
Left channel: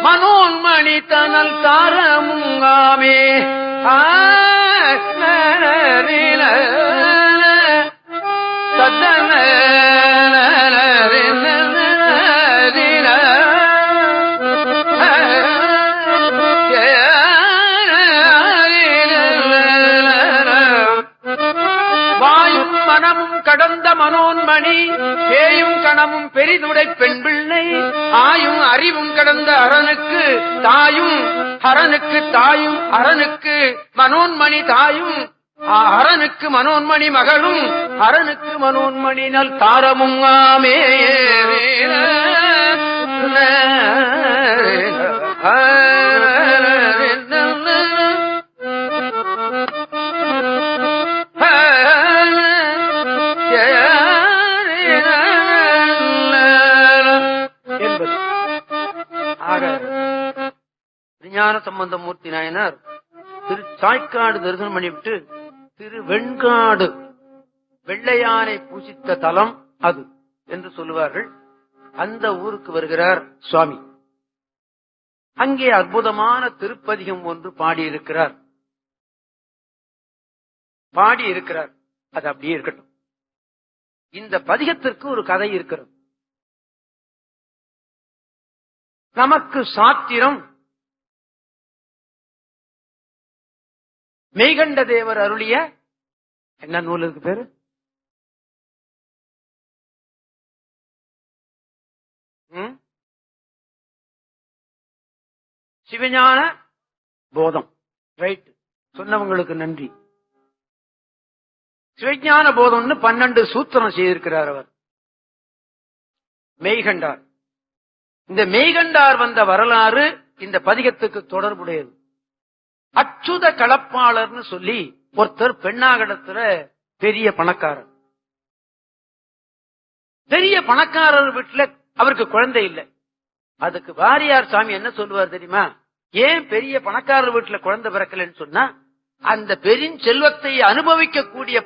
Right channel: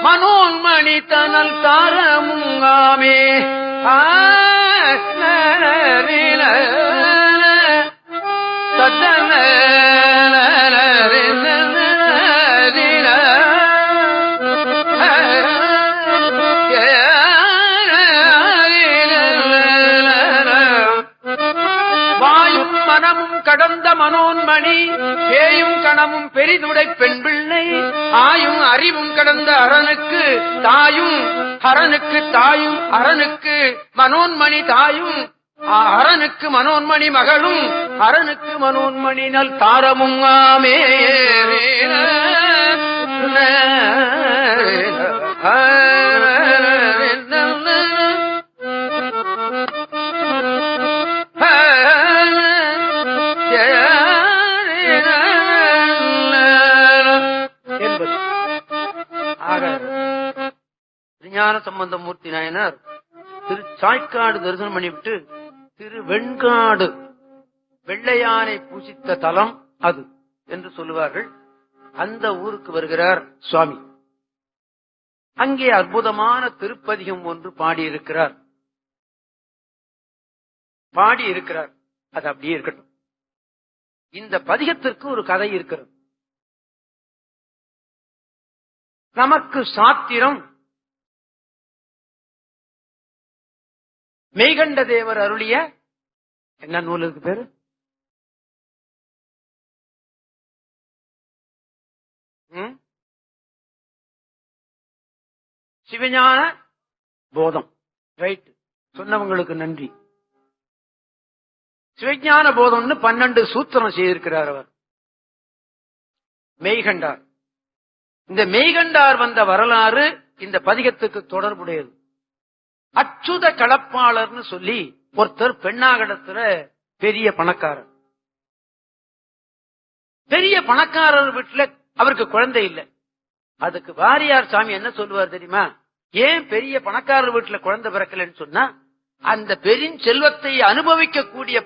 மனோன்மணி தனல் தாரமும் ஆமே. வாயும் மனமும் கடந்த மனோன்மணி பேயும் கணமும் பெரிதுடை பெண் பிள்ளை ஆயும் அறிவும் கடந்த அரனுக்கு தாயும் அரனுக்கு தாயும் அரனுக்கு மனோன்மணி தாயும் அரனுக்கு மனோன்மணி மகளும் அரனுக்கு மனோன்மணி நல் தாரமும் ஆமே. ஞான சம்பந்தமூர்த்தி நாயனார் திரு சாய்க்காடு தரிசனம் பண்ணிவிட்டு திரு வெண்காடு வெள்ளையானை பூசித்த தலம் அது என்று சொல்லுவார்கள். அந்த ஊருக்கு வருகிறார் சுவாமி. அங்கே அற்புதமான திருப்பதிகம் ஒன்று பாடியிருக்கிறார். அது அப்படியே இருக்கட்டும். இந்த பதிகத்திற்கு ஒரு கதை இருக்கிறது. நமக்கு சாத்திரம் மெய்கண்ட தேவர் அருளிய என்ன நூலுக்கு பேரு? சிவஞான போதம். ரைட், சொன்னவங்களுக்கு நன்றி. சிவஞான போதம்னு 12 சூத்திரம் செய்திருக்கிறார் அவர் மெய்கண்டார். இந்த மெய்கண்டார் வந்த வரலாறு இந்த பதிகத்துக்கு தொடர்புடையது. அச்சுத களப்பாளர்னு சொல்லி ஒருத்தர் பெண்ணாகடத்துல பெரிய பணக்காரர். பெரிய பணக்காரர் வீட்டுல அவருக்கு குழந்தை இல்லை. அதுக்கு வாரியார் சாமி என்ன சொல்லுவார் தெரியுமா? ஏன் பெரிய பணக்காரர் வீட்டுல குழந்தை பிறக்கலன்னு சொன்னா, அந்த பெரிய செல்வத்தை அனுபவிக்க கூடிய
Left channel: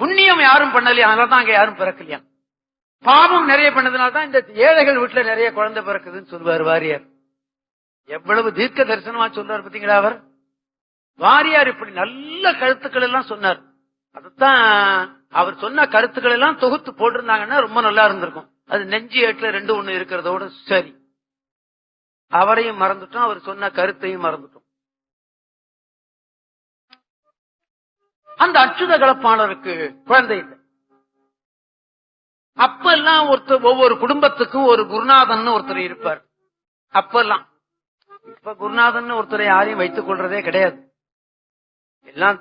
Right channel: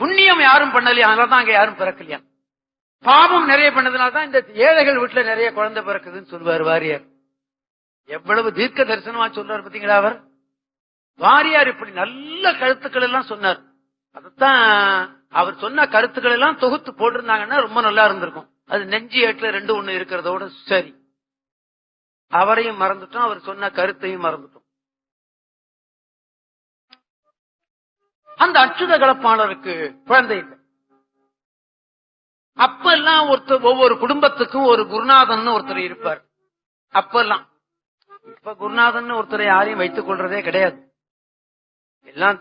புண்ணியம் யாரும் பண்ணலையா, அதனாலதான் அங்க யாரும் பிறக்கலையா. பாவம் நிறைய பண்ணதுனால்தான் இந்த ஏழைகள் வீட்டுல நிறைய குழந்தை பிறக்குதுன்னு சொல்லுவார் வாரியார். எவ்வளவு தீர்க்க தரிசனமா சொல்றாரு பாத்தீங்களா அவர். வாரியார் இப்படி நல்ல கருத்துக்கள் எல்லாம் சொன்னார். அதத்தான் அவர் சொன்ன கருத்துக்கள் எல்லாம் தொகுத்து போட்டிருந்தாங்கன்னா ரொம்ப நல்லா இருந்திருக்கும். அது நெஞ்சு ஏற்ற 2-1 இருக்கிறதோட சரி. அவரையும் மறந்துட்டோம், அவர் சொன்ன கருத்தையும் மறந்துட்டோம். அந்த அச்சுத கலப்பாளருக்கு குழந்தை இல்லை. அப்ப எல்லாம் ஒவ்வொரு குடும்பத்துக்கும் ஒரு குருநாதன் ஒருத்தர் இருப்பார். அப்பெல்லாம் இப்ப குருநாதன் ஒருத்தரை யாரையும் வைத்துக் கொள்றதே கிடையாது. எல்லாம்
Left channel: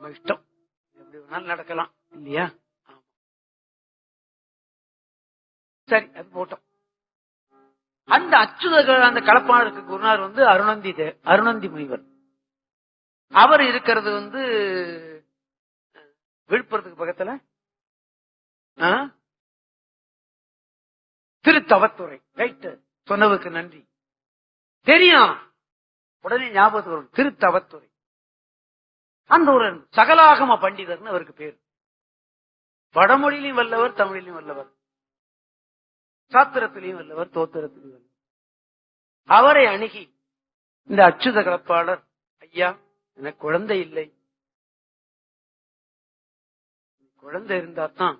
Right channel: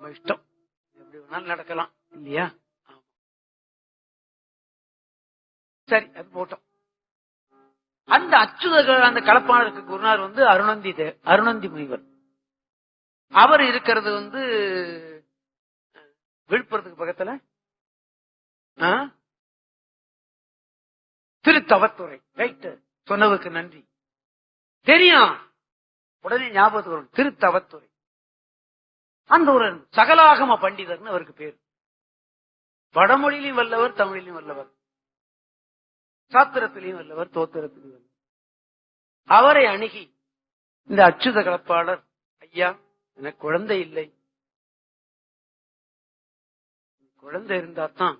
இஷ்டம், எப்படி வேணாலும் நடக்கலாம் இல்லையா. சரி, அது போட்டோம். அந்த அந்த கலப்பாளருக்கு குருநாதர் அருணந்தி முனிவர். அவர் இருக்கிறது விழுப்புரத்துக்கு பக்கத்துல திருத்தவத்துறை. ரைட்டு, சொன்னதுக்கு நன்றி. தெரியும், உடனே ஞாபகத்துக்கு வரும். திருத்தவத்துறை. அந்த ஒரு சகலாகம பண்டிதர்னு அவருக்கு பேர். வடமொழியிலும் வல்லவர், தமிழிலும் வல்லவர், சாத்திரத்திலையும் வல்லவர், தோத்திரத்திலையும் வல்லவர். அவரை அணுகி இந்த அச்சுத கலப்பாளர், ஐயா எனக்கு குழந்தை இல்லை, குழந்தை இருந்தால்தான்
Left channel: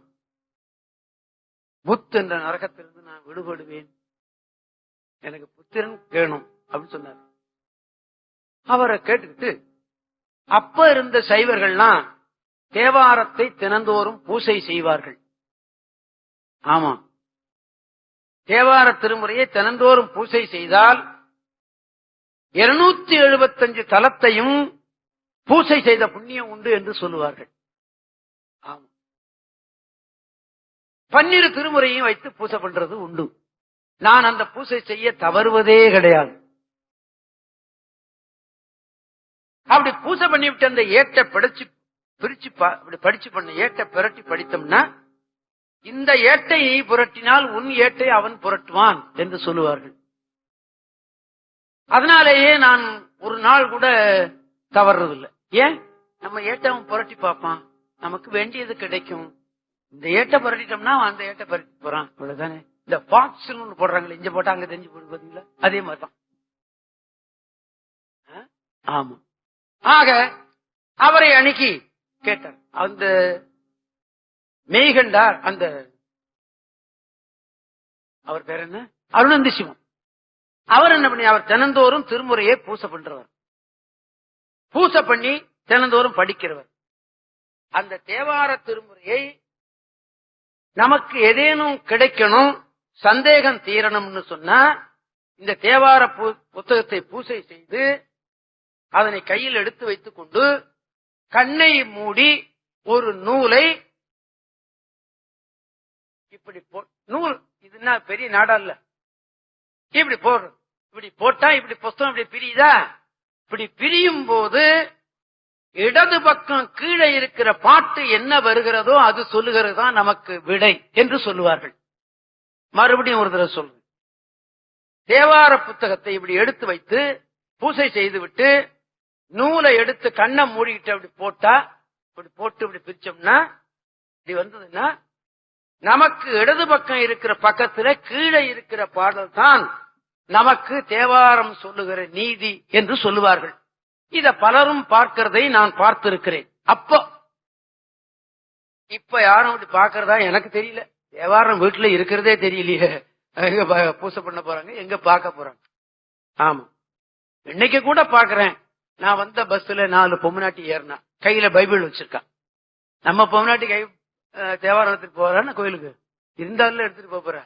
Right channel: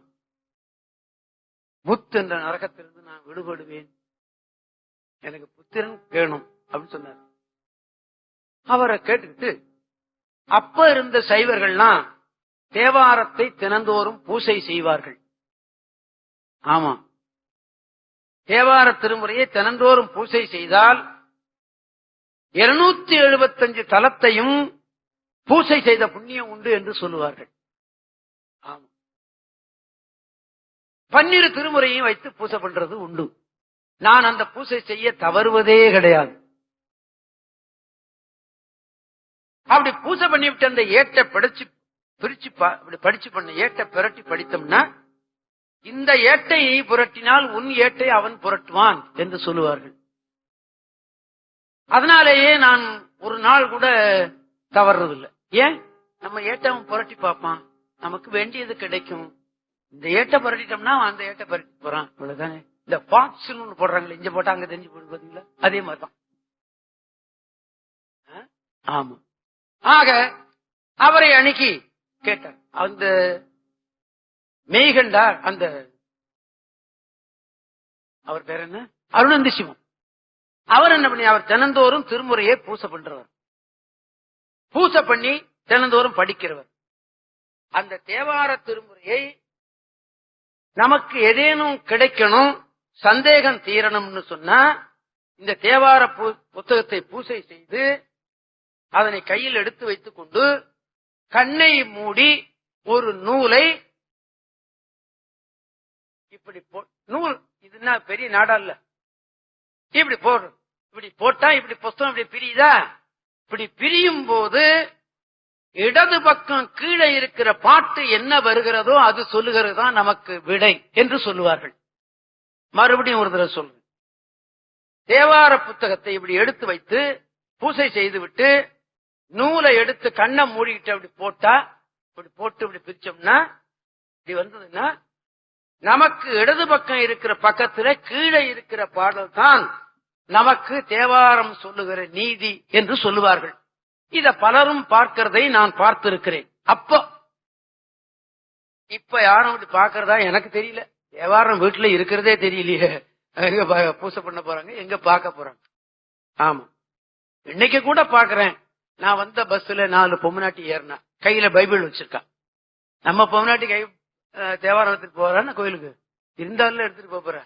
புத் என்ற நரகத்திலிருந்து நான் விடுபடுவேன், எனக்கு புத்திரன் வேணும் அப்படின்னு சொன்னார். அவரை கேட்டுக்கிட்டு அப்ப இருந்த சைவர்கள்லாம் தேவாரத்தை தினந்தோறும் பூசை செய்வார்கள். ஆமா, தேவார திருமுறையை தினந்தோறும் பூசை செய்தால் 275 தலத்தையும் பூசை செய்த புண்ணியம் உண்டு என்று சொல்லுவார்கள். ஆமா, 12 திருமுறையும் வைத்து பூசை பண்றது உண்டு. நான் அந்த பூசை செய்ய தவறுவதே கிடையாது. அப்படி பூசை பண்ணிவிட்டு அந்த ஏட்டை படிச்சு பண்ண ஏட்டை பிரட்டி படித்தோம்னா, இந்த ஏட்டை நீ புரட்டினால் உன் ஏட்டை அவன் புரட்டுவான் என்று சொல்லுவார்கள். அதனாலேயே நான் ஒரு நாள் கூட தவறுறதில்லை. ஏன், நம்ம ஏட்டை அவன் புரட்டி பார்ப்பான், நமக்கு வேண்டியது கிடைக்கும். இந்த ஏட்டை புரட்டிட்டோம்னா அந்த ஏட்டை புரட்டி போறான், இவ்வளவுதானே. இந்த பாட்ஸ் போடுறாங்களே, இங்க போட்டா அங்க தெரிஞ்சு போடுவீங்களா, அதே மாதிரிதான். ஆமா, ஆக அவரை அணுகி கேட்டார். அந்த மெய்கண்டார், அந்த அவர் பேர் என்ன, அருணந்தி சிவம். அவர் என்ன பண்ணி, அவர் தினந்தோறும் திருமுறையை பூசை பண்றவர், பூசை பண்ணி தினந்தோறும் படிக்கிறவர். அந்த தேவார திருமுறையை நமக்கு ஏதேனும் கிடைக்கணும், சந்தேகம் தீரணும்னு சொன்னா, இந்த தேவார புத்தகத்தை பூசை செய்து அதனை கையில் எடுத்து வைத்துக் கொண்டு கண்ணை மூடி ஒரு நூலை இப்படி நூல், இதுன்னா பெரிய நாடா இல்ல, இப்படி போடுறது. இப்படி போட்டா இப்படி புஸ்தகம் இப்படி பிரியுதா, இப்படி பிரியும் போது இடது பக்கம் கீழே இருக்கிற பாட்டு என்ன வருகிறதோ அது சொல்லுகிறது தான் நமக்கு விடை என்று சொல்லுவார்கள். மறுபடியும் ஒரு தடவை சொல்லுங்க. தேவார புத்தகத்தை இப்படி எடுத்து வைத்து பூசை செய்துவிட்டு நூலை எடுத்து கண்ணை மூடிக்கிட்டு அப்படி போட்டா, இப்படி போட்டு இப்படி பிரிச்சோம்னா, இப்படி வந்ததுன்னா நமக்கு இடது பக்கம் இருக்கிற பக்கத்துல கீழே இருக்கிற பாடல் தான் நமக்கு தேவாரம் சொல்லுகிற நீதி என்று சொல்லுவார்கள். இத பலரும் பார்க்கிறதை நான் பார்த்திருக்கிறேன். அப்போ இப்ப யாரும் அப்படி பார்க்கறதா எனக்கு தெரியல. தேவாரம் வீட்டுல இருக்கிறதே தெரியலையே, எங்க பூசை பண்ண போறாங்க, எங்க பார்க்க போறாங்க. ஆமா, இன்னைக்கு கூட பாக்குறேன். நான் வந்த பஸ்ல 4 பொம்னாட்டி ஏறினா, கையில பைபிள் வச்சிருக்கா. நம்ம பொம்னாட்டி கை தேவாரத்துக்கு போறான்னு கோயிலுக்கு இருந்தாலும் எடுத்துட்டு போற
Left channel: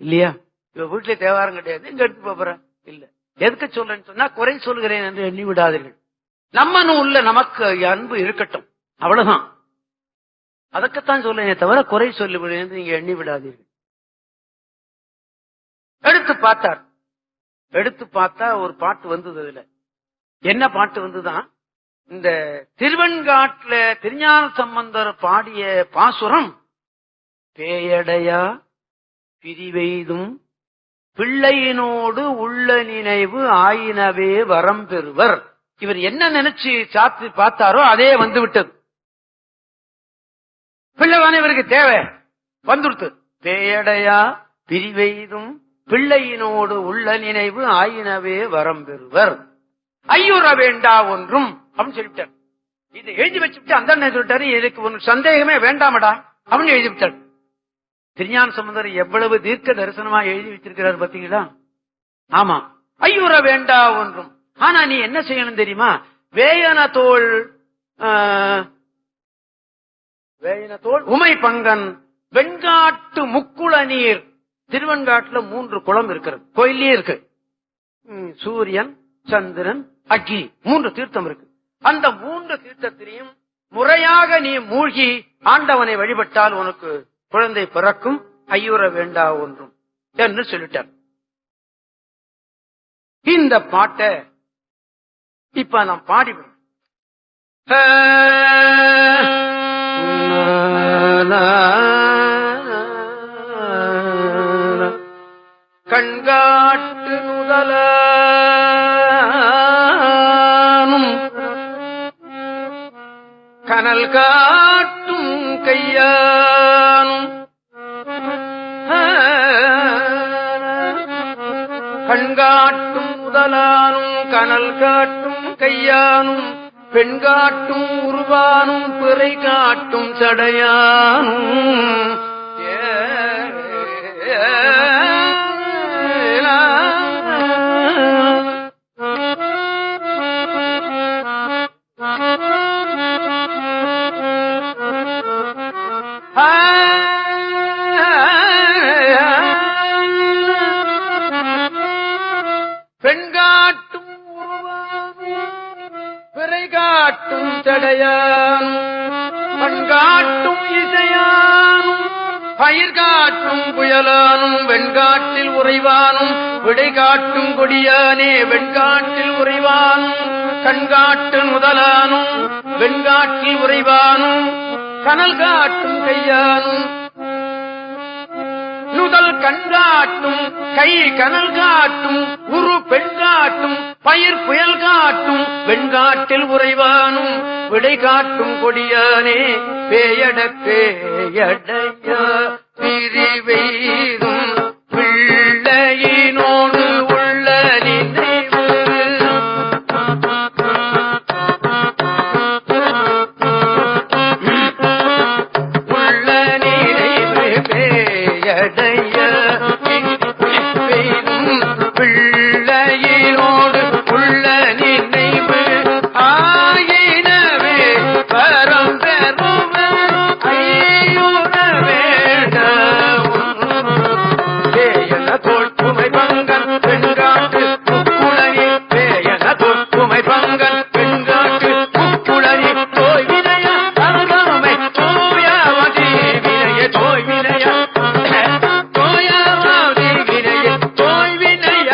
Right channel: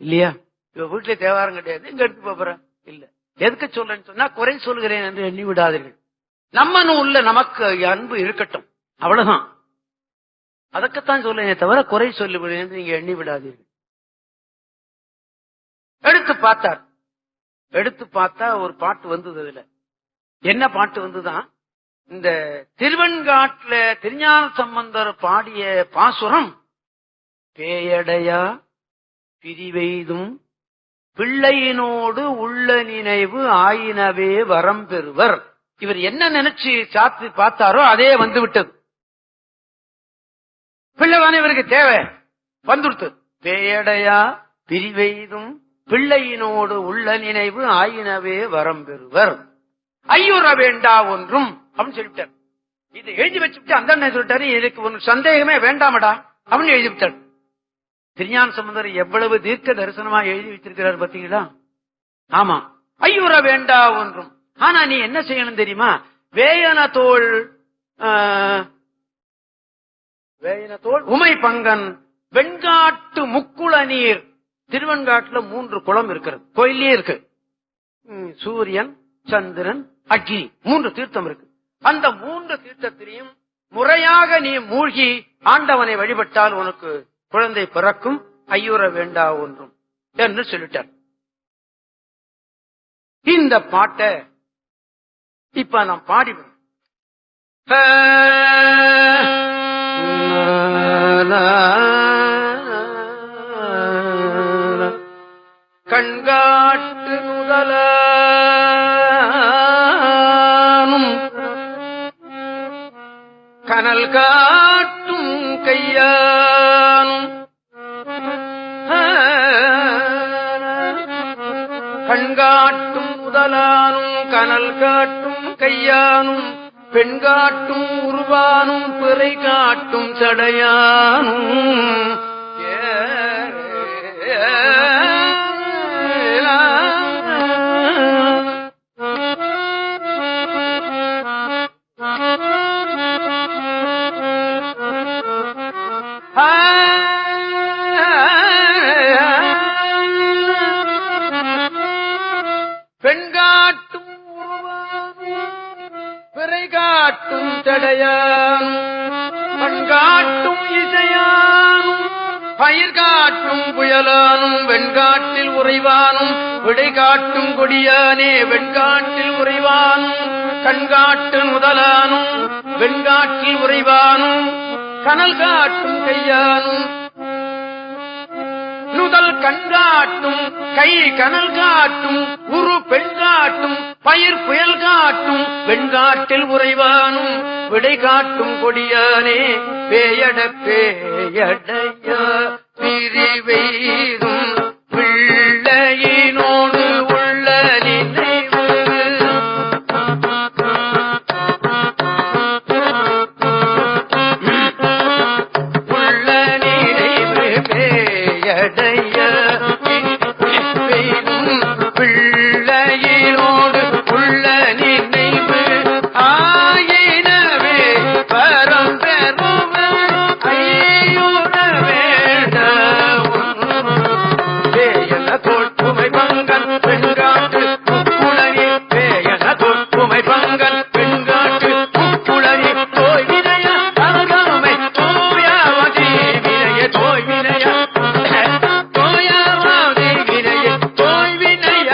இல்லையா. இவ வீட்டுல தேவாரம் கிடையாது, இங்க எடுத்து போற இல்ல. எதுக்கு சொல்றேன்னு சொன்னா, குறை சொல்கிறேன் என்று எண்ணி விடாதீர்கள். நம்ம உள்ள நமக்கு அன்பு இருக்கட்டும், அவ்வளவுதான். அதற்குத்தான் சொல்லுங்க தவிர குறை சொல்லுகிறேன் என்று நீங்க எண்ணி விடாதீர்கள். எடுத்து பார்த்தார். எடுத்து பார்த்தா ஒரு பாட்டு வந்தது. அதுல என்ன பாட்டு வந்துதான், இந்த திருவெண்காட்டுல திருஞான சம்பந்தர் பாடிய பாசுரம், பேயடையா பிரிவெய்தும் பிள்ளையினோடு உள்ள நினைவு ஆயினவே வரம் பெறுவர். இவர் என்ன நினைச்சு சாத்தி பார்த்தாரோ அதே வந்து விட்டது. பிள்ளைதானே இவருக்கு தேவை, வந்துடுத்து. பேயடையா பிரிவெய்தும் பிள்ளையினோடு உள்ள நினைவு ஆயினவே வரம் பெறுவர், ஐயுற வேண்டா ஒன்றும் அப்படின்னு சொல்லிட்டார். இது எழுதி வச்சுட்டு அந்த அண்ணன் சொல்லிட்டாரு, இதுக்கு ஒரு சந்தேகமே வேண்டாமடா அப்படின்னு எழுதி விட்டார். திருஞான சம்பந்தர் எவ்வளவு தீர்க்க தரிசனமா எழுதி வச்சிருக்கிறார் பாத்தீங்களா? ஆமா, ஐயுற வேண்டா ஒன்றும். ஆனா நீ என்ன செய்யணும் தெரியுமா? வேயன தோள் உமை பங்கன் வெண்காட்டு முக்குள நீர். திருவெண்காட்டுல 3 குளம் இருக்கிறது, கோயிலே இருக்கு. சூரியன், சந்திரன், அக்னி 3 தீர்த்தம் இருக்கு. அந்த 3 தீர்த்தத்திலையும் முறையாக நீ மூழ்கி ஆண்டவனை வழிபட்டால் உனக்கு குழந்தை பிறக்கும், ஐயுற வேண்டா ஒன்றும் என்று சொல்லிட்டார். இந்த பாட்டை இப்ப நாம் பாடிவிடும். கண்காட்டு முதலும் கனல் காட்டும் கையானும், கண்காட்டும் முதலானும் கனல் காட்டும் கையானும், பெண் காட்டும் உருவானும் பிறை காட்டும் சடையானும், பெண்காட்டும் உருவானும் பிறை காட்டும் சடையானும், பண்காட்டும் இசையானும் பயிர் காட்டும் புயலானும், வெண்காட்டில் உறைவானும் விடை காட்டும் கொடியானே வெண்காட்டில் உறைவானும், கண்காட்டு முதலானும் வெண்காட்டில் உறைவானும், கனல் காட்டும் கையானும், நுதல் கண்காட்டும் கை கனல் காட்டும், உரு பெண் காட்டும் பயிர் புயல் காட்டும், வெண்காட்டில் உறைவானும் விடை காட்டும் கொடியானே பேயடத்தே பிரிவெய்தும் பிள்ளையினோடு உள்ள நினைவு, உள்ள நினைவு பேயடைய பிள்ளையினோடு உள்ள நினைவு ஆயினவே வரம் பெறுவர், ஐயுற வேண்டா பேயன தோள் உமை பங்கன் பெண்காட்டு முக்குளனி, பேயன தோள் உமை பங்கன் பெண்காட்டு முக்குளனி, தோய் வினைய அருமை தோயாவதி வினைய, தோய் வினைய தோயாவதி வினைய, தோய் வினைய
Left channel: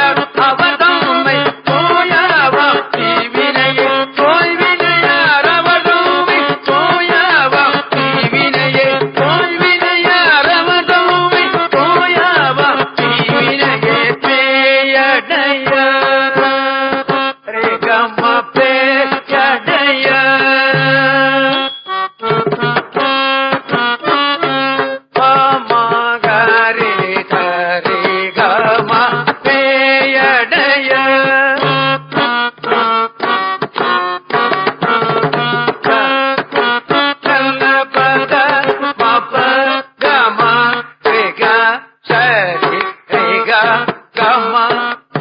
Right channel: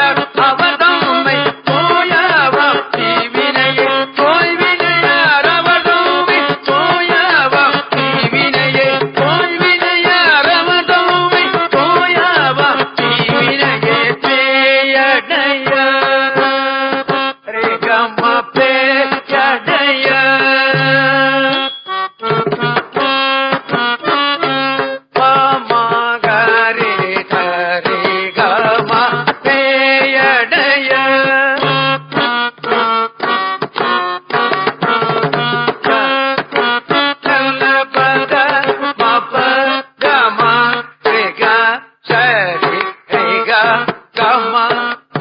அவதம்மை தோயாவதி வினைய, தோய் வினைய அரவதம்மை தோயாவதி வினைய, தோய் வினைய அரவதம்மை தோயாவதி வினைய, பேயடைய ரேகம பேயடைய பாமகரே கரே கம பேயடைய கலபத மப கம ரேக சரி ரேக கம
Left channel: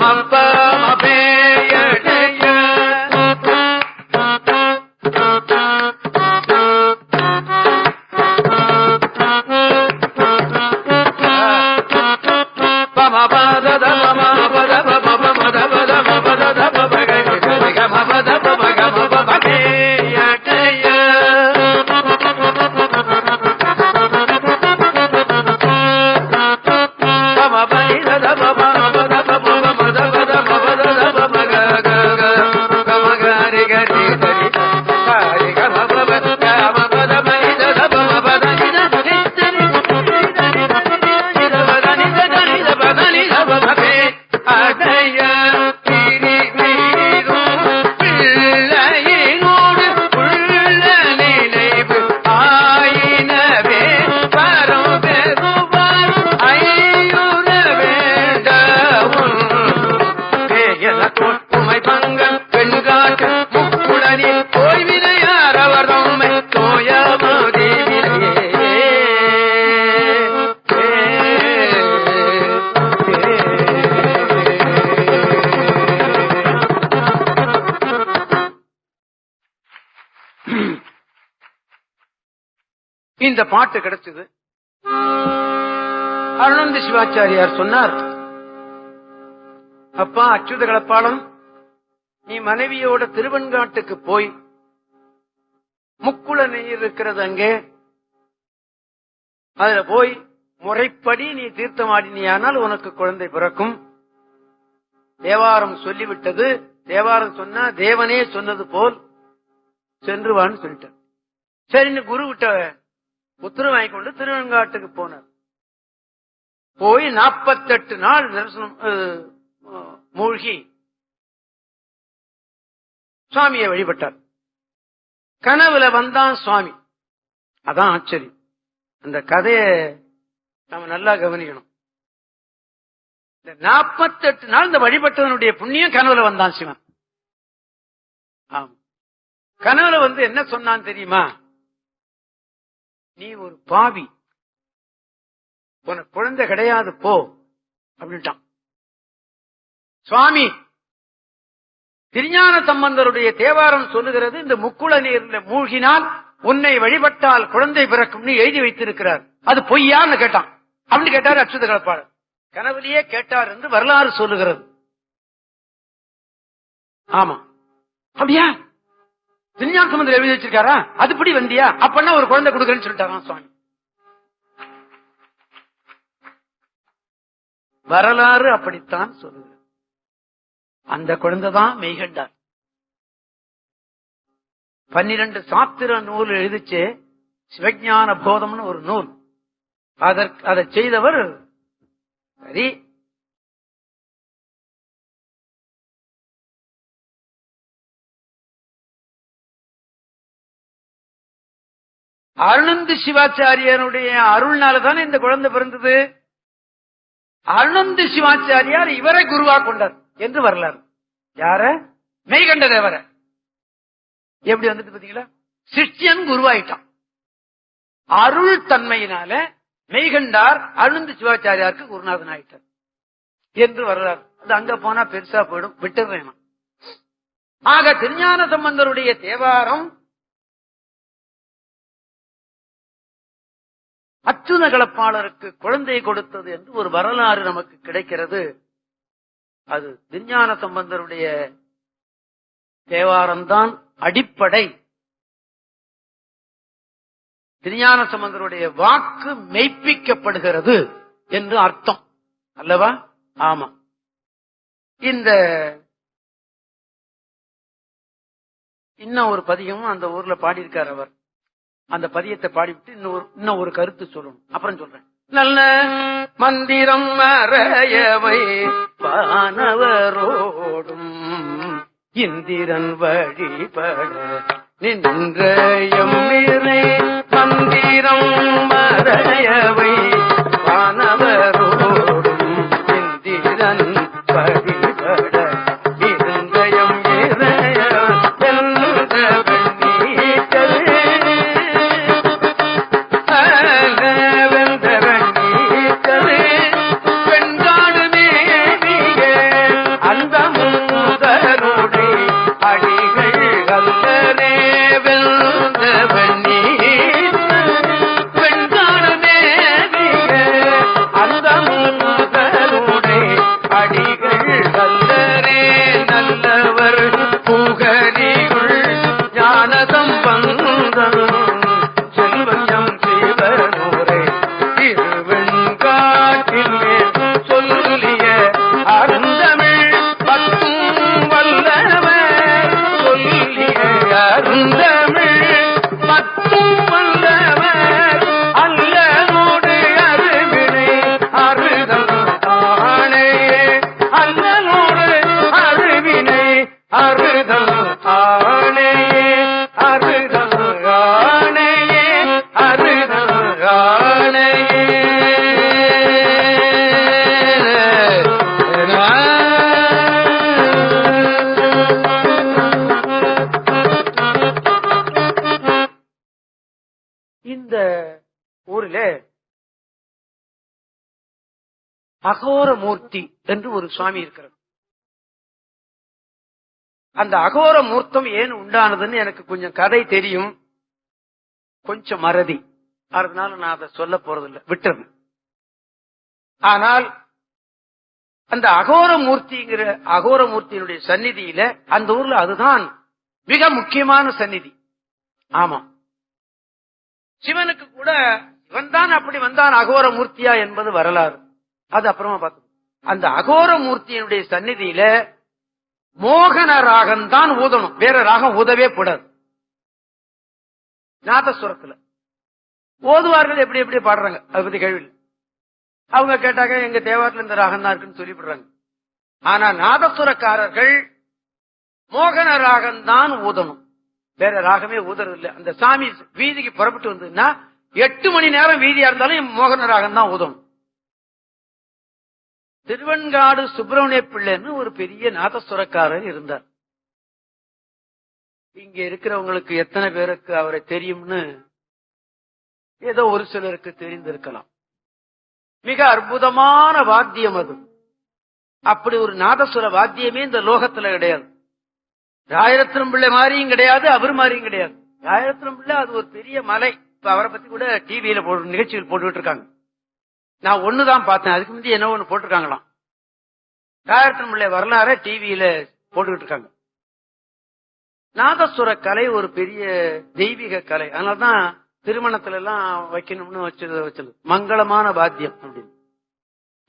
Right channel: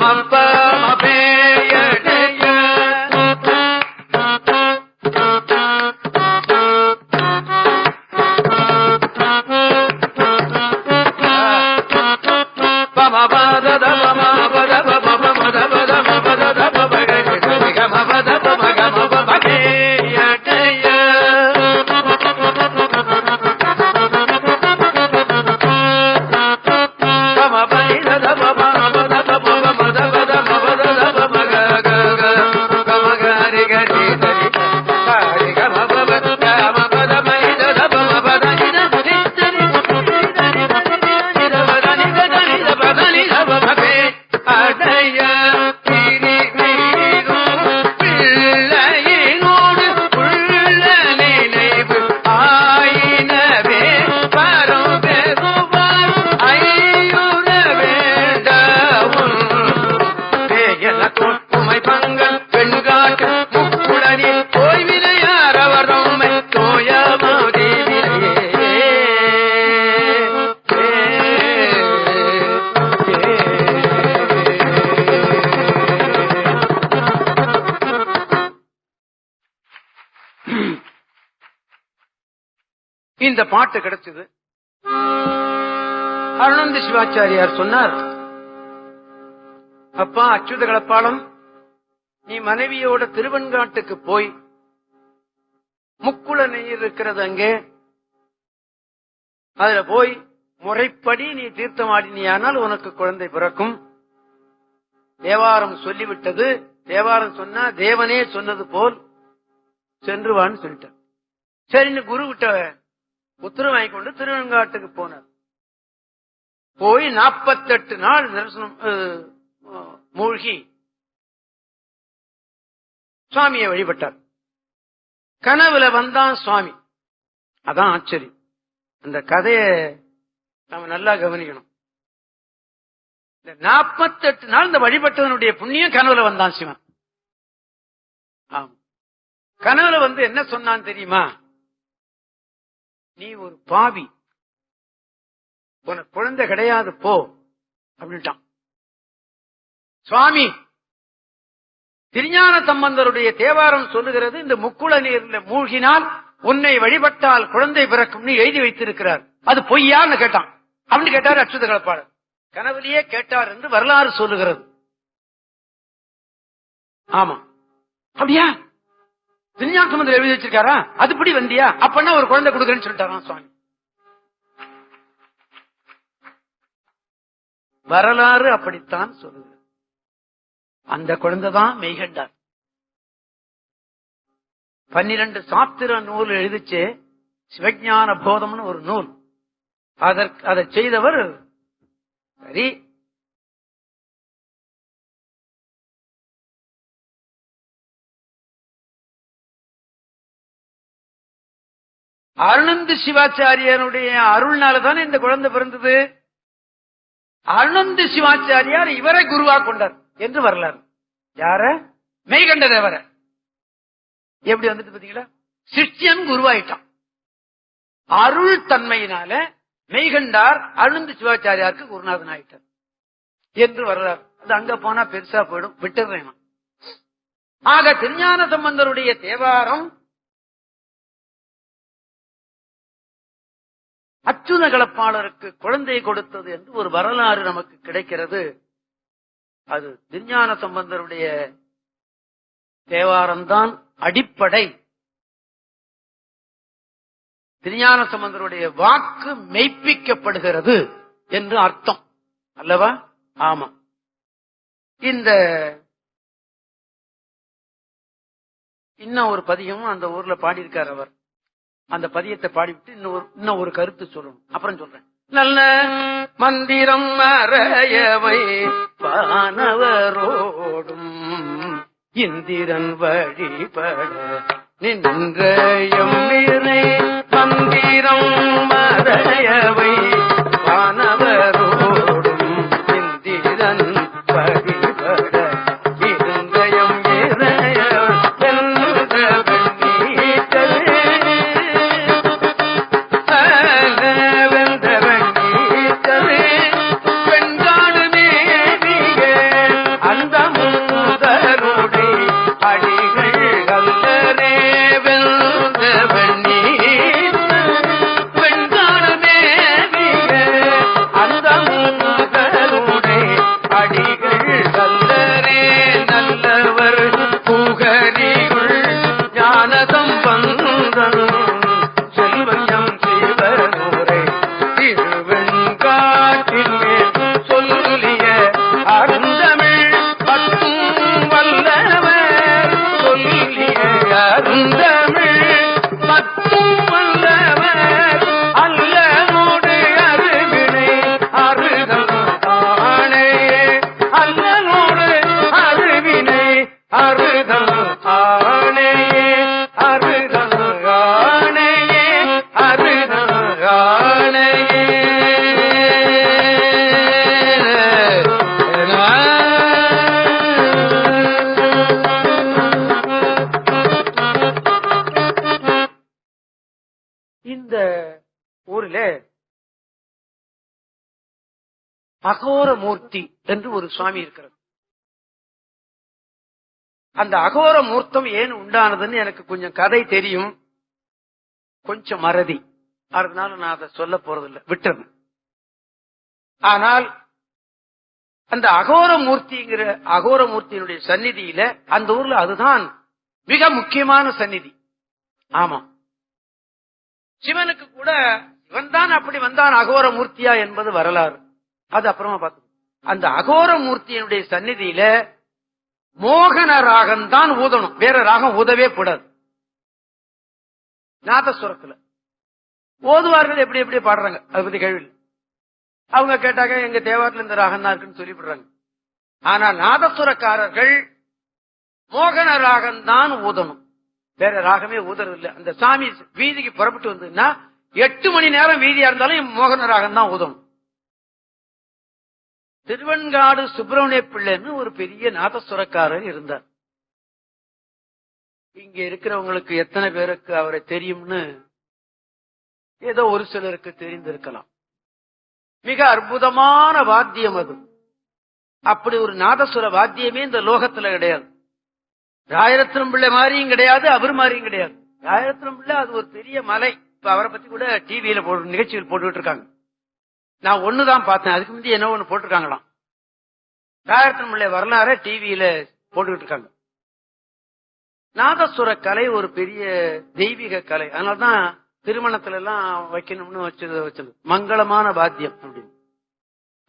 மப பேயடைய பாட்டு கிடைச்சது. அருணந்தி சிவாச்சாரியார் சொன்னார், அப்பா அச்சுத கலப்பாளம், நீ மனைவியோட திருவெண்காட்டுக்கு போய் முக்குள நீர் இருக்கிறது அங்கே, அதுல போய் முறைப்படி நீ தீர்த்தமாடினியானால் உனக்கு குழந்தை பிறக்கும். தேவாரம் சொல்லிவிட்டது, தேவாரம் சொன்னா தேவனே சொன்னது போல் சென்றுவான்னு சொல்லிட்டார். சரின்னு குரு விட்ட உத்தரவு வாங்கி கொண்டு திருவெண்காட்டுக்கு போனார். போய் 48 நாள் மூழ்கி சுவாமியை வழிபட்டார். கனவுல வந்தான் சுவாமி. அதான் ஆச்சரியம். அந்த கதையை நம்ம நல்லா கவனிக்கணும். இந்த 48 நாள் இந்த வழிபட்டவனுடைய புண்ணியம் கனவுல வந்தான் சிவன். ஆமா, கனவுல வந்து என்ன சொன்னான் தெரியுமா? நீ ஒரு பாவி, உனக்கு குழந்தை கிடையாது போ அப்படின்ட்டான். சுவாமி திருஞான சம்பந்தருடைய தேவாரம் சொல்லுகிறது, இந்த முக்குள நீர்ல மூழ்கினால் உன்னை வழிபட்டால் குழந்தை பிறக்கும்னு எழுதி வைத்திருக்கிறார், அது பொய்யான்னு கேட்டான். அப்படின்னு கேட்டார் அச்சுத கலப்பாளர். கனவுலயே கேட்டார் என்று வரலாறு சொல்லுகிறது. ஆமா, அப்படியா? திருஞான சம்பந்தர் எழுதி வச்சிருக்காரா? அதுபடி வந்தியா? அப்பன்னா ஒரு குழந்தை கொடுக்குறேன்னு சொல்லிட்டாராம் சுவாமி. வரலாறு அப்படித்தான் சொல்லுது. அந்த குழந்தைதான் மெய்கண்டார். 12 சாஸ்திர நூல் எழுதிச்சு, சிவஞான போதம்னு ஒரு நூல். அதை செய்தவர் சரி. அருணந்தி சிவாச்சாரியனுடைய அருள்னாலதானே இந்த குழந்தை பிறந்தது. அருணந்தி சிவாச்சாரியார் இவரை குருவா கொண்டார் என்று வரலாறு. யார? மெய்கண்ட தேவர. எப்படி வந்துட்டு பாத்தீங்களா? சிஷ்யன் குருவாயிட்டான். அருள் தன்மையினால மெய்கண்டார் அருணந்தி சிவாச்சாரியாருக்கு குருநாதன் ஆயிட்டார் என்று வரலாறு. அது அங்க போனா பெருசா போயிடும், விட்டுறேன். ஆக திருஞான சம்பந்தருடைய தேவாரம் அச்சுத கலப்பாளருக்கு குழந்தை கொடுத்தது என்று ஒரு வரலாறு நமக்கு கிடைக்கிறது. அது திருஞான சம்பந்தருடைய தேவாரம் தான் அடிப்படை. திருஞான சம்பந்தருடைய வாக்கு மெய்ப்பிக்கப்படுகிறது என்று அர்த்தம் அல்லவா? ஆமா. இந்த இன்னும் ஒரு பதிகமும் அந்த ஊர்ல பாடியிருக்கார் அவர். அந்த பதியத்தை பாடிவிட்டு இன்னும் ஒரு கருத்து சொல்லணும், அப்புறம் சொல்றேன். நல்ல மந்திரம் மறையவை வானவரோடும் இந்திரன் வழிபட நின்றயம் மந்திரம் மறையவை வானவரோடும் இந்திரன் வழிபட நின்றயம் அகோரமூர்த்தி என்று ஒரு சுவாமி இருக்கிறார். அந்த அகோர மூர்த்தம் ஏன் உண்டானதுன்னு எனக்கு கொஞ்சம் கதை தெரியும், கொஞ்சம் மறதி. அதனால நான் அதை சொல்ல போறதில்லை, விட்டுறேன். ஆனால் அந்த அகோரமூர்த்திங்கிற அகோரமூர்த்தியினுடைய சந்நிதியில அந்த ஊர்ல அதுதான் மிக முக்கியமான சந்நிதி. ஆமா, சிவனுக்கு கூட வந்தான், அப்படி வந்தான் அகோரமூர்த்தியா என்பது வரலாறு. அது அப்புறமா பார்த்து அந்த அகோரமூர்த்தியினுடைய சந்நிதியில மோகன ராகம் தான் ஊதணும், வேற ராகம் ஊதவே கூடாது. நாதஸ்வரத்துல ஓதுவார்கள் எப்படி எப்படி பாடுறாங்க, அதை பத்தி கேள்வி. அவங்க கேட்டாங்க எங்க தேவாரத்துல இந்த ராகம் தான் இருக்குன்னு சொல்லிவிடுறாங்க. ஆனா நாதஸ்வரக்காரர்கள் மோகன ராகம் தான் ஊதணும், வேற ராகமே ஊதறது இல்லை. அந்த சாமி வீதிக்கு புறப்பட்டு வந்ததுன்னா 8 மணி நேரம் வீதியா இருந்தாலும் மோகன ராகம் தான் ஊதணும். திருவெண்காடு சுப்பிரமணிய பிள்ளைன்னு ஒரு பெரிய நாதஸ்வரக்காரர் இருந்தார். இங்க இருக்கிறவங்களுக்கு எத்தனை பேருக்கு அவரை தெரியும்னு ஏதோ ஒரு சிலருக்கு தெரிந்திருக்கலாம். மிக அற்புதமான வாத்தியம் அது. அப்படி ஒரு நாதஸ்வர வாத்தியமே இந்த லோகத்துல கிடையாது. ராயரத்னம் பிள்ளை மாதிரியும் கிடையாது, அவர் மாதிரியும் கிடையாது. ராயரத்னம் பிள்ளை அது ஒரு பெரிய மலை. இப்ப அவரை பத்தி கூட டிவியில நிகழ்ச்சிகள் போட்டுக்கிட்டு இருக்காங்க. நான் ஒண்ணுதான் பார்த்தேன், அதுக்கு முந்தைய என்ன ஒண்ணு போட்டிருக்காங்களாம். ராயரத்னம் பிள்ளை வரலாற டிவியில போட்டுக்கிட்டு இருக்காங்க. நாதஸ்வர கலை ஒரு பெரிய தெய்வீக கலை. அதனாலதான் திருமணத்துல எல்லாம் வைக்கணும்னு வச்சது மங்களமான வாத்தியம் அப்படின்னு.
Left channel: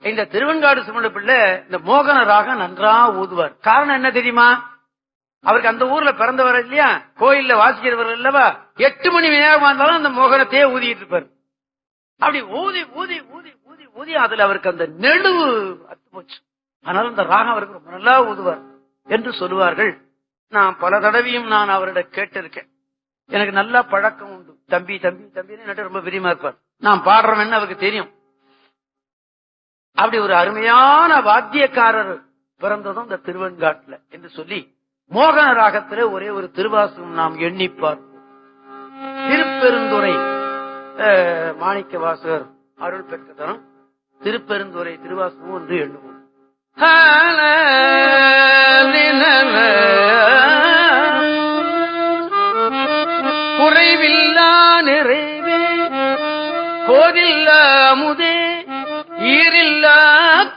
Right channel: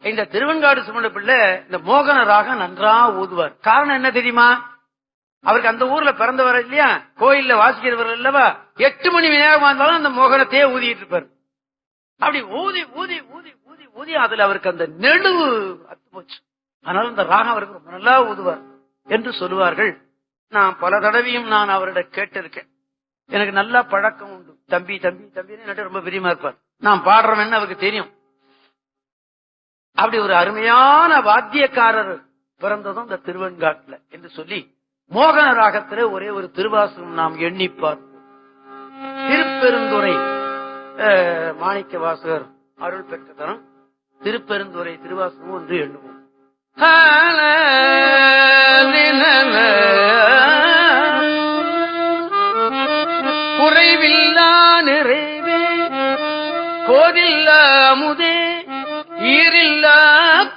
இந்த திருவெண்காடு சுமண பிள்ளை இந்த மோகன ராகம் நன்றா ஊதுவார். காரணம் என்ன தெரியுமா? அவருக்கு அந்த ஊர்ல பிறந்தவர் இல்லையா, கோயில்ல வாசிக்கிறவர் இல்லவா, 8 மணி நேரமா இருந்தாலும் அந்த மோகனத்தையே ஊதிட்டு இருப்பார். அப்படி ஊதி ஊதி ஊதி ஊதி ஊதி அதுல அவருக்கு அந்த நெடுவு அத்து போச்சு. அதனால அந்த ராகம் அவருக்கு ரொம்ப நல்லா ஊதுவார் என்று சொல்லுவார்கள். நான் பல தடவையும் நான் அவரிடம் கேட்டிருக்கேன். எனக்கு நல்லா பழக்கம் உண்டு. தம்பி தம்பி தம்பின்னு ரொம்ப பிரியமா இருப்பார். நான் பாடுறேன்னு அவருக்கு தெரியும். அப்படி ஒரு அருமையான வாத்தியக்காரர் பிறந்ததும் இந்த திருவெண்காட்டுல என்று சொல்லி மோகன ராகத்துல ஒரே ஒரு திருவாசகம் நாம் எண்ணிப்பார். திருப்பெருந்துறை மாணிக்க வாசகர் அருள் பெற்ற தரம் திருப்பெருந்துறை திருவாசகம் ஒன்று எண்ணுவோம். குறைவில்லா நிறைவே கோதில்லா அமுதே ஈரில்லா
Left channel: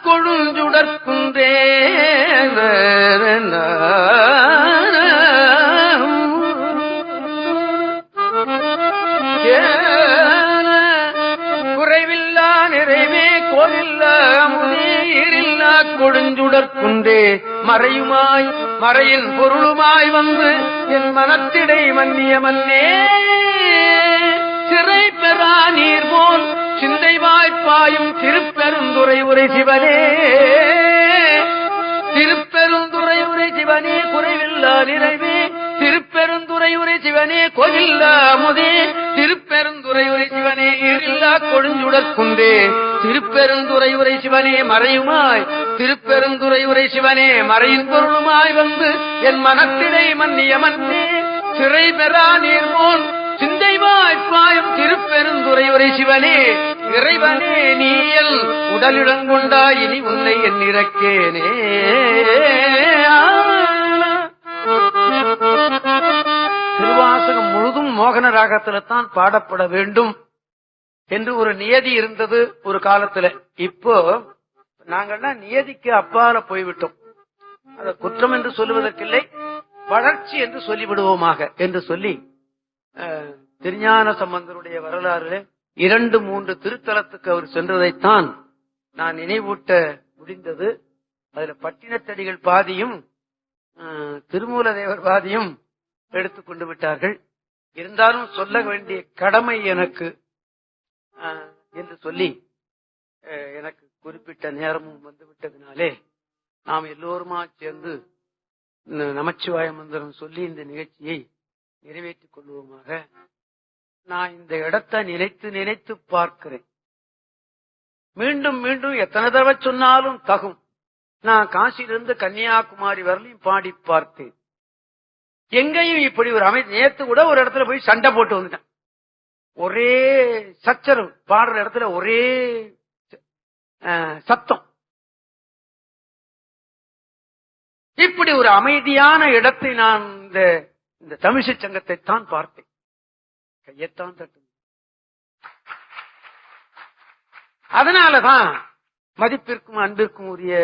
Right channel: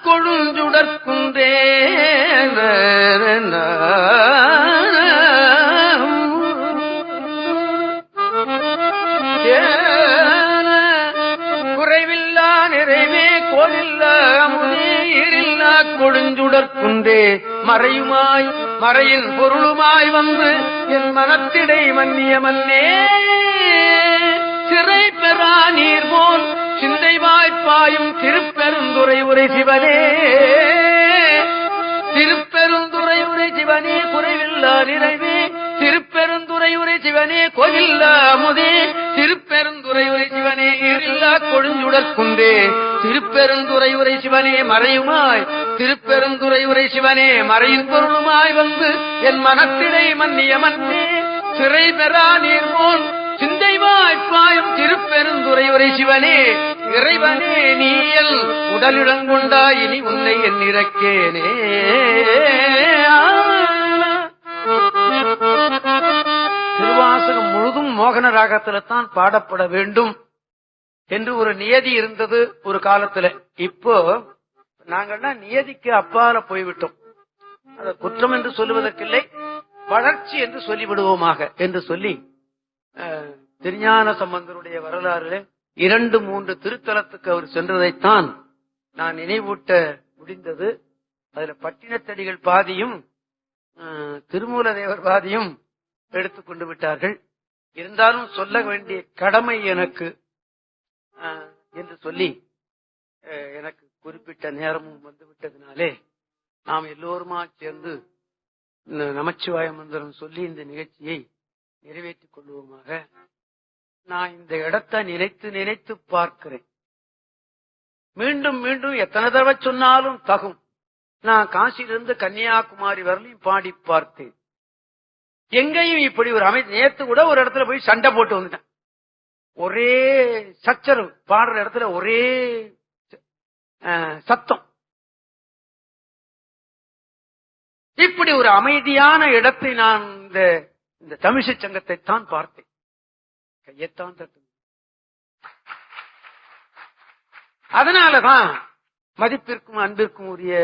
கொழுஞ்சுடற்குன்றே குறைவில்லா நிறைவே கோதில்லா அமுதே ஈரில்லா கொழுஞ்சுடற்குன்றே மறையுமாய் மறையின் பொருளுமாய் வந்து என் மனத்திடை மன்னிய மன்னே சிறை பெறா நீர் போல் சிந்தை வாய்ப்பாயும் திருப்பெருந்துறை உரை சிவனே திருப்பெருந்துறை உரை சிவனே குறைவில்லா நிறைவே திருப்பெருந்துறை உரை சிவனே கோயில்லா அமுதே திருப்பெருந்துறை உரை சிவனே ஈரில்லா கொழுஞ்சுடற்குன்றே திருப்பெருந்துறை உரை சிவனே மறையுமாய் திருப்பெருந்துறை உரை சிவனே மறையின் பொருளுமாய் வந்து என் மனத்திடை மன்னிய மன்னே சிறை பெறா நீர் போல் சிந்தை வாய்ப்பாயும் திருப்பெருந்துறை உரை சிவனே இறைவனே நீயல் உடலிடங்கொண்டா இனி உன்னை என் இறக்கேனே. திருவாசகம் முழுதும் மோகன ராகத்தில்தான் பாடப்பட வேண்டும் என்று ஒரு நியதி இருந்தது ஒரு காலத்துல. இப்போ நாங்கள்லாம் நியதிக்கு அப்பால போய்விட்டோம். அதை குற்றம் என்று சொல்லுவதற்கில்லை, வளர்ச்சி என்று சொல்லிவிடுவோமாக என்று சொல்லி திருஞான சம்பந்தருடைய வரலாறு 2-3 திருத்தலத்துக்கு அவர் சென்றதைத்தான் நான் நினைவூட்ட முடிந்தது. அதுல பட்டினத்தடிகள் பாதியும் திருமூலதேவர் பாதியும் எடுத்துக்கொண்டு விட்டார்கள். இருந்தாலும் சொல்ல வேண்டிய கடமை எனக்கு என்று சொல்லி எனக்கு குறிப்பிட்ட நேரமும் வந்துவிட்டதினாலே நாம் எல்லோருமா சேர்ந்து நமச்சிவாய மந்திரம் சொல்லி இந்த நிகழ்ச்சியை நிறைவேற்றிக் கொள்வோமாக. நான் இந்த இடத்தை நினைத்து நினைத்து பார்க்கிறேன். மீண்டும் மீண்டும் எத்தனை தடவை சொன்னாலும் தகும். நான் காசியிலிருந்து கன்னியாகுமரி வரலையும் பாடி பார்த்தேன். எங்கேயும் இப்படி ஒரு நேத்து கூட ஒரு இடத்துல போய் சண்டை போட்டு வந்துட்டேன். ஒரே சச்சரவு, பாடுற இடத்துல ஒரே சத்தம். இப்படி ஒரு அமைதியான இடத்தை நான் இந்த தமிழிசை சங்கத்தை தான் பார்த்தேன். கையத்தான் தட்டு. அதனாலதான் மதிப்பிற்கும் அன்பிற்கும் உரிய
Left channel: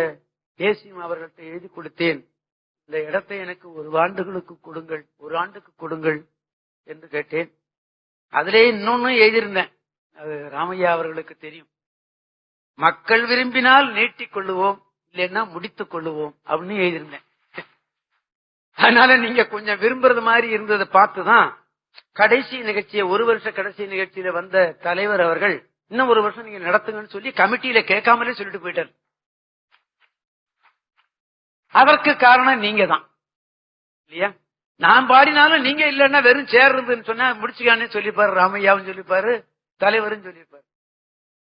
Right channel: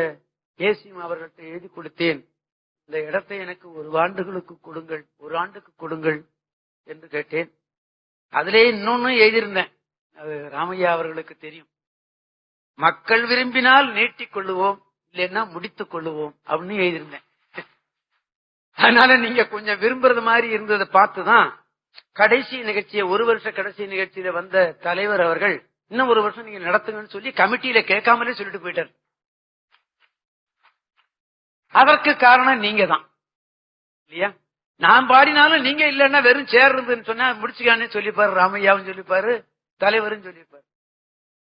ஏசியம் அவர்கள்ட்ட எழுதி கொடுத்தேன். இந்த இடத்தை எனக்கு ஒரு ஆண்டுகளுக்கு கொடுங்கள் என்று கேட்டேன். அதிலே இன்னொன்னு எழுதியிருந்தேன், அது ராமையா அவர்களுக்கு தெரியும். மக்கள் விரும்பினால் நீட்டிக் கொள்ளுவோம், இல்லைன்னா முடித்துக் கொள்ளுவோம் அப்படின்னு எழுதியிருந்தேன். அதனால நீங்க கொஞ்சம் விரும்புறது மாதிரி இருந்ததை பார்த்துதான் கடைசி நிகழ்ச்சியை, ஒரு வருஷ கடைசி நிகழ்ச்சியில வந்த தலைவர் அவர்கள் இன்னும் ஒரு வருஷம் நீங்க நடத்துங்கன்னு சொல்லி கமிட்டியில கேட்காமலே சொல்லிட்டு போயிட்டார். அதற்கு காரணம் நீங்க தான் இல்லையா? நான் பாடினாலும் நீங்க இல்லன்னா வெறும் சேர் இருந்துன்னு சொன்னா முடிச்சுக்கானே சொல்லிப்பாரு, ராமையாவும் சொல்லிப்பாரு, தலைவரும் சொல்லிப்பாரு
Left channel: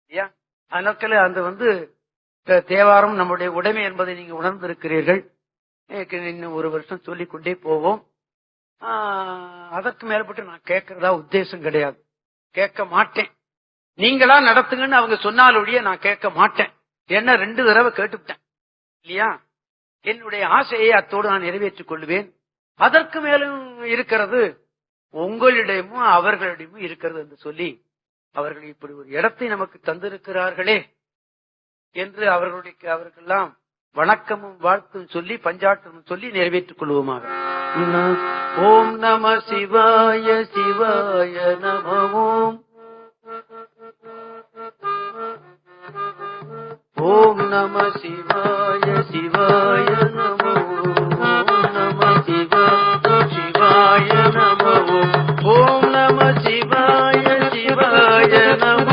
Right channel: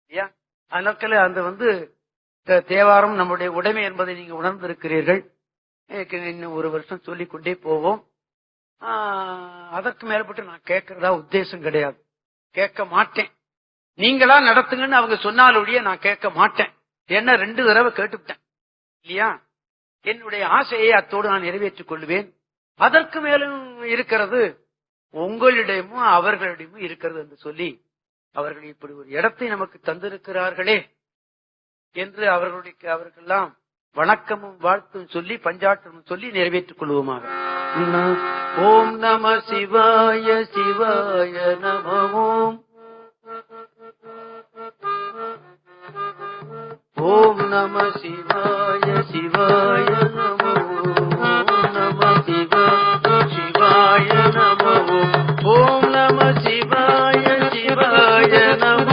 இல்லையா? அதனால அந்த தேவாரம் நம்முடைய உடைமை என்பதை நீங்க உணர்ந்திருக்கிறீர்கள். இன்னும் ஒரு வருஷம் சொல்லிக் கொண்டே போவோம். அதற்கு மேற்பட்டு நான் கேட்கறதா உத்தேசம் கிடையாது, கேட்க மாட்டேன். நீங்களா நடத்துங்கன்னு அவங்க சொன்னாலுடைய நான் கேட்க மாட்டேன். ஏன்னா 2 தடவை கேட்டுவிட்டேன் இல்லையா? என்னுடைய ஆசையை அத்தோடு நான் நிறைவேற்றிக் கொள்வேன். அதற்கு மேலும் இருக்கிறது உங்களிடமும் அவர்களிடமும் இருக்கிறது என்று சொல்லி, அவர்கள் இப்படி ஒரு இடத்தை நமக்கு தந்திருக்கிறார்களே என்று அவர்களெல்லாம் வணக்கமும் வாழ்த்தும் சொல்லி பஞ்சாற்றமும் சொல்லி நிறைவேற்றிக் கொள்வோமாக. ஓம் நம சிவாய சிவாய நம ஓம். ஓம் நம சிவாய சிவாய நம ஓம். நம சிவாய சிவாய நம ஓம். ஓம் நம சிவாய சிவாய நம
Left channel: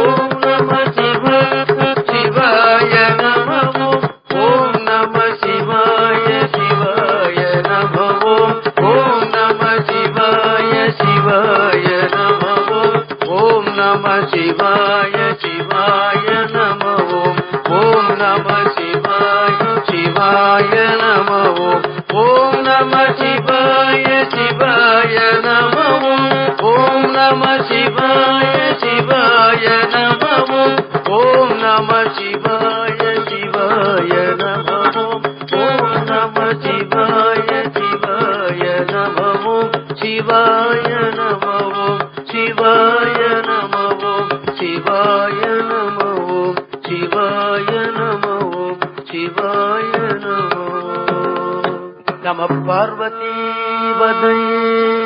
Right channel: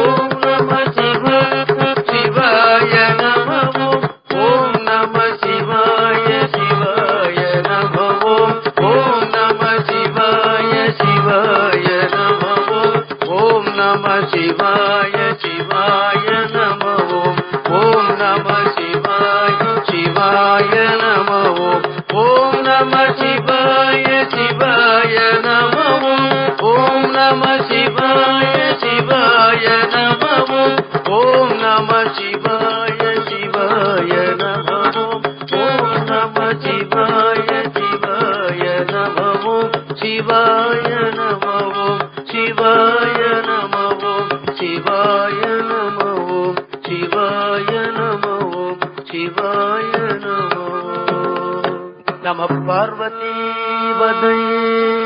ஓம். நம சிவாய சிவாய நம ஓம். ஓம் நம சிவாய சிவாய நம ஓம். ஓம் நம சிவாய சிவாய நம ஓம். ஓம் நம சிவாய சிவாய நம ஓம். ஓம் நம சிவாய சிவாய நம ஓம். ஓம் நம சிவாய சிவாய நம ஓம். ஓம் நம சிவாய சிவாய நம ஓம். ஓம் நம சிவாய சிவாய நம ஓம். ஓம் நம சிவாய சிவாய நம ஓம். சிவாய நம ஓம். சிவாய நம ஓம். சிவாய நம ஓம். சிவாய நம ஓம். சிவாய நம ஓம். நம பார்வதி வதயே.